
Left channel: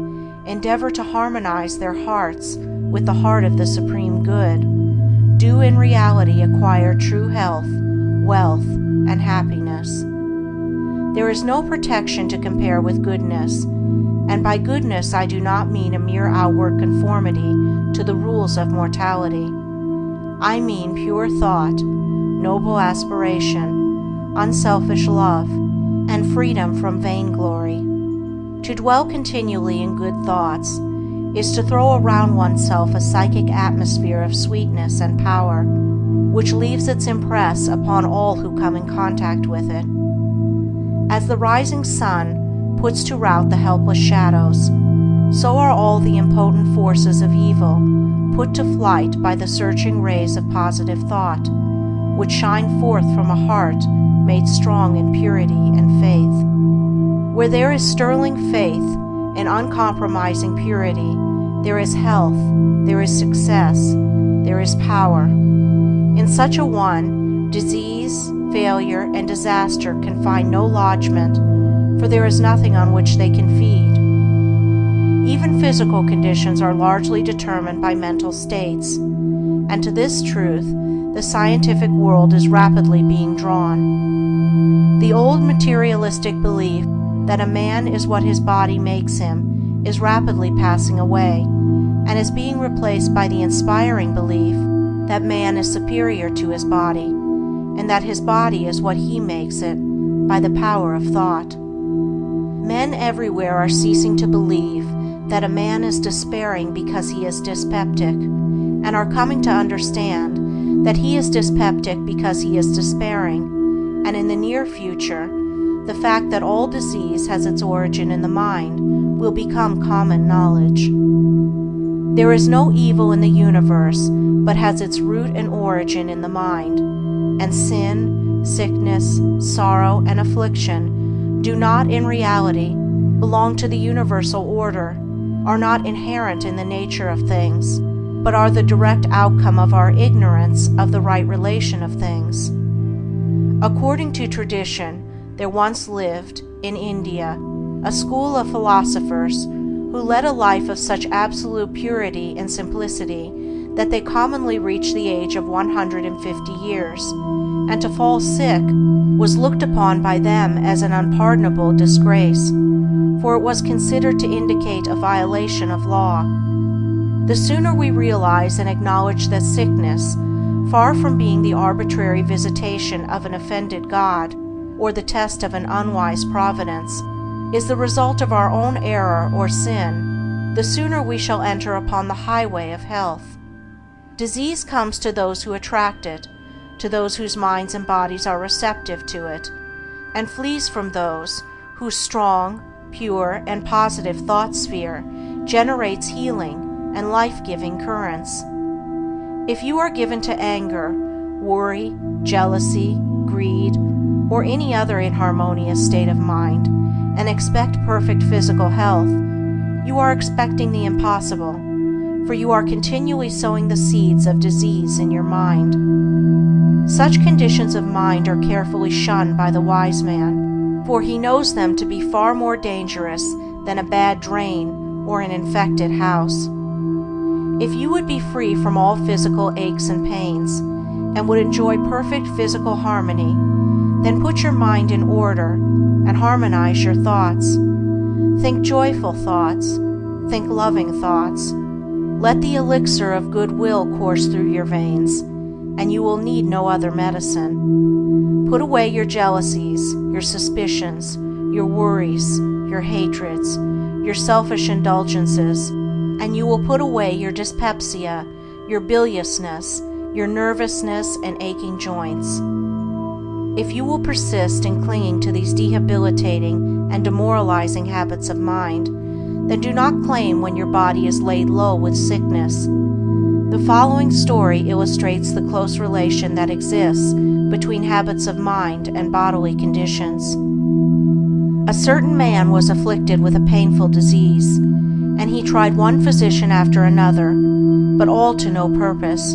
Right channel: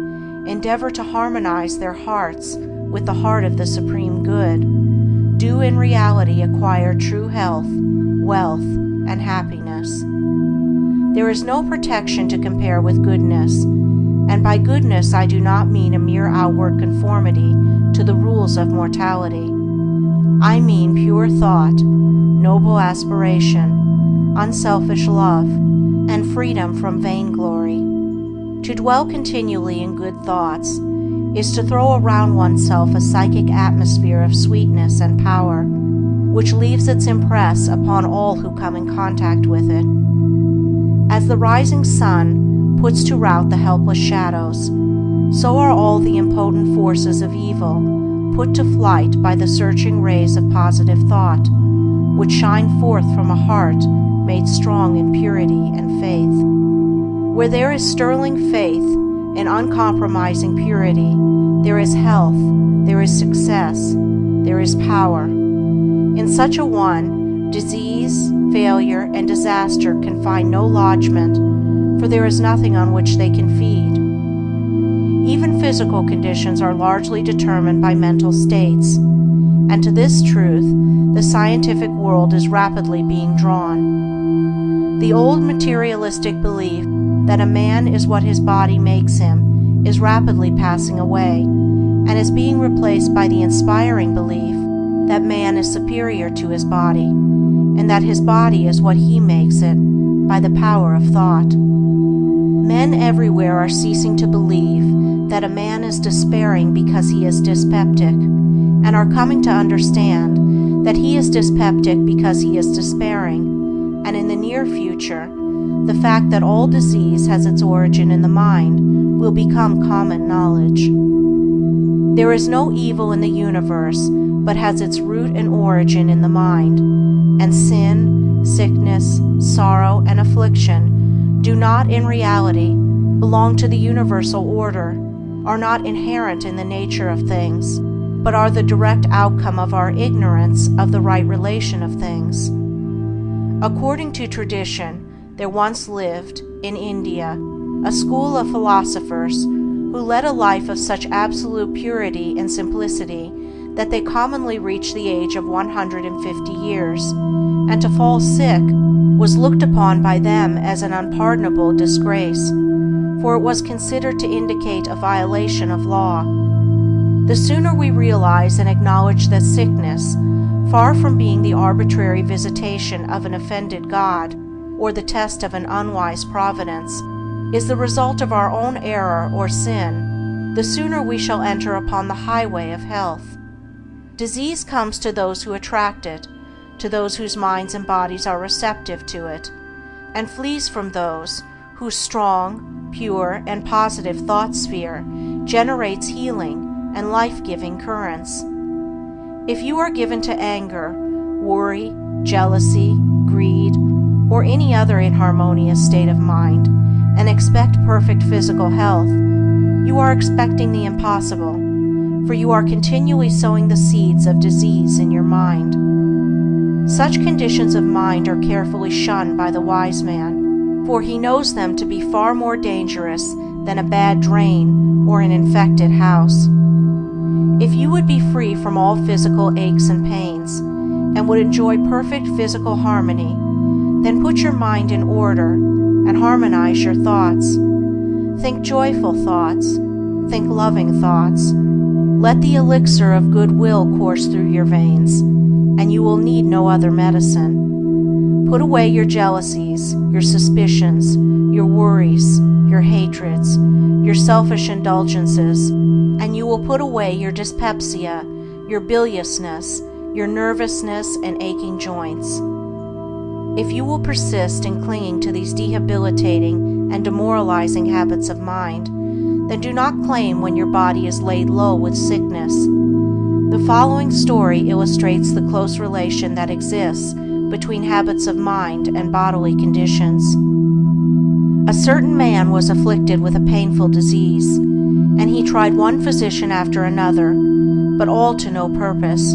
endeavor to harmonize their hearts with the heart of the supreme good, do in reality acquire true health, wealth, and happiness. There is no protection to compare with goodness, and by goodness I do not mean a mere outward conformity to the rules of mortality. I mean pure thought, noble aspiration, unselfish love, and freedom from vainglory. To dwell continually in good thoughts is to throw around oneself a psychic atmosphere of sweetness and power, which leaves its impress upon all who come in contact with it. As the rising sun puts to rout the helpless shadows, so are all the impotent forces of evil put to flight by the searching rays of positive thought, which shine forth from a heart made strong in purity and faith. Where there is sterling faith and uncompromising purity, there is health, there is success, there is power, In such a one, disease, failure, and disaster can find no lodgment, for there is nothing on which they can feed. Even physical conditions are largely determined by mental states, and to this truth the scientific world is rapidly being drawn. The old materialistic belief that a man is what his body makes him is rapidly passing away, and is being replaced by the inspiring belief that man is superior to his body, and that his body is what he makes it by the power of thought. Men everywhere are ceasing to believe that a man is despairing because he is dyspeptic, and are coming to understand that he is dyspeptic because he is despairing, and in the near future, the fact that all disease has its origin in the mind will become common knowledge. There is no evil in the universe but has its root and origin in the mind, and sin, sickness, sorrow, and affliction do not in reality belong to the universal order, are not inherent in the nature of things, but are the direct outcome of our ignorance of the right relation of things. According to tradition, there once lived, in India, a school of philosophers who led a life of such absolute purity and simplicity that they commonly reached the age of 150 years, and to fall sick was looked upon by them as an unpardonable disgrace, for it was considered to indicate a violation of law. The sooner we realize and acknowledge that sickness, far from being the arbitrary visitation of an offended God or the test of an unwise providence, is the result of our own error or sin, the sooner we shall enter upon the highway of health. Disease comes to those who attract it, to those whose minds and bodies are receptive to it, and flees from those whose strong, pure, and positive thought sphere generates healing and life-giving currents. If you are given to anger, worry, jealousy, greed, or any other inharmonious state of mind, and expect perfect physical health, you are expecting the impossible, for you are continually sowing the seeds of disease in your mind. Such conditions of mind are carefully shunned by the wise man, for he knows them to be far more dangerous than a bad drain or an infected house. If you would be free from all physical aches and pains, and would enjoy perfect physical harmony, then put your mind in order and harmonize your thoughts. Think joyful thoughts, think loving thoughts. Let the elixir of goodwill course through your veins, and you will need no other medicine. Put away your jealousies, your suspicions, your worries, your hatreds, your selfish indulgences, and you will put away your dyspepsia, your biliousness, your nervousness, and aching joints. If you will persist in clinging to these debilitating and demoralizing habits of mind, then do not claim when your body is laid low with sickness. The following story illustrates the close relation that exists between habits of mind and bodily conditions. A certain man was afflicted with a painful disease, and he tried one physician after another, but all to no purpose.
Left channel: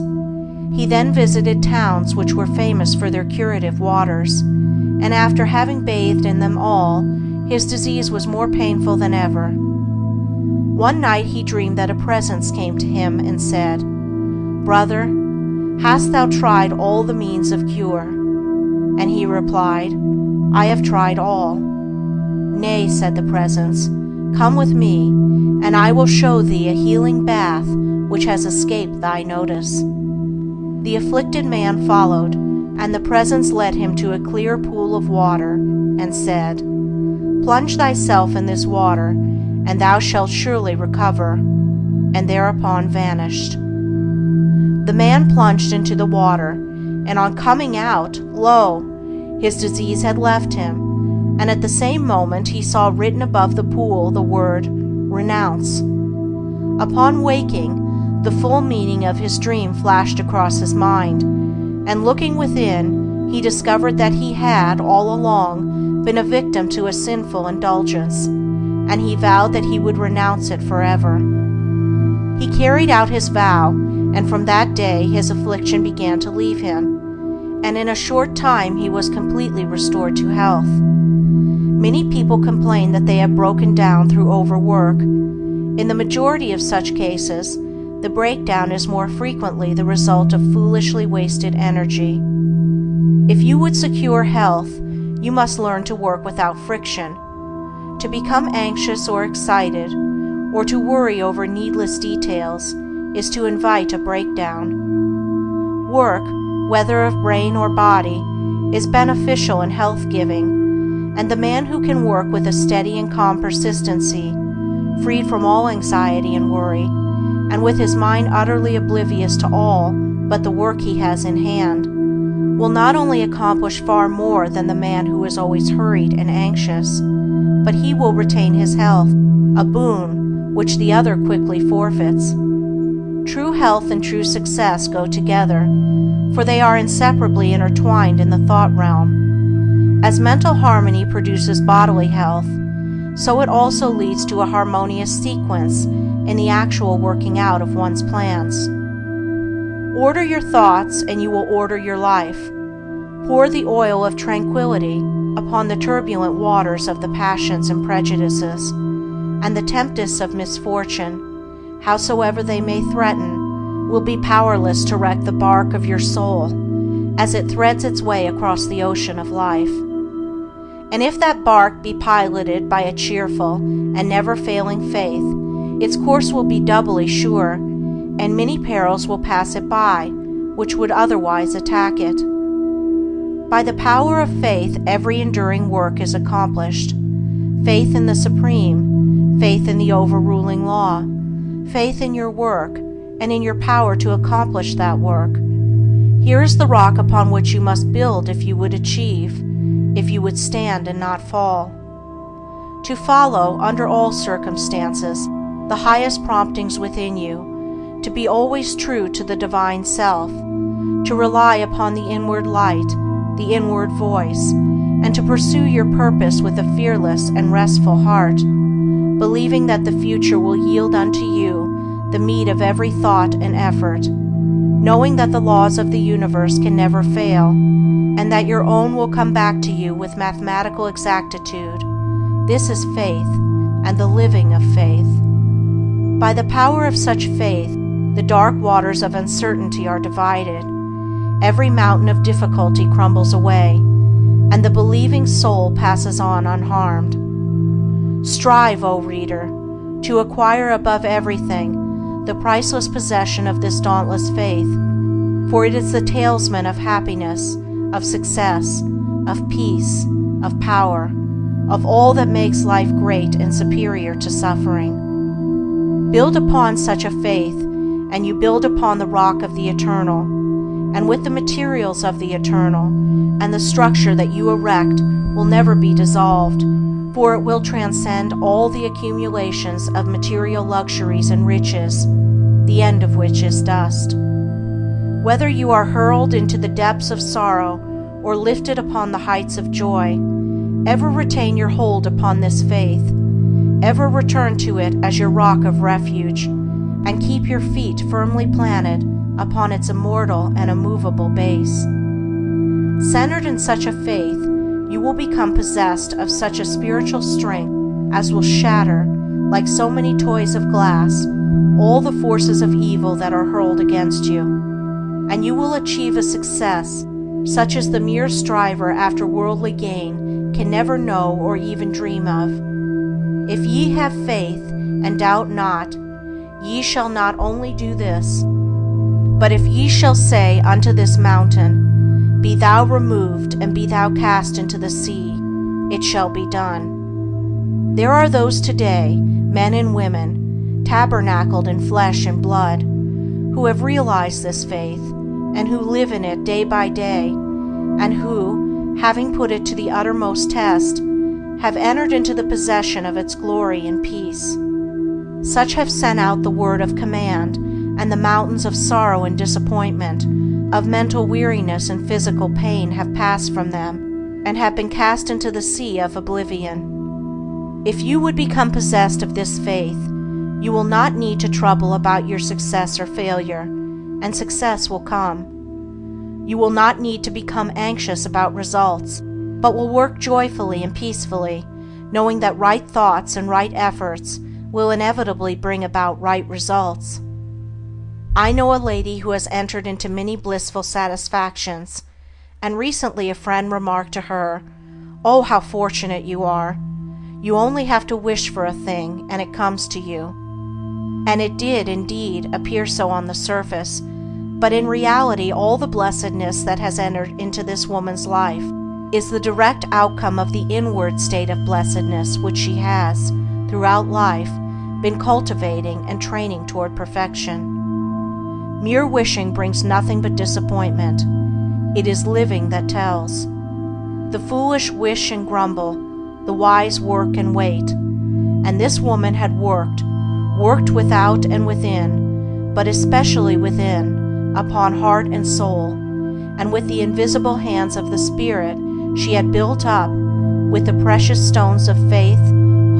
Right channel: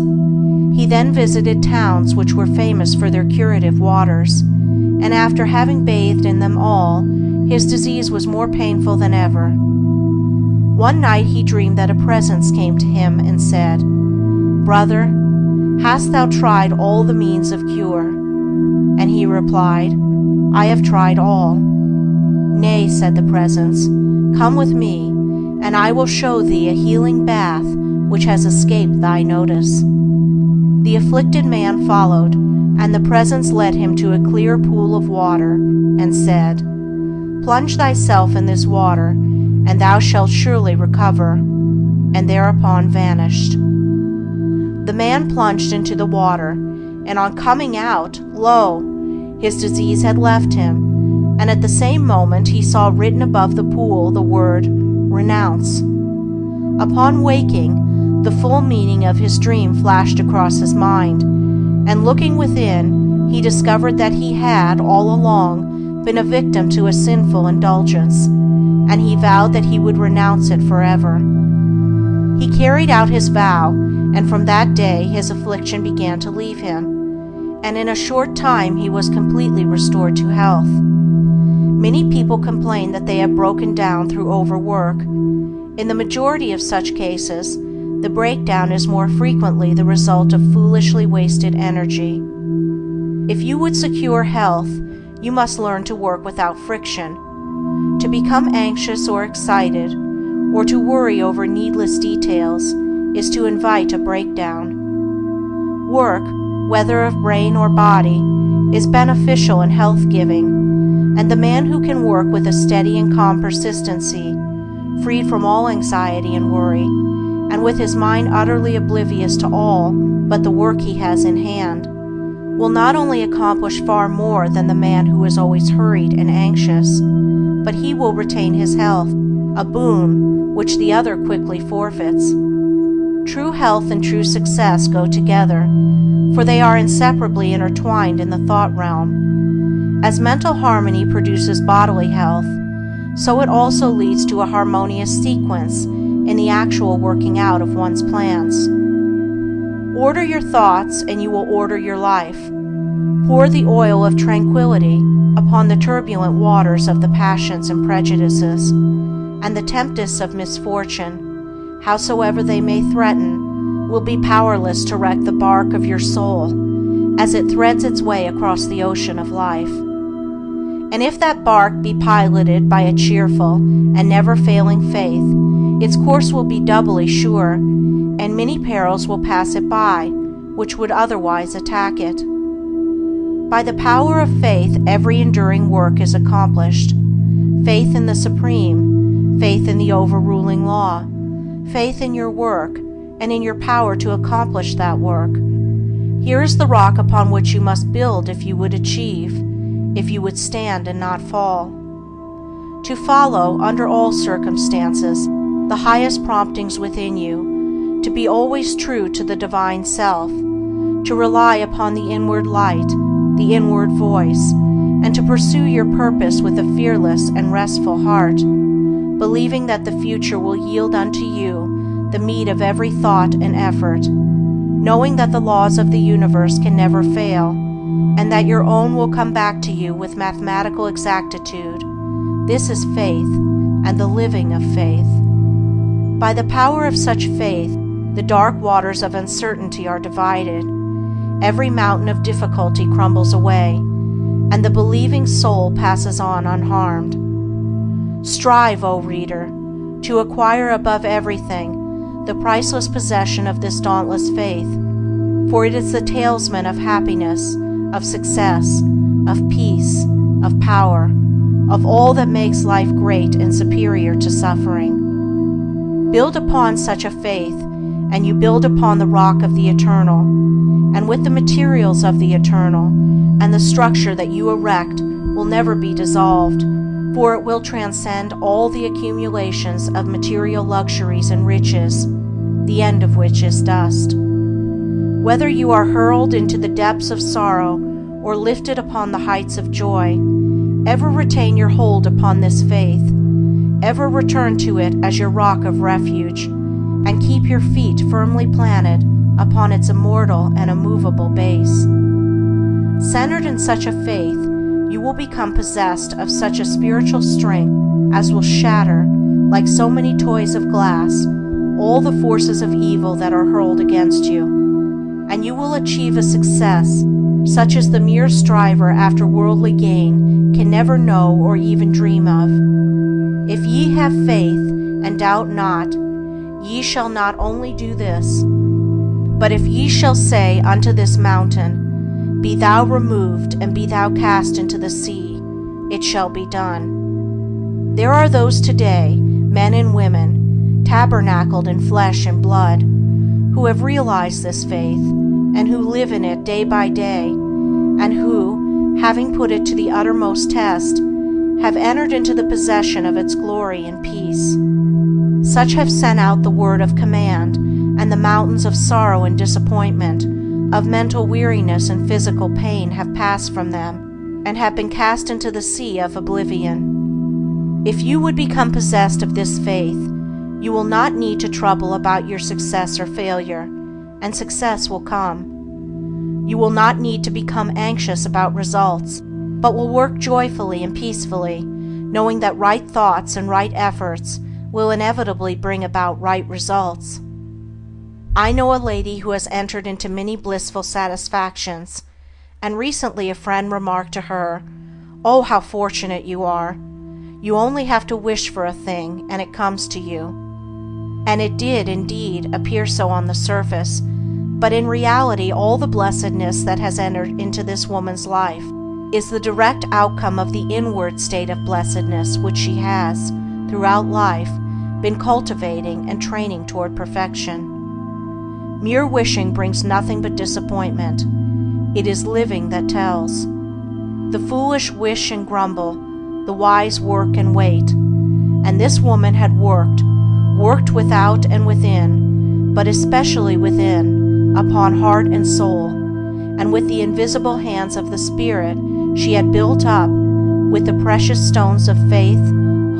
He then visited towns which were famous for their curative waters, and after having bathed in them all, his disease was more painful than ever. One night he dreamed that a presence came to him and said, "Brother, hast thou tried all the means of cure?" And he replied, "I have tried all." "Nay," said the presence, "come with me, and I will show thee a healing bath which has escaped thy notice." The afflicted man followed, and the presence led him to a clear pool of water, and said, "Plunge thyself in this water, and thou shalt surely recover," and thereupon vanished. The man plunged into the water, and on coming out, lo! his disease had left him, and at the same moment he saw written above the pool the word, "Renounce." Upon waking, the full meaning of his dream flashed across his mind, and looking within, he discovered that he had, all along, been a victim to a sinful indulgence, and he vowed that he would renounce it forever. He carried out his vow, and from that day his affliction began to leave him, and in a short time he was completely restored to health. Many people complain that they have broken down through overwork. In the majority of such cases, the breakdown is more frequently the result of foolishly wasted energy. If you would secure health, you must learn to work without friction. To become anxious or excited, or to worry over needless details, is to invite a breakdown. Work, whether of brain or body, is beneficial and health-giving, and the man who can work with a steady and calm persistency, freed from all anxiety and worry, and with his mind utterly oblivious to all but the work he has in hand, will not only accomplish far more than the man who is always hurried and anxious, but he will retain his health, a boon which the other quickly forfeits. True health and true success go together, for they are inseparably intertwined in the thought realm. As mental harmony produces bodily health, so it also leads to a harmonious sequence in the actual working out of one's plans. Order your thoughts and you will order your life. Pour the oil of tranquility upon the turbulent waters of the passions and prejudices, and the tempests of misfortune, howsoever they may threaten, will be powerless to wreck the bark of your soul as it threads its way across the ocean of life. And if that bark be piloted by a cheerful and never-failing faith, its course will be doubly sure, and many perils will pass it by, which would otherwise attack it. By the power of faith, every enduring work is accomplished. Faith in the Supreme, faith in the overruling law, faith in your work, and in your power to accomplish that work. Here is the rock upon which you must build if you would achieve, if you would stand and not fall. To follow, under all circumstances, the highest promptings within you, to be always true to the divine self, to rely upon the inward light, the inward voice, and to pursue your purpose with a fearless and restful heart, believing that the future will yield unto you the meed of every thought and effort, knowing that the laws of the universe can never fail, and that your own will come back to you with mathematical exactitude. This is faith, and the living of faith. By the power of such faith, the dark waters of uncertainty are divided, every mountain of difficulty crumbles away, and the believing soul passes on unharmed. Strive, O reader, to acquire above everything the priceless possession of this dauntless faith, for it is the talisman of happiness, of success, of peace, of power, of all that makes life great and superior to suffering. Build upon such a faith, and you build upon the rock of the eternal, and with the materials of the eternal, and the structure that you erect will never be dissolved, for it will transcend all the accumulations of material luxuries and riches, the end of which is dust. Whether you are hurled into the depths of sorrow or lifted upon the heights of joy, ever retain your hold upon this faith, ever return to it as your rock of refuge, and keep your feet firmly planted upon its immortal and immovable base. Centered in such a faith, you will become possessed of such a spiritual strength as will shatter, like so many toys of glass, all the forces of evil that are hurled against you, and you will achieve a success such as the mere striver after worldly gain can never know or even dream of. If ye have faith, and doubt not, ye shall not only do this, but if ye shall say unto this mountain, Be thou removed, and be thou cast into the sea, it shall be done. There are those today, men and women, tabernacled in flesh and blood, who have realized this faith, and who live in it day by day, and who, having put it to the uttermost test, have entered into the possession of its glory and peace. Such have sent out the word of command, and the mountains of sorrow and disappointment, of mental weariness and physical pain have passed from them, and have been cast into the sea of oblivion. If you would become possessed of this faith, you will not need to trouble about your success or failure, and success will come. You will not need to become anxious about results, but will work joyfully and peacefully, knowing that right thoughts and right efforts will inevitably bring about right results. I know a lady who has entered into many blissful satisfactions, and recently a friend remarked to her, "Oh, how fortunate you are. You only have to wish for a thing, and it comes to you." And it did, indeed, appear so on the surface, but in reality all the blessedness that has entered into this woman's life is the direct outcome of the inward state of blessedness which she has, throughout life, been cultivating and training toward perfection. Mere wishing brings nothing but disappointment. It is living that tells. The foolish wish and grumble, the wise work and wait. And this woman had worked without and within, but especially within, upon heart and soul, and with the invisible hands of the Spirit she had built up, with the precious stones of faith,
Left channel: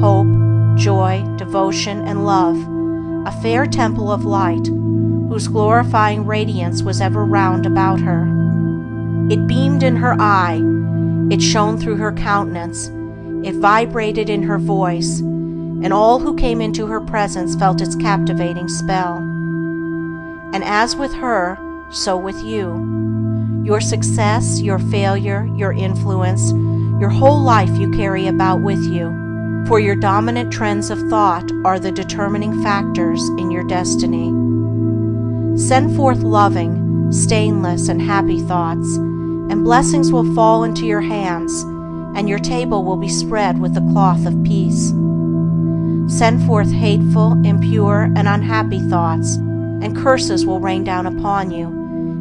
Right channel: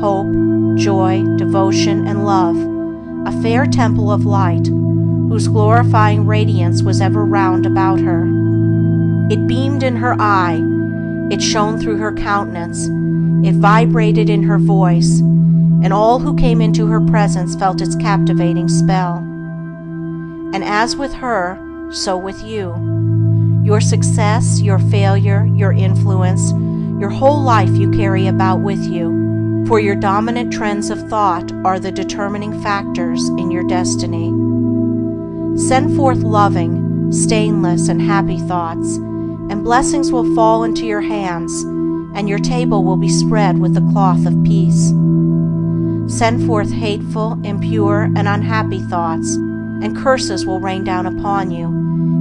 hope, joy, devotion, and love, a fair temple of light, whose glorifying radiance was ever round about her. It beamed in her eye, it shone through her countenance, it vibrated in her voice, and all who came into her presence felt its captivating spell. And as with her, so with you. Your success, your failure, your influence, your whole life you carry about with you, for your dominant trends of thought are the determining factors in your destiny. Send forth loving, stainless, and happy thoughts, and blessings will fall into your hands, and your table will be spread with the cloth of peace. Send forth hateful, impure, and unhappy thoughts, and curses will rain down upon you,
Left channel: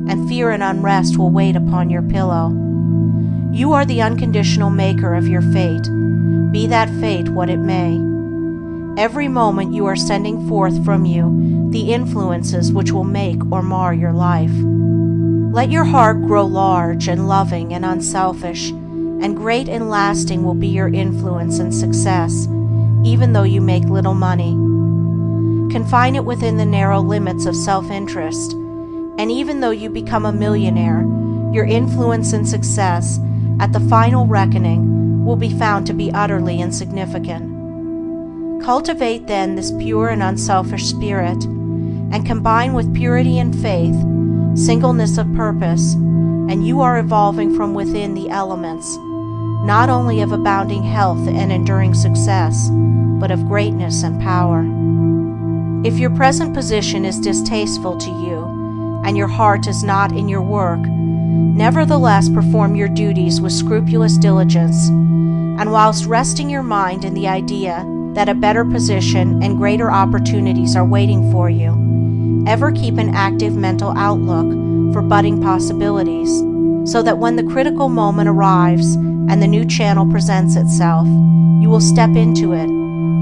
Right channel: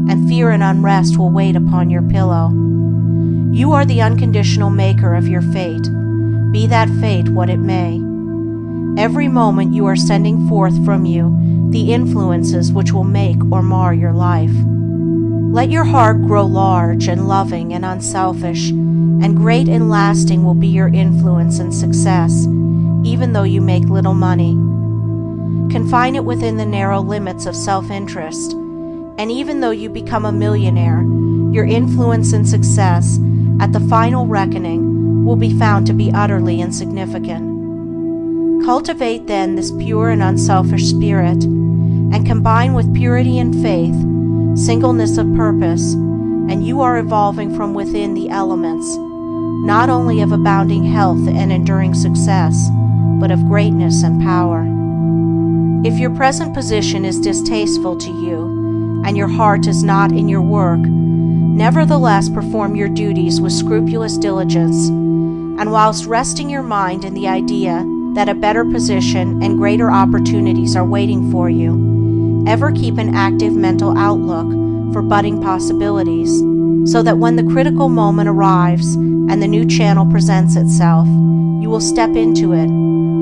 and fear and unrest will wait upon your pillow. You are the unconditional maker of your fate, be that fate what it may. Every moment you are sending forth from you the influences which will make or mar your life. Let your heart grow large and loving and unselfish, and great and lasting will be your influence and success, even though you make little money. Confine it within the narrow limits of self-interest, and even though you become a millionaire, your influence and success, at the final reckoning, will be found to be utterly insignificant. Cultivate then this pure and unselfish spirit, and combine with purity and faith, singleness of purpose, and you are evolving from within the elements, not only of abounding health and enduring success, but of greatness and power. If your present position is distasteful to you, and your heart is not in your work, nevertheless perform your duties with scrupulous diligence, and whilst resting your mind in the idea that a better position and greater opportunities are waiting for you, ever keep an active mental outlook for budding possibilities, so that when the critical moment arrives and the new channel presents itself, you will step into it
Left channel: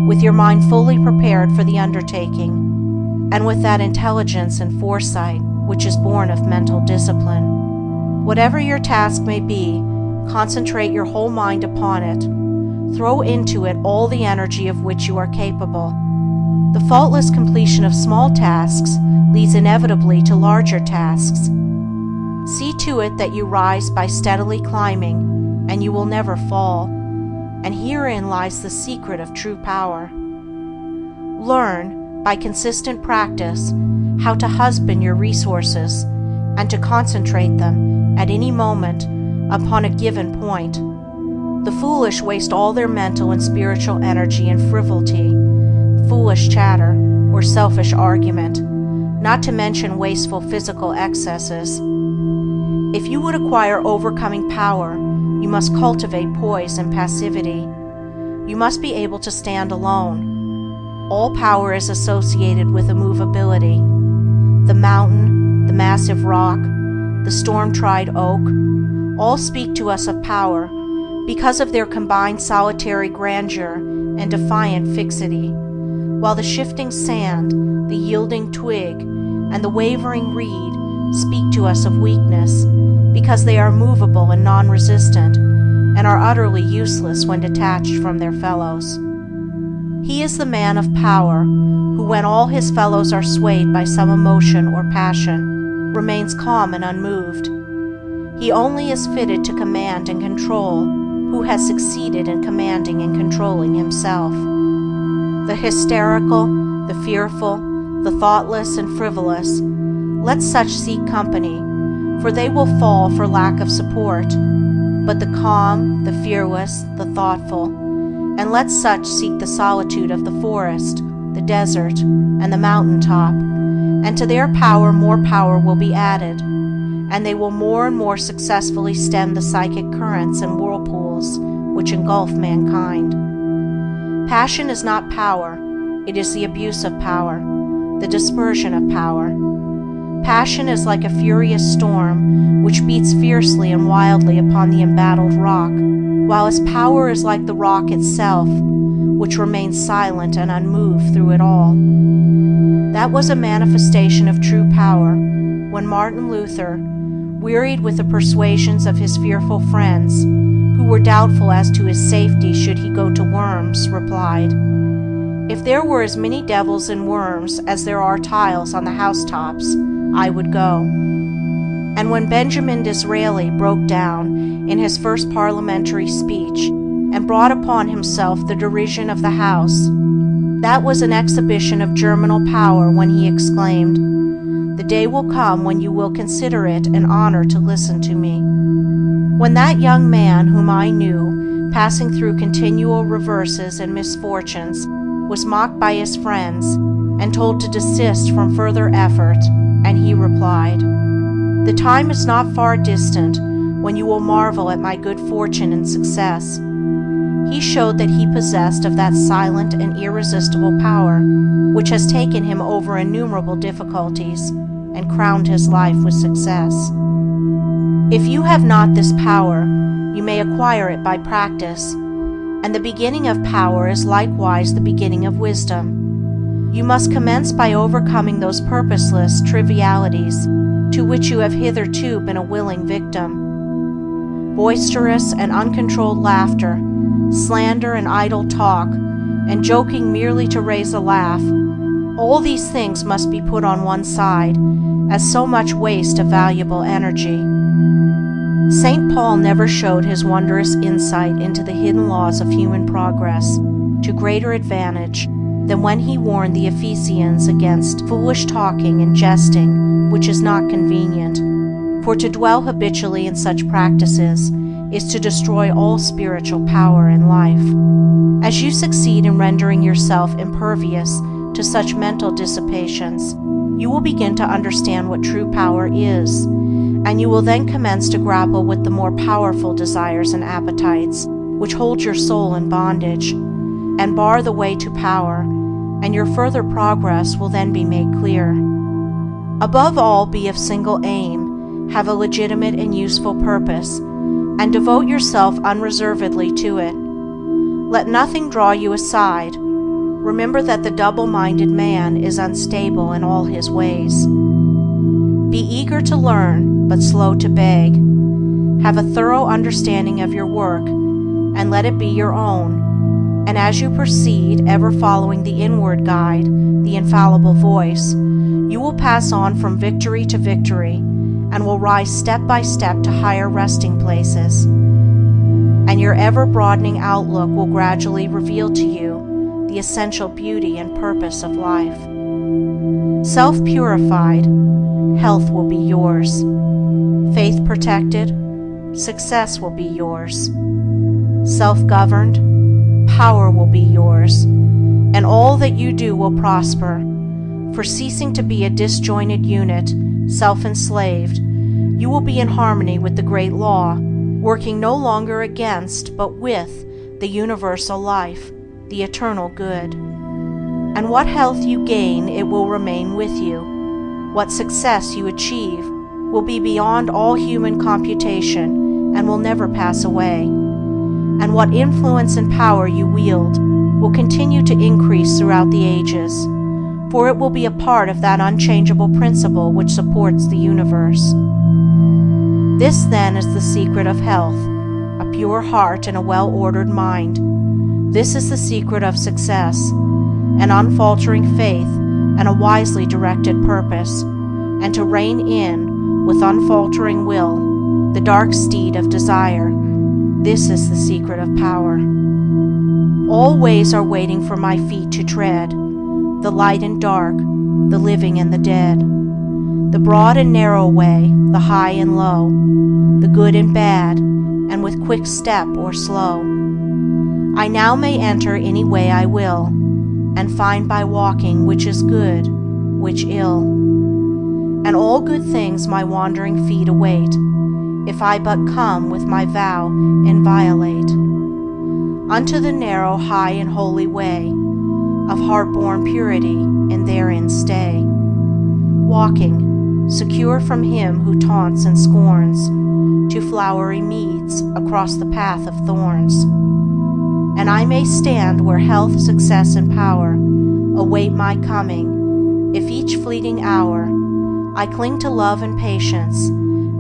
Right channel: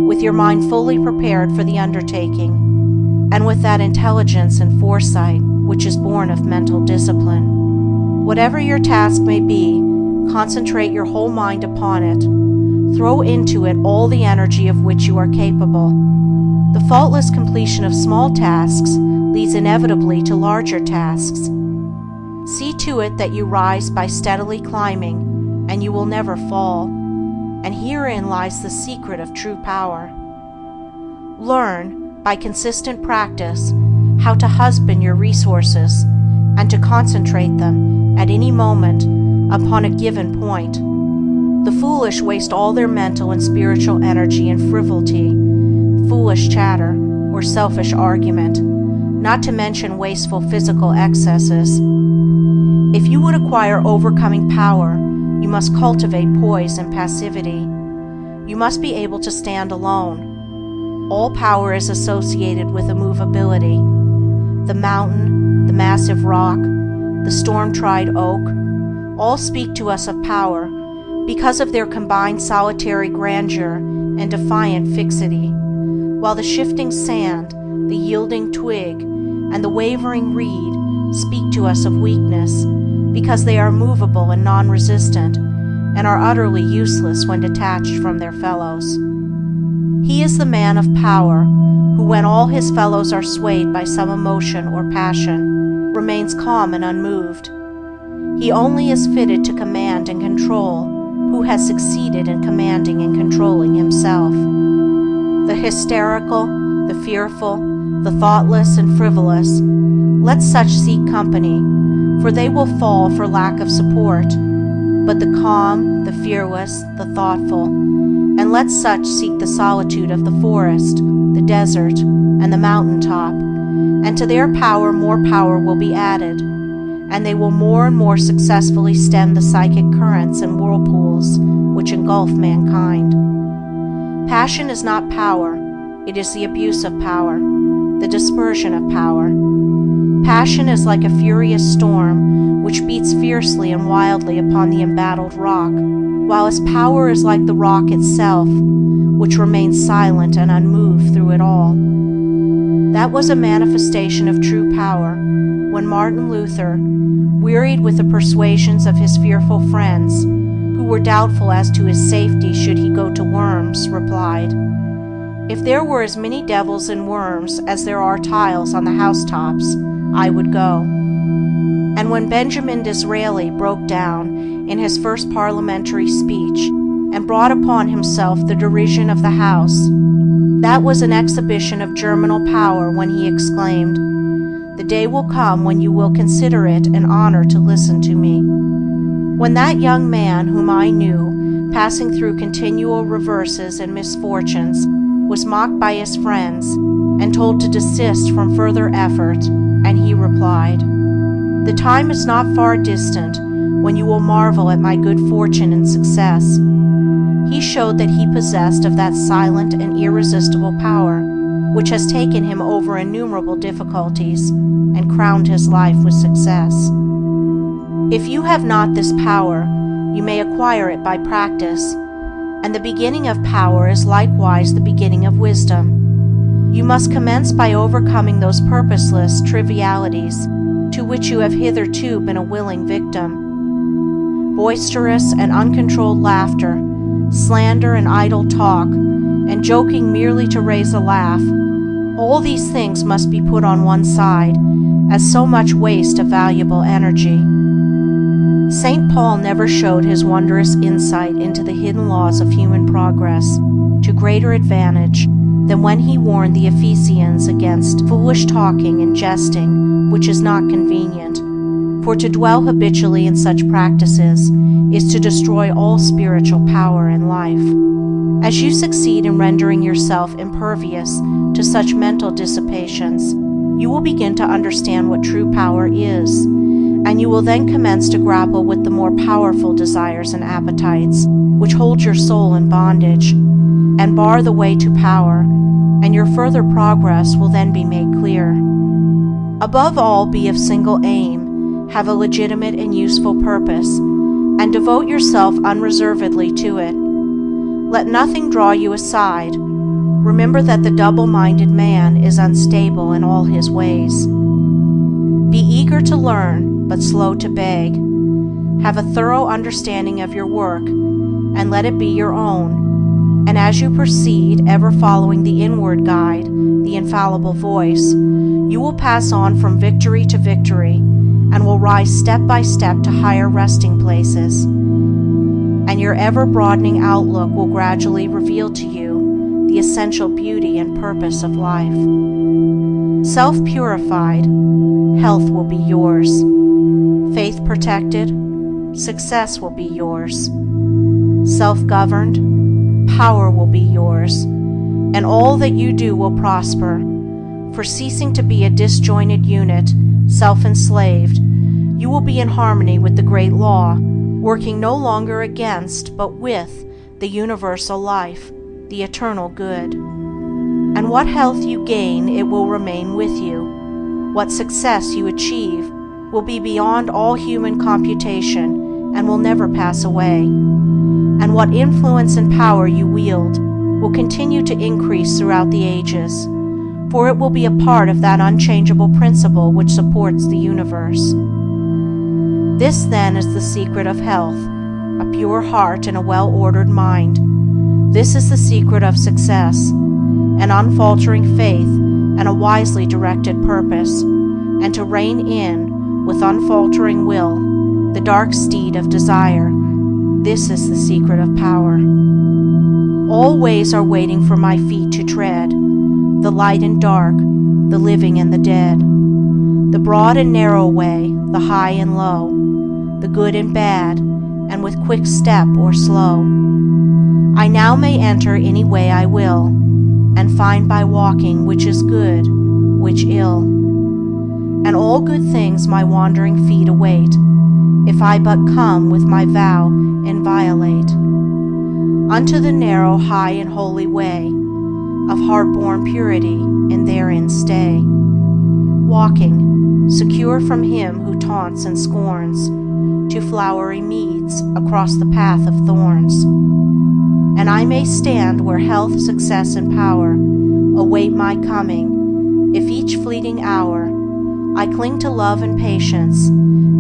with your mind fully prepared for the undertaking, and with that intelligence and foresight which is born of mental discipline. Whatever your task may be, concentrate your whole mind upon it. Throw into it all the energy of which you are capable. The faultless completion of small tasks leads inevitably to larger tasks. See to it that you rise by steadily climbing, and you will never fall, and herein lies the secret of true power. Learn, by consistent practice, how to husband your resources, and to concentrate them, at any moment, upon a given point. The foolish waste all their mental and spiritual energy in frivolity, foolish chatter, or selfish argument, not to mention wasteful physical excesses. If you would acquire overcoming power, you must cultivate poise and passivity. You must be able to stand alone. All power is associated with immovability. The mountain, the massive rock, the storm-tried oak, all speak to us of power because of their combined solitary grandeur and defiant fixity, while the shifting sand, the yielding twig, and the wavering reed speak to us of weakness because they are movable and non-resistant, and are utterly useless when detached from their fellows. He is the man of power, who when all his fellows are swayed by some emotion or passion, remains calm and unmoved. He only is fitted to command and control who has succeeded in commanding and controlling himself. The hysterical, the fearful, the thoughtless and frivolous, let such seek company, for they will fall for lack of support. But the calm, the fearless, the thoughtful, and let such seek the solitude of the forest, the desert, and the mountain top, and to their power more power will be added, and they will more and more successfully stem the psychic currents and whirlpools which engulf mankind. Passion is not power, it is the abuse of power, the dispersion of power. Passion is like a furious storm which beats fiercely and wildly upon the embattled rock, while its power is like the rock itself, which remains silent and unmoved through it all. That was a manifestation of true power when Martin Luther, wearied with the persuasions of his fearful friends, who were doubtful as to his safety should he go to Worms, replied, "If there were as many devils in Worms as there are tiles on the housetops, I would go." And when Benjamin Disraeli broke down in his first parliamentary speech and brought upon himself the derision of the House, that was an exhibition of germinal power when he exclaimed, "The day will come when you will consider it an honor to listen to me." When that young man whom I knew, passing through continual reverses and misfortunes, was mocked by his friends and told to desist from further effort, and he replied, "The time is not far distant when you will marvel at my good fortune and success," he showed that he possessed of that silent and irresistible power which has taken him over innumerable difficulties and crowned his life with success. If you have not this power, you may acquire it by practice, and the beginning of power is likewise the beginning of wisdom. You must commence by overcoming those purposeless trivialities to which you have hitherto been a willing victim. Boisterous and uncontrolled laughter, slander and idle talk, and joking merely to raise a laugh, all these things must be put on one side, as so much waste of valuable energy. St. Paul never showed his wondrous insight into the hidden laws of human progress to greater advantage than when he warned the Ephesians against foolish talking and jesting, which is not convenient. For to dwell habitually in such practices is to destroy all spiritual power in life. As you succeed in rendering yourself impervious to such mental dissipations, you will begin to understand what true power is, and you will then commence to grapple with the more powerful desires and appetites which hold your soul in bondage and bar the way to power, and your further progress will then be made clear. Above all, be of single aim, have a legitimate and useful purpose, and devote yourself unreservedly to it. Let nothing draw you aside. Remember that the double-minded man is unstable in all his ways. Be eager to learn, but slow to beg. Have a thorough understanding of your work, and let it be your own. And as you proceed, ever following the inward guide, the infallible voice, you will pass on from victory to victory, and will rise step by step to higher resting places. And your ever-broadening outlook will gradually reveal to you the essential beauty and purpose of life. Self-purified, health will be yours. Faith protected, success will be yours. Self-governed, power will be yours, and all that you do will prosper. For ceasing to be a disjointed unit, self-enslaved, you will be in harmony with the great law, working no longer against, but with, the universal life, the eternal good. And what health you gain, it will remain with you. What success you achieve will be beyond all human computation and will never pass away. And what influence and power you wield will continue to increase throughout the ages, for it will be a part of that unchangeable principle which supports the universe. This, then, is the secret of health, a pure heart and a well-ordered mind. This is the secret of success, an unfaltering faith and a wisely directed purpose, and to rein in with unfaltering will, the dark steed of desire. This is the secret of power. All ways are waiting for my feet to tread, the light and dark, the living and the dead, the broad and narrow way, the high and low, the good and bad, and with quick step or slow. I now may enter any way I will, and find by walking which is good, which ill. And all good things my wandering feet await, if I but come with my vow inviolate, unto the narrow, high, and holy way of heart-born purity, and therein stay, walking, secure from him who taunts and scorns, to flowery meads across the path of thorns. And I may stand where health, success, and power await my coming, if each fleeting hour I cling to love and patience,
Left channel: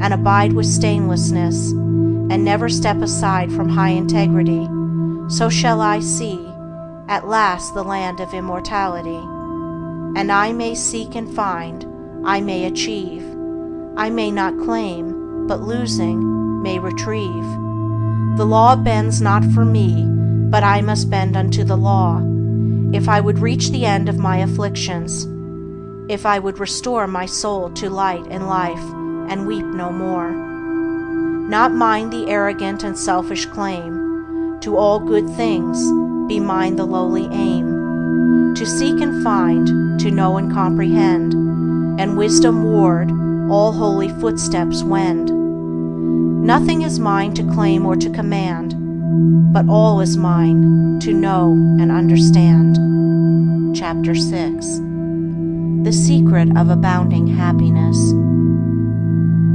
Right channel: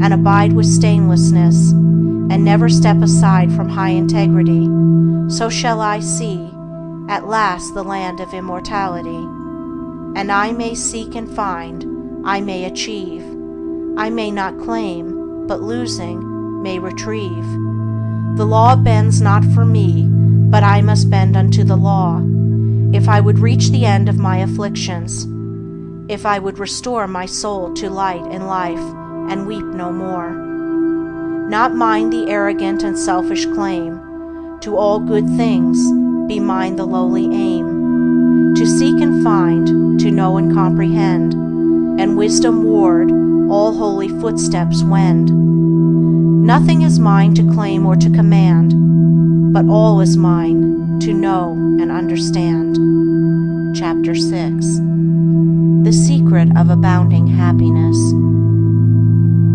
and abide with stainlessness, and never step aside from high integrity, so shall I see, at last, the land of immortality. And I may seek and find, I may achieve, I may not claim, but losing, may retrieve. The law bends not for me, but I must bend unto the law, if I would reach the end of my afflictions, if I would restore my soul to light and life, and weep no more. Not mine the arrogant and selfish claim, to all good things be mine the lowly aim, to seek and find, to know and comprehend, and wisdom ward all holy footsteps wend. Nothing is mine to claim or to command, but all is mine to know and understand. Chapter 6. The Secret of Abounding Happiness.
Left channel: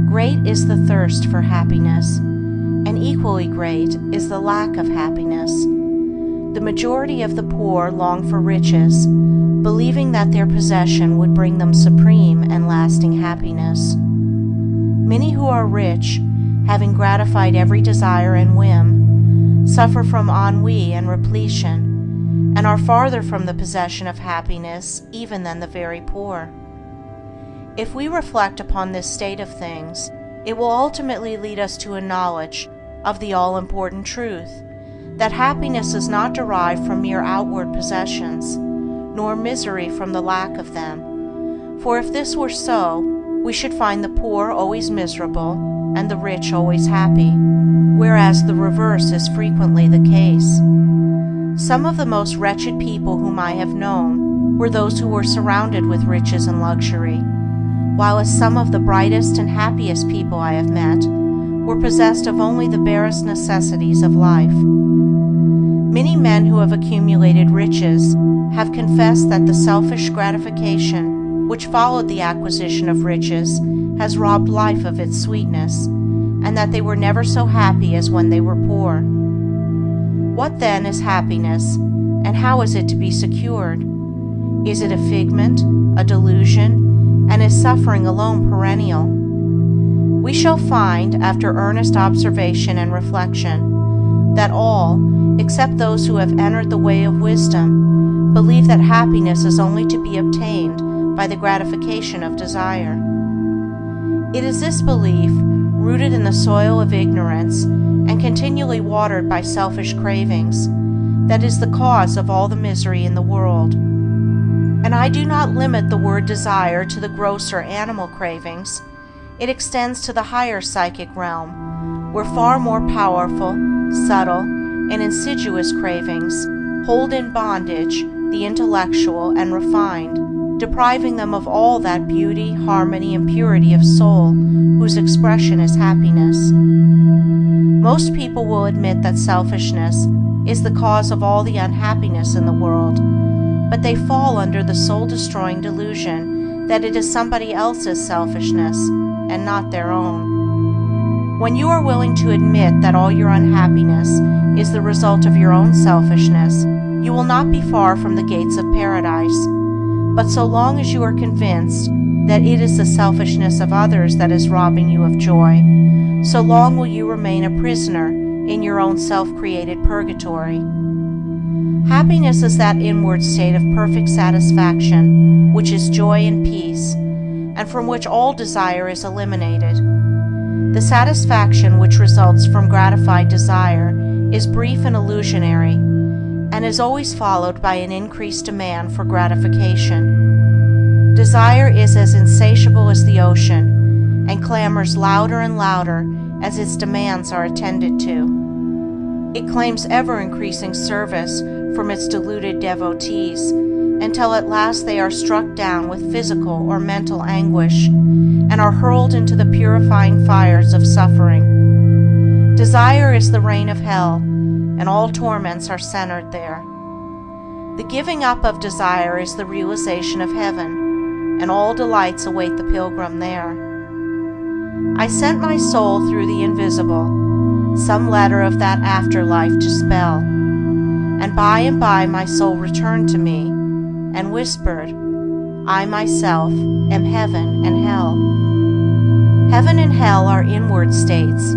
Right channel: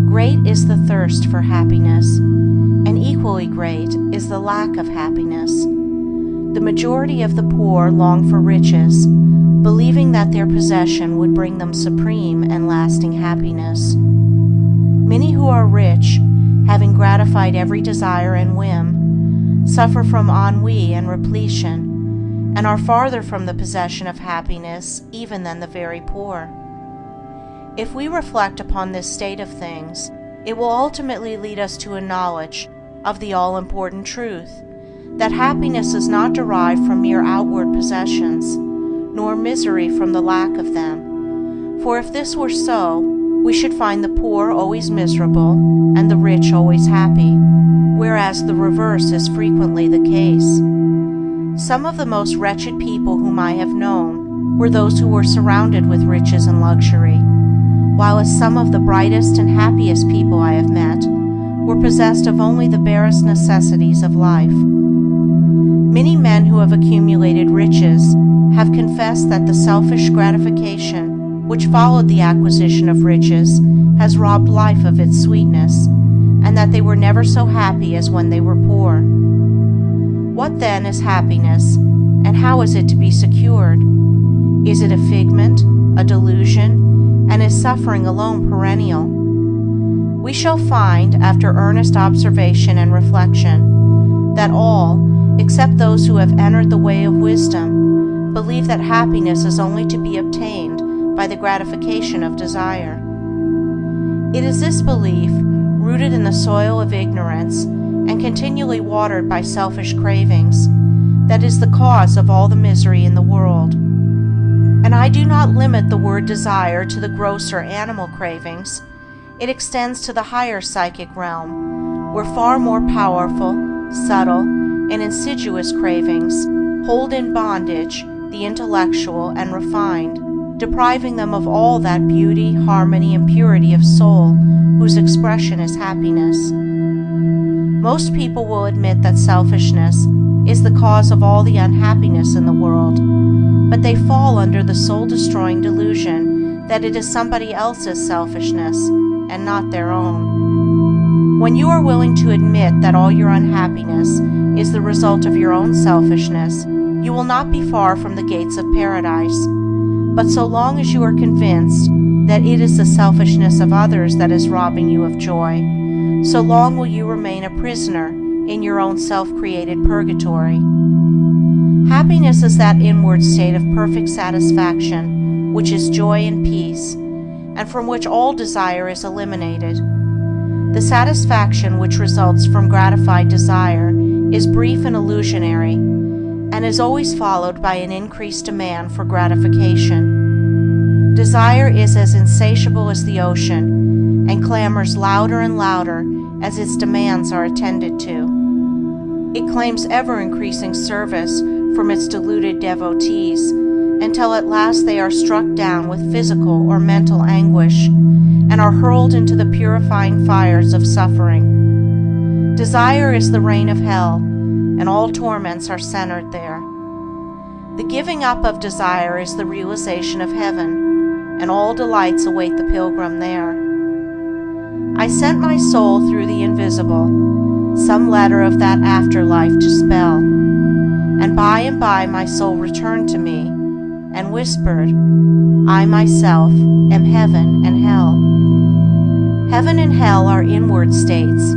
Great is the thirst for happiness, and equally great is the lack of happiness. The majority of the poor long for riches, believing that their possession would bring them supreme and lasting happiness. Many who are rich, having gratified every desire and whim, suffer from ennui and repletion, and are farther from the possession of happiness even than the very poor. If we reflect upon this state of things, it will ultimately lead us to a knowledge of the all-important truth, that happiness is not derived from mere outward possessions, nor misery from the lack of them. For if this were so, we should find the poor always miserable and the rich always happy, whereas the reverse is frequently the case. Some of the most wretched people whom I have known were those who were surrounded with riches and luxury, while as some of the brightest and happiest people I have met were possessed of only the barest necessities of life. Many men who have accumulated riches have confessed that the selfish gratification which followed the acquisition of riches has robbed life of its sweetness, and that they were never so happy as when they were poor. What then is happiness, and how is it to be secured? Is it a figment, a delusion, and is suffering alone perennial? We shall find, after earnest observation and reflection, that all, except those who have entered the way of wisdom, believe that happiness is only to be obtained by the gratification of desire. It is this belief, rooted in the soil of ignorance and continually watered by selfish cravings, that is the cause of all the misery in the world. And I do not limit the word desire to the grosser animal cravings. It extends to the higher psychic realm, where far more powerful, subtle, and insidious cravings hold in bondage the intellectual and refined, depriving them of all that beauty, harmony, and purity of soul whose expression is happiness. Most people will admit that selfishness is the cause of all the unhappiness in the world, but they fall under the soul-destroying delusion that it is somebody else's selfishness and not their own. When you are willing to admit that all your unhappiness is the result of your own selfishness, you will not be far from the gates of paradise. But so long as you are convinced that it is the selfishness of others that is robbing you of joy, so long will you remain a prisoner in your own self-created purgatory. Happiness is that inward state of perfect satisfaction, which is joy and peace, and from which all desire is eliminated. The satisfaction which results from gratified desire is brief and illusionary, and is always followed by an increased demand for gratification. Desire is as insatiable as the ocean, and clamors louder and louder as its demands are attended to. It claims ever-increasing service from its deluded devotees, until at last they are struck down with physical or mental anguish, and are hurled into the purifying fires of suffering. Desire is the reign of hell, and all torments are centered there. The giving up of desire is the realization of heaven, and all delights await the pilgrim there. I sent my soul through the invisible, some letter of that afterlife to spell, and by my soul returned to me, and whispered, I myself am heaven and hell. Heaven and hell are inward states.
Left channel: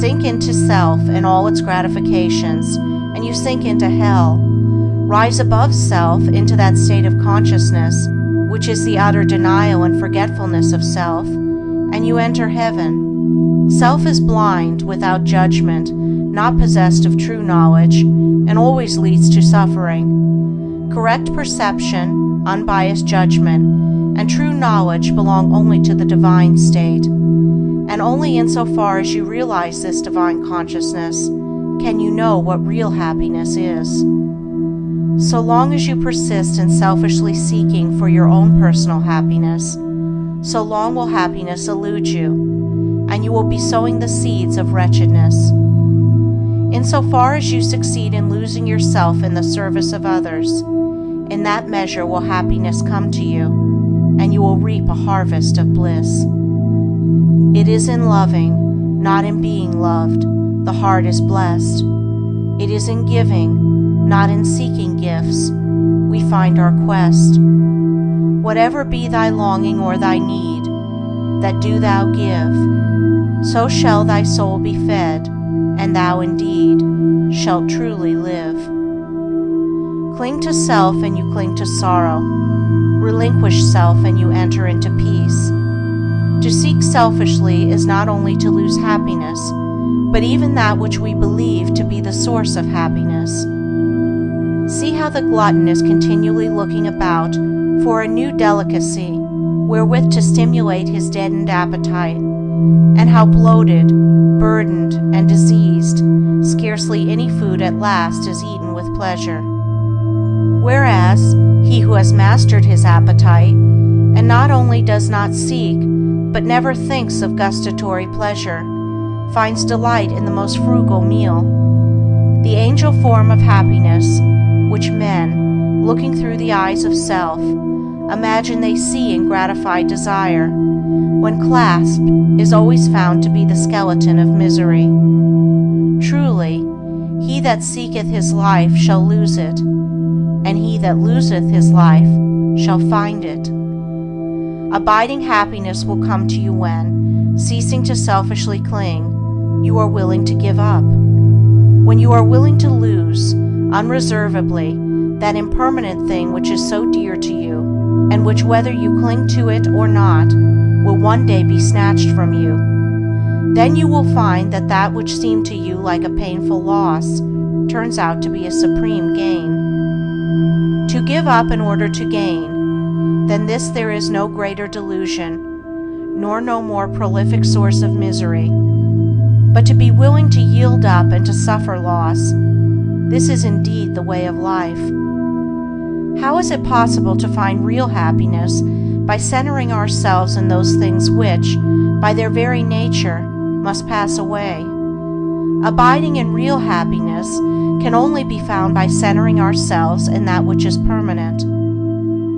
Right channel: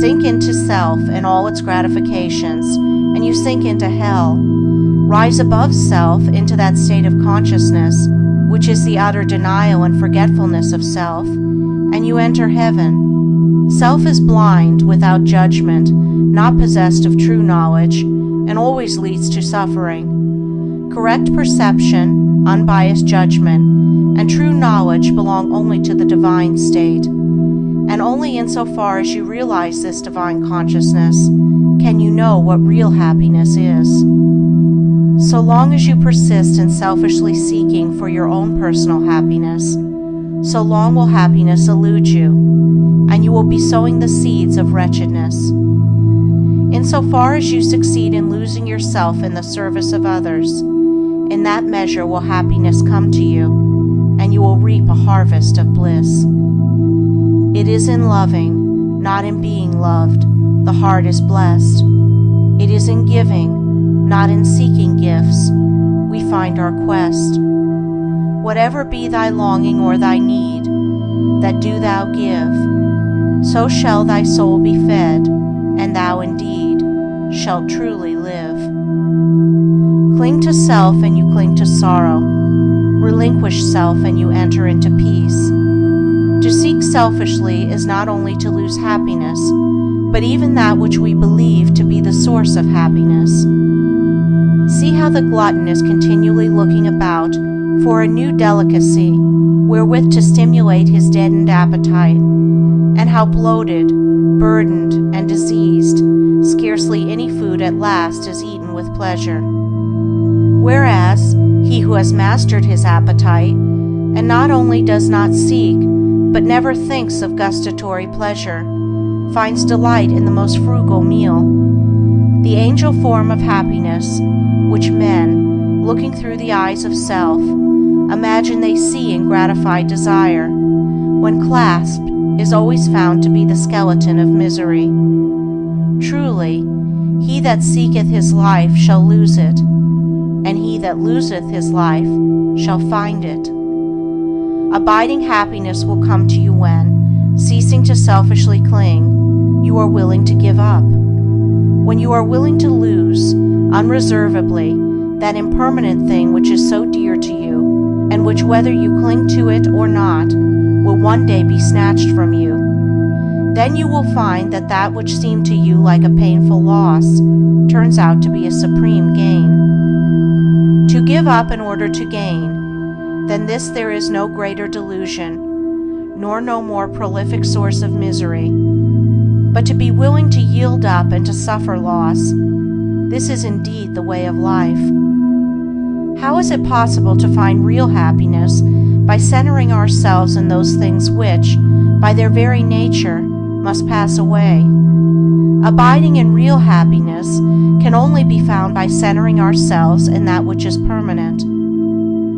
Sink into self and all its gratifications, and you sink into hell. Rise above self into that state of consciousness, which is the utter denial and forgetfulness of self, and you enter heaven. Self is blind, without judgment, not possessed of true knowledge, and always leads to suffering. Correct perception, unbiased judgment, and true knowledge belong only to the divine state, and only insofar as you realize this divine consciousness can you know what real happiness is. So long as you persist in selfishly seeking for your own personal happiness, so long will happiness elude you, and you will be sowing the seeds of wretchedness. Insofar as you succeed in losing yourself in the service of others, in that measure will happiness come to you, and you will reap a harvest of bliss. It is in loving, not in being loved, the heart is blessed. It is in giving, not in seeking gifts, we find our quest. Whatever be thy longing or thy need, that do thou give, so shall thy soul be fed, and thou indeed shalt truly live. Cling to self and you cling to sorrow. Relinquish self and you enter into peace. To seek selfishly is not only to lose happiness, but even that which we believe to be the source of happiness. See how the glutton is continually looking about for a new delicacy wherewith to stimulate his deadened appetite, and how bloated, burdened, and diseased, scarcely any food at last is eaten with pleasure. Whereas he who has mastered his appetite, and not only does not seek, but never thinks of gustatory pleasure, finds delight in the most frugal meal. The angel form of happiness, which men, looking through the eyes of self, imagine they see in gratified desire, when clasped, is always found to be the skeleton of misery. Truly, he that seeketh his life shall lose it, and he that loseth his life shall find it. Abiding happiness will come to you when, ceasing to selfishly cling, you are willing to give up. When you are willing to lose, unreservedly, that impermanent thing which is so dear to you, and which, whether you cling to it or not, will one day be snatched from you, then you will find that that which seemed to you like a painful loss turns out to be a supreme gain. To give up in order to gain, than this there is no greater delusion, nor no more prolific source of misery. But to be willing to yield up and to suffer loss, this is indeed the way of life. How is it possible to find real happiness by centering ourselves in those things which, by their very nature, must pass away? Abiding in real happiness can only be found by centering ourselves in that which is permanent.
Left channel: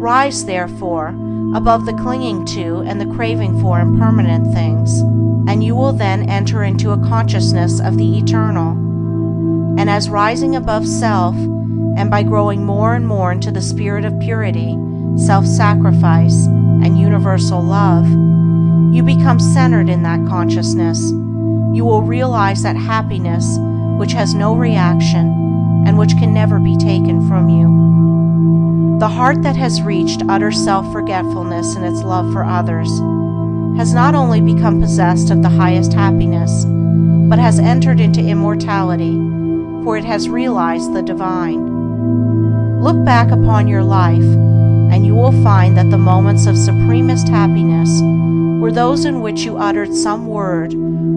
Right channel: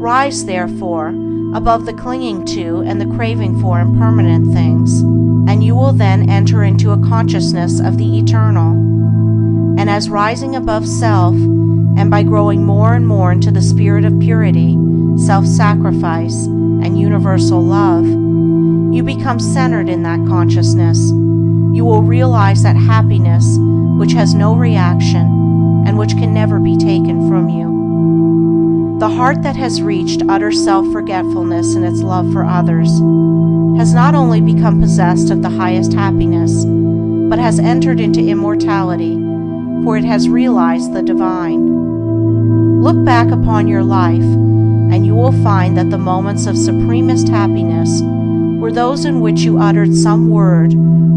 Rise, therefore, above the clinging to and the craving for impermanent things, and you will then enter into a consciousness of the eternal. And as rising above self, and by growing more and more into the spirit of purity, self-sacrifice, and universal love, you become centered in that consciousness. You will realize that happiness which has no reaction and which can never be taken from you. The heart that has reached utter self-forgetfulness in its love for others has not only become possessed of the highest happiness, but has entered into immortality, for it has realized the divine. Look back upon your life, and you will find that the moments of supremest happiness were those in which you uttered some word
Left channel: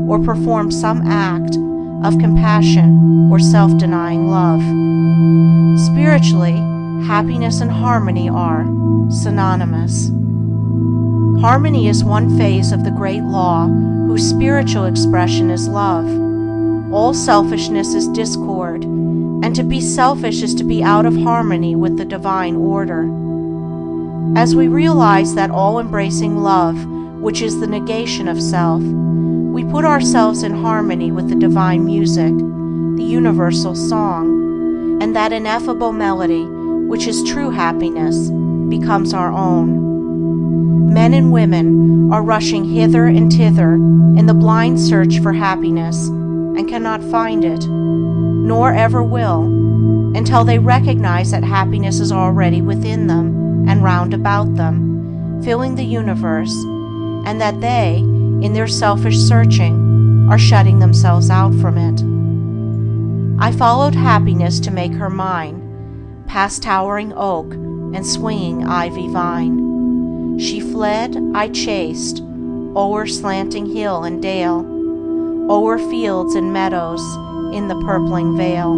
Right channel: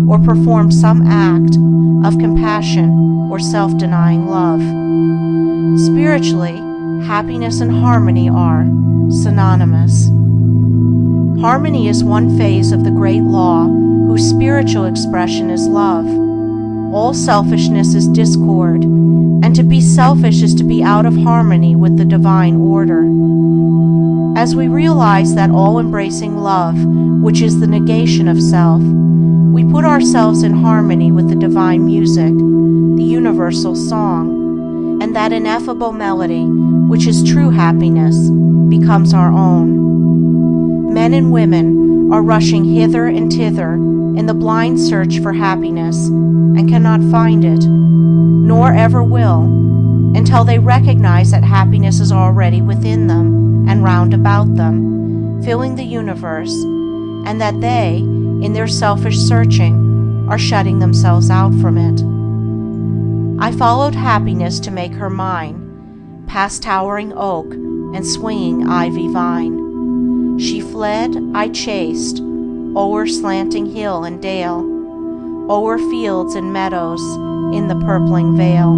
or performed some act of compassion or self-denying love. Spiritually, happiness and harmony are synonymous. Harmony is one phase of the great law whose spiritual expression is love. All selfishness is discord, and to be selfish is to be out of harmony with the divine order. As we realize that all-embracing love, which is the negation of self, we put ourselves in harmony with the divine music, the universal song, and that ineffable melody, which is true happiness, becomes our own. Men and women are rushing hither and thither in the blind search for happiness and cannot find it, nor ever will, until they recognize that happiness is already within them and round about them, filling the universe, and that they, in their selfish searching, are shutting themselves out from it. I followed happiness to make her mine, past towering oak and swinging ivy vine. She fled, I chased, o'er slanting hill and dale, o'er fields and meadows in the purpling vale.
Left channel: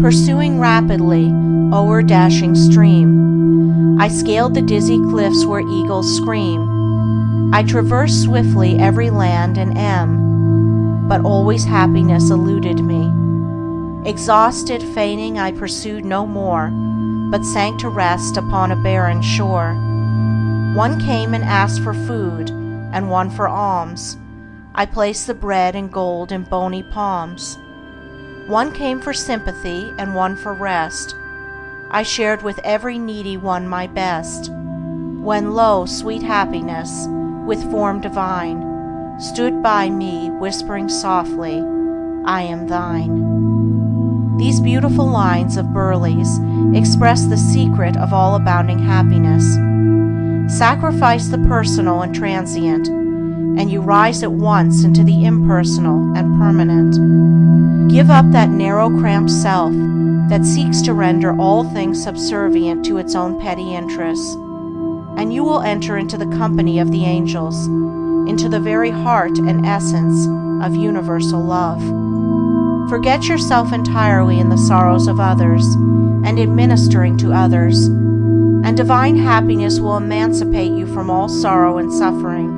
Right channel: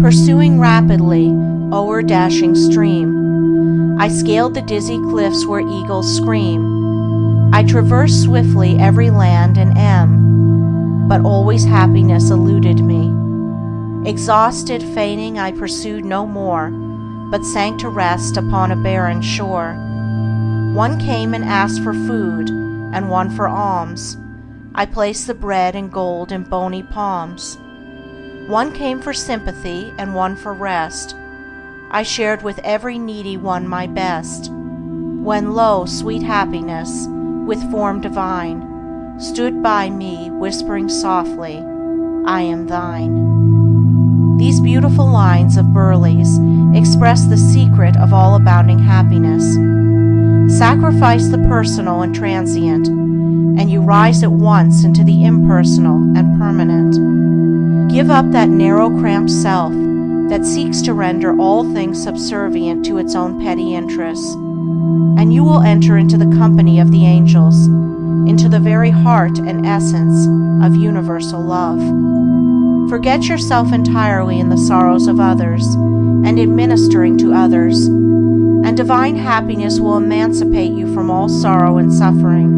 Pursuing rapidly, o'er dashing stream, I scaled the dizzy cliffs where eagles scream. I traversed swiftly every land and but always happiness eluded me. Exhausted, fainting, I pursued no more, but sank to rest upon a barren shore. One came and asked for food, and one for alms. I placed the bread and gold in bony palms. One came for sympathy, and one for rest. I shared with every needy one my best. When lo, sweet happiness, with form divine, stood by me, whispering softly, I am thine. These beautiful lines of Burleigh's express the secret of all abounding happiness. Sacrifice the personal and transient, and you rise at once into the impersonal and permanent. Give up that narrow, cramped self that seeks to render all things subservient to its own petty interests, and you will enter into the company of the angels, into the very heart and essence of universal love. Forget yourself entirely in the sorrows of others and in ministering to others, and divine happiness will emancipate you from all sorrow and suffering.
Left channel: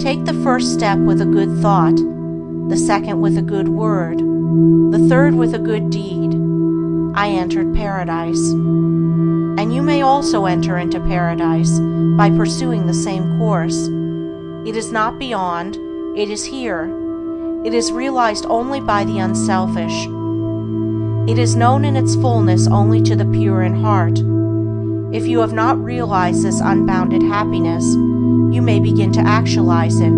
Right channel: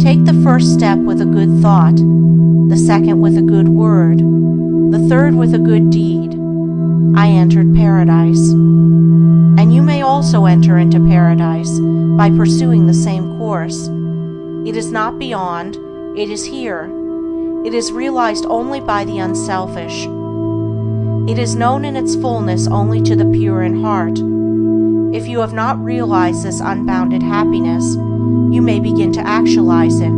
Take the first step with a good thought, the second with a good word, the third with a good deed. I entered paradise. And you may also enter into paradise by pursuing the same course. It is not beyond, it is here. It is realized only by the unselfish. It is known in its fullness only to the pure in heart. If you have not realized this unbounded happiness, you may begin to actualize it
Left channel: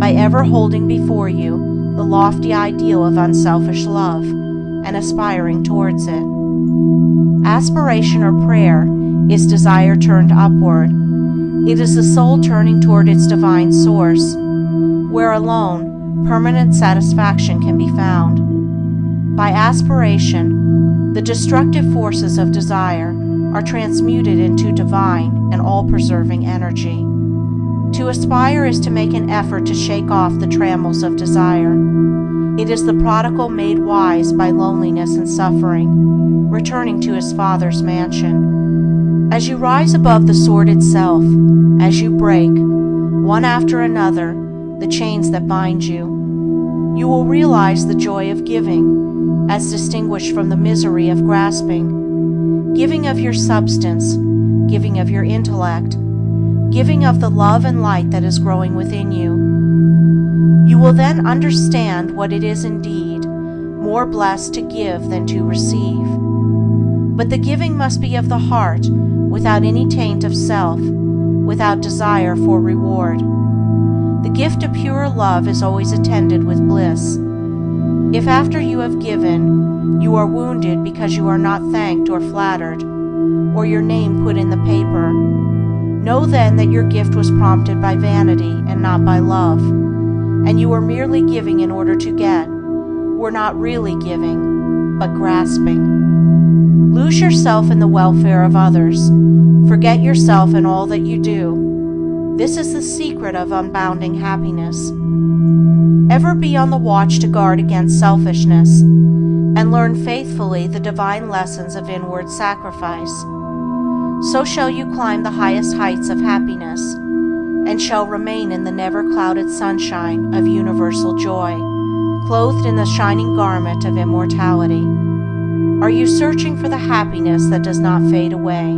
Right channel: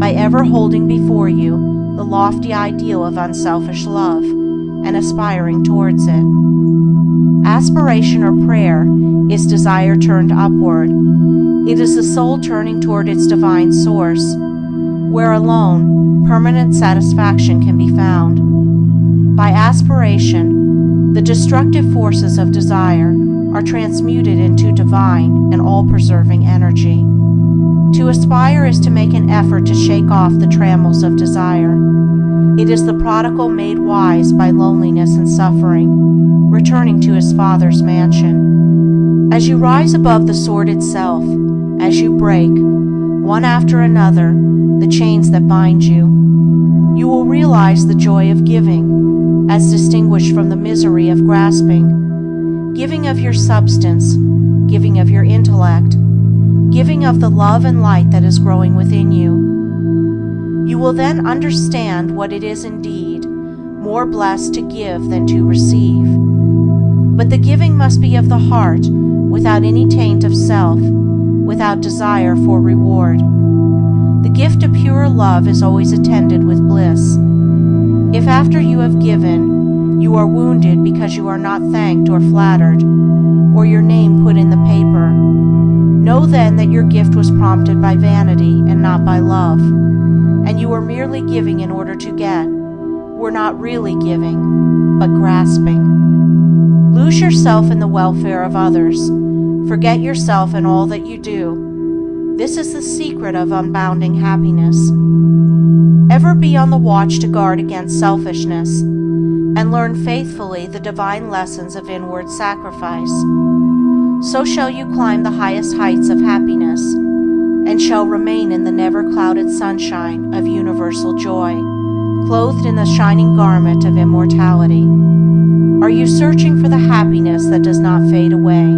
by ever holding before you the lofty ideal of unselfish love and aspiring towards it. Aspiration or prayer is desire turned upward. It is the soul turning toward its divine source, where alone permanent satisfaction can be found. By aspiration, the destructive forces of desire are transmuted into divine and all-preserving energy. To aspire is to make an effort to shake off the trammels of desire. It is the prodigal made wise by loneliness and suffering, returning to his Father's mansion. As you rise above the sordid self, as you break, one after another, the chains that bind you, you will realize the joy of giving, as distinguished from the misery of grasping. Giving of your substance, giving of your intellect, giving of the love and light that is growing within you. You will then understand what it is indeed more blessed to give than to receive. But the giving must be of the heart, without any taint of self, without desire for reward. The gift of pure love is always attended with bliss. If after you have given, you are wounded because you are not thanked or flattered, or your name put in the paper. Know then that your gift was prompted by vanity and not by love, and you are merely giving in order to get, were not really giving, but grasping. Lose yourself in the welfare of others. Forget yourself in all that you do. This is the secret of unbounding happiness. Ever be on the watch to guard against selfishness, and learn faithfully the divine lessons of inward sacrifice. So shall you climb the highest heights of happiness, and shall remain in the never-clouded sunshine of universal joy, clothed in the shining garment of immortality. Are you searching for the happiness that does not fade away?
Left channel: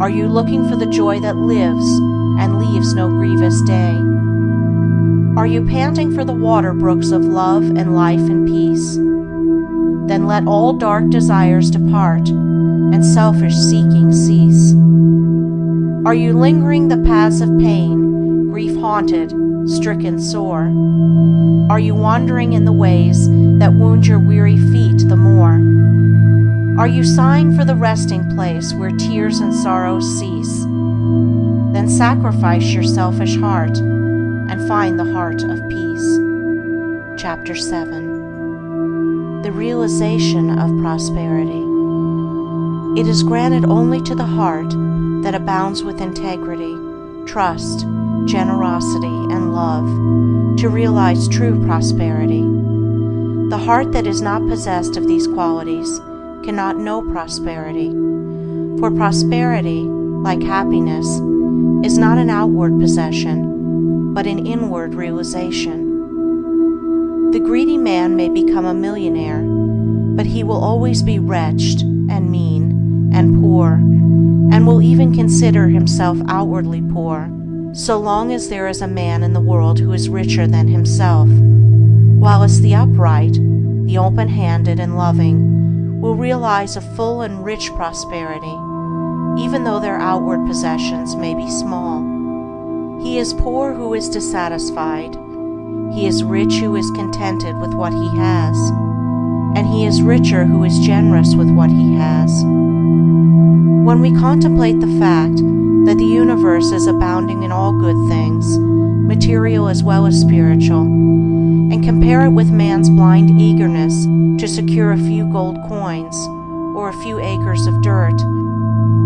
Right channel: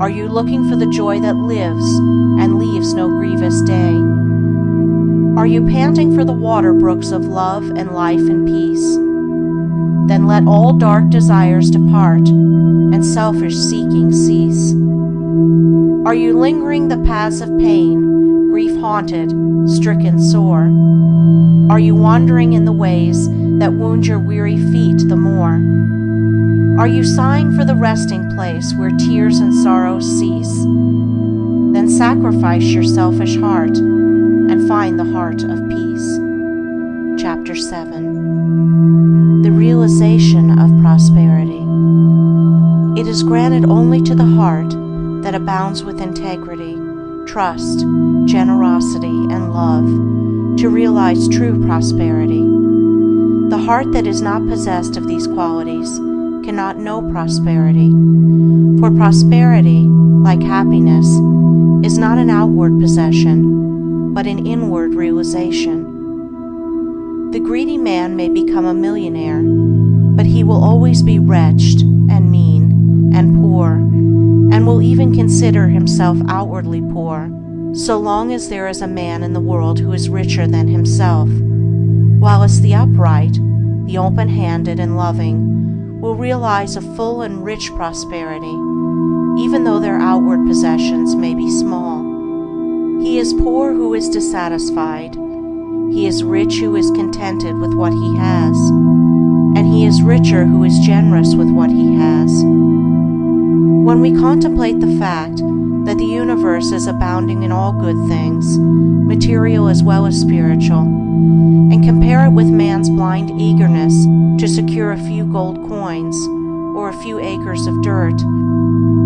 Are you looking for the joy that lives and leaves no grievous day? Are you panting for the water brooks of love and life and peace? Then let all dark desires depart and selfish seeking cease. Are you lingering the paths of pain, grief-haunted, stricken sore? Are you wandering in the ways that wound your weary feet the more? Are you sighing for the resting place where tears and sorrows cease? Then sacrifice your selfish heart and find the heart of peace. Chapter 7. The realization of prosperity. It is granted only to the heart that abounds with integrity, trust, generosity, and love to realize true prosperity. The heart that is not possessed of these qualities cannot know prosperity, for prosperity, like happiness, is not an outward possession, but an inward realization. The greedy man may become a millionaire, but he will always be wretched and mean and poor, and will even consider himself outwardly poor, so long as there is a man in the world who is richer than himself, whilst the upright, the open-handed and loving, will realize a full and rich prosperity, even though their outward possessions may be small. He is poor who is dissatisfied. He is rich who is contented with what he has, and he is richer who is generous with what he has. When we contemplate the fact that the universe is abounding in all good things, material as well as spiritual, and compare it with man's blind eagerness to secure a few gold coins or a few acres of dirt,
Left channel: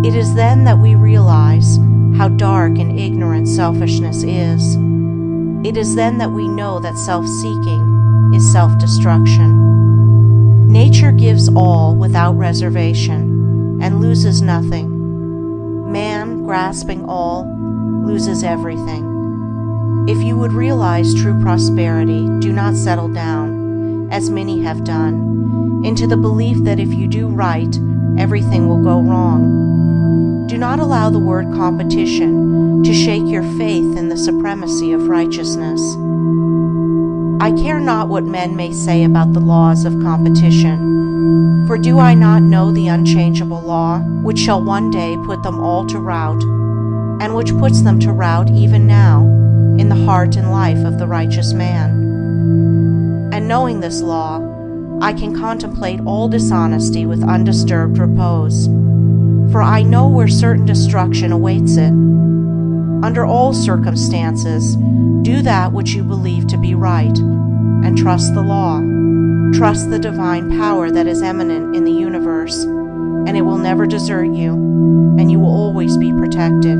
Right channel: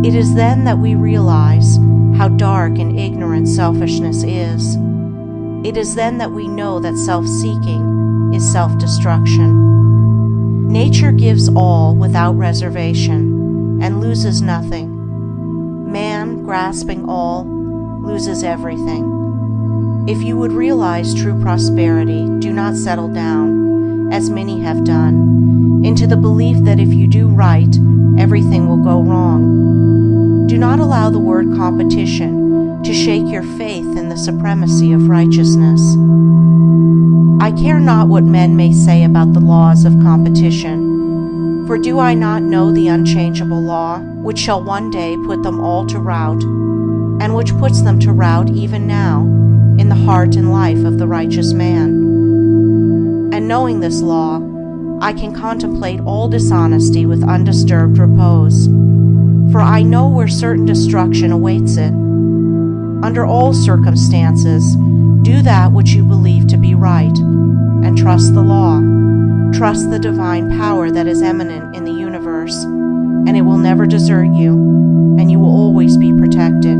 it is then that we realize how dark and ignorant selfishness is. It is then that we know that self-seeking is self-destruction. Nature gives all without reservation and loses nothing. Man, grasping all, loses everything. If you would realize true prosperity, do not settle down, as many have done, into the belief that if you do right, everything will go wrong. Do not allow the word competition to shake your faith in the supremacy of righteousness. I care not what men may say about the laws of competition, for do I not know the unchangeable law, which shall one day put them all to rout, and which puts them to rout even now, in the heart and life of the righteous man? And knowing this law, I can contemplate all dishonesty with undisturbed repose, for I know where certain destruction awaits it. Under all circumstances, do that which you believe to be right, and trust the law. Trust the divine power that is eminent in the universe, and it will never desert you, and you will always be protected.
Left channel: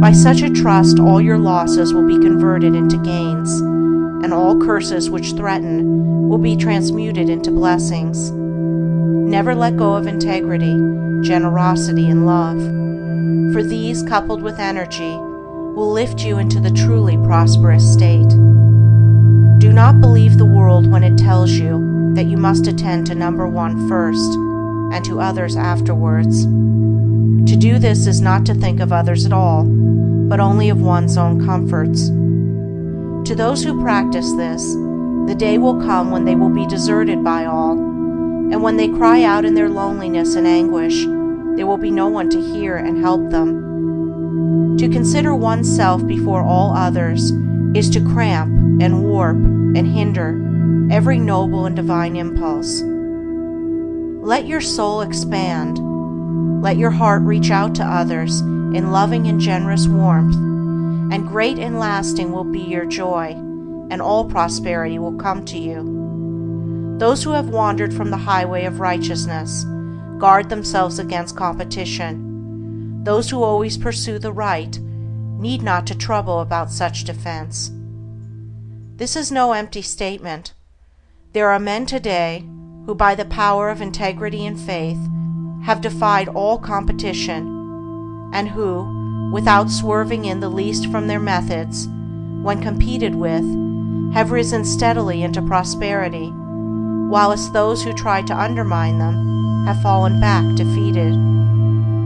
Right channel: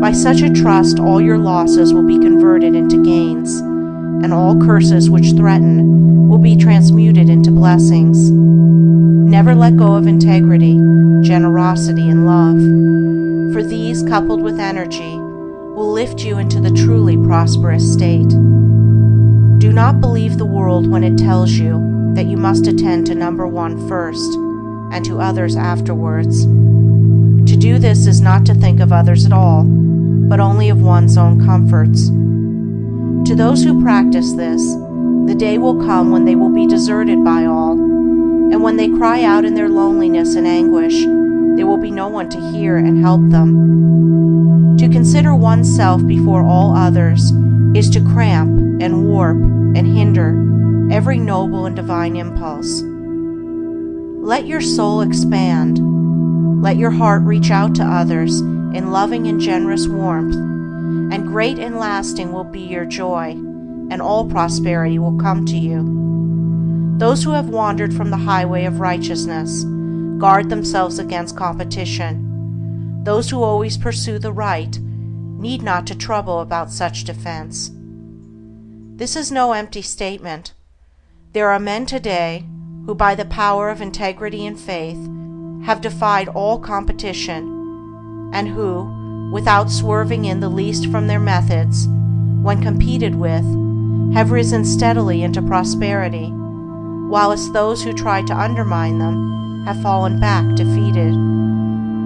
By such a trust, all your losses will be converted into gains, and all curses which threaten will be transmuted into blessings. Never let go of integrity, generosity, and love, for these, coupled with energy, will lift you into the truly prosperous state. Do not believe the world when it tells you that you must attend to number one first, and to others afterwards. To do this is not to think of others at all, but only of one's own comforts. To those who practice this, the day will come when they will be deserted by all, and when they cry out in their loneliness and anguish, there will be no one to hear and help them. To consider oneself before all others is to cramp and warp and hinder every noble and divine impulse. Let your soul expand. Let your heart reach out to others in loving and generous warmth, and great and lasting will be your joy, and all prosperity will come to you. Those who have wandered from the highway of righteousness guard themselves against competition. Those who always pursue the right need not to trouble about such defense. This is no empty statement. There are men today who, by the power of integrity and faith, have defied all competition, and who, without swerving in the least from their methods, when competed with, have risen steadily into prosperity, whilst those who tried to undermine them have fallen back defeated.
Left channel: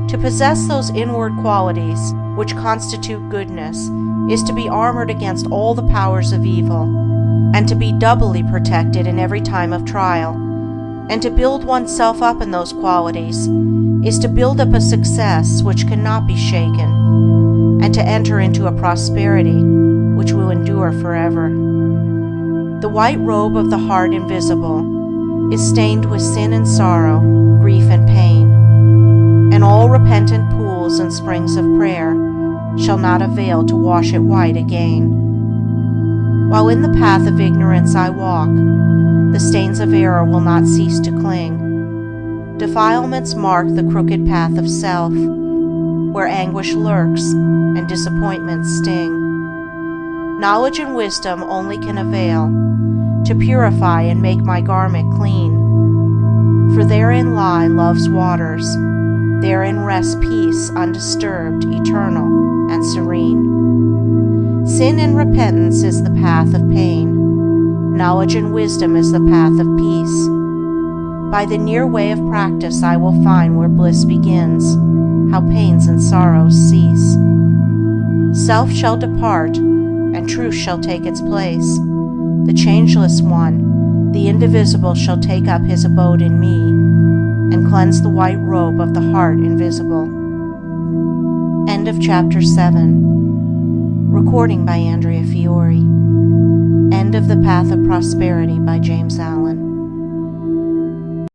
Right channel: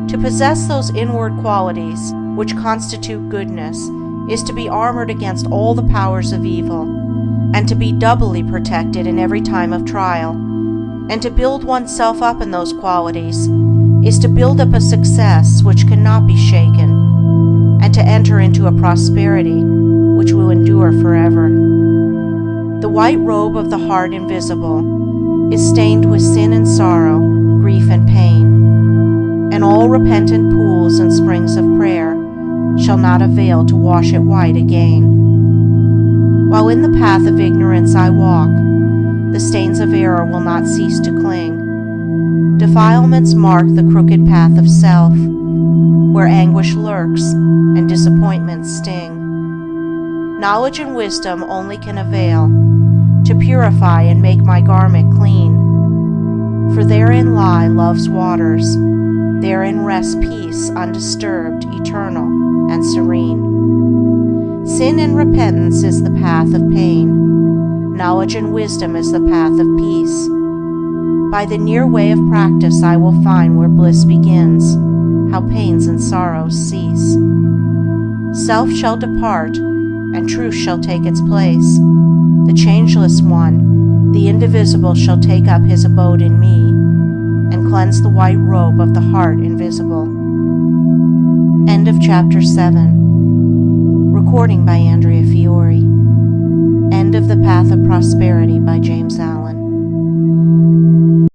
To possess those inward qualities which constitute goodness is to be armored against all the powers of evil, and to be doubly protected in every time of trial. And to build oneself up in those qualities is to build up a success which cannot be shaken, and to enter into a prosperity which will endure forever. The white robe of the heart invisible is stained with sin and sorrow, grief and pain, and all repentant pools and springs of prayer shall not avail to wash it white again. While in the path of ignorance I walk, the stains of error will not cease to cling. Defilements mark the crooked path of self, where anguish lurks and disappointments sting. Knowledge and wisdom only can avail to purify and make my garment clean. For therein lie love's waters, therein rests peace undisturbed, eternal, and serene. Sin and repentance is the path of pain. Knowledge and wisdom is the path of peace. By the near way of practice I will find where bliss begins, how pains and sorrows cease. Self shall depart, and truth shall take its place. The changeless one, the indivisible, shall take up his abode in me, and cleanse the white robe of the heart invisible. End of Chapter 7. Recording by Andrea Fiore. End of The Path of Prosperity by James Allen.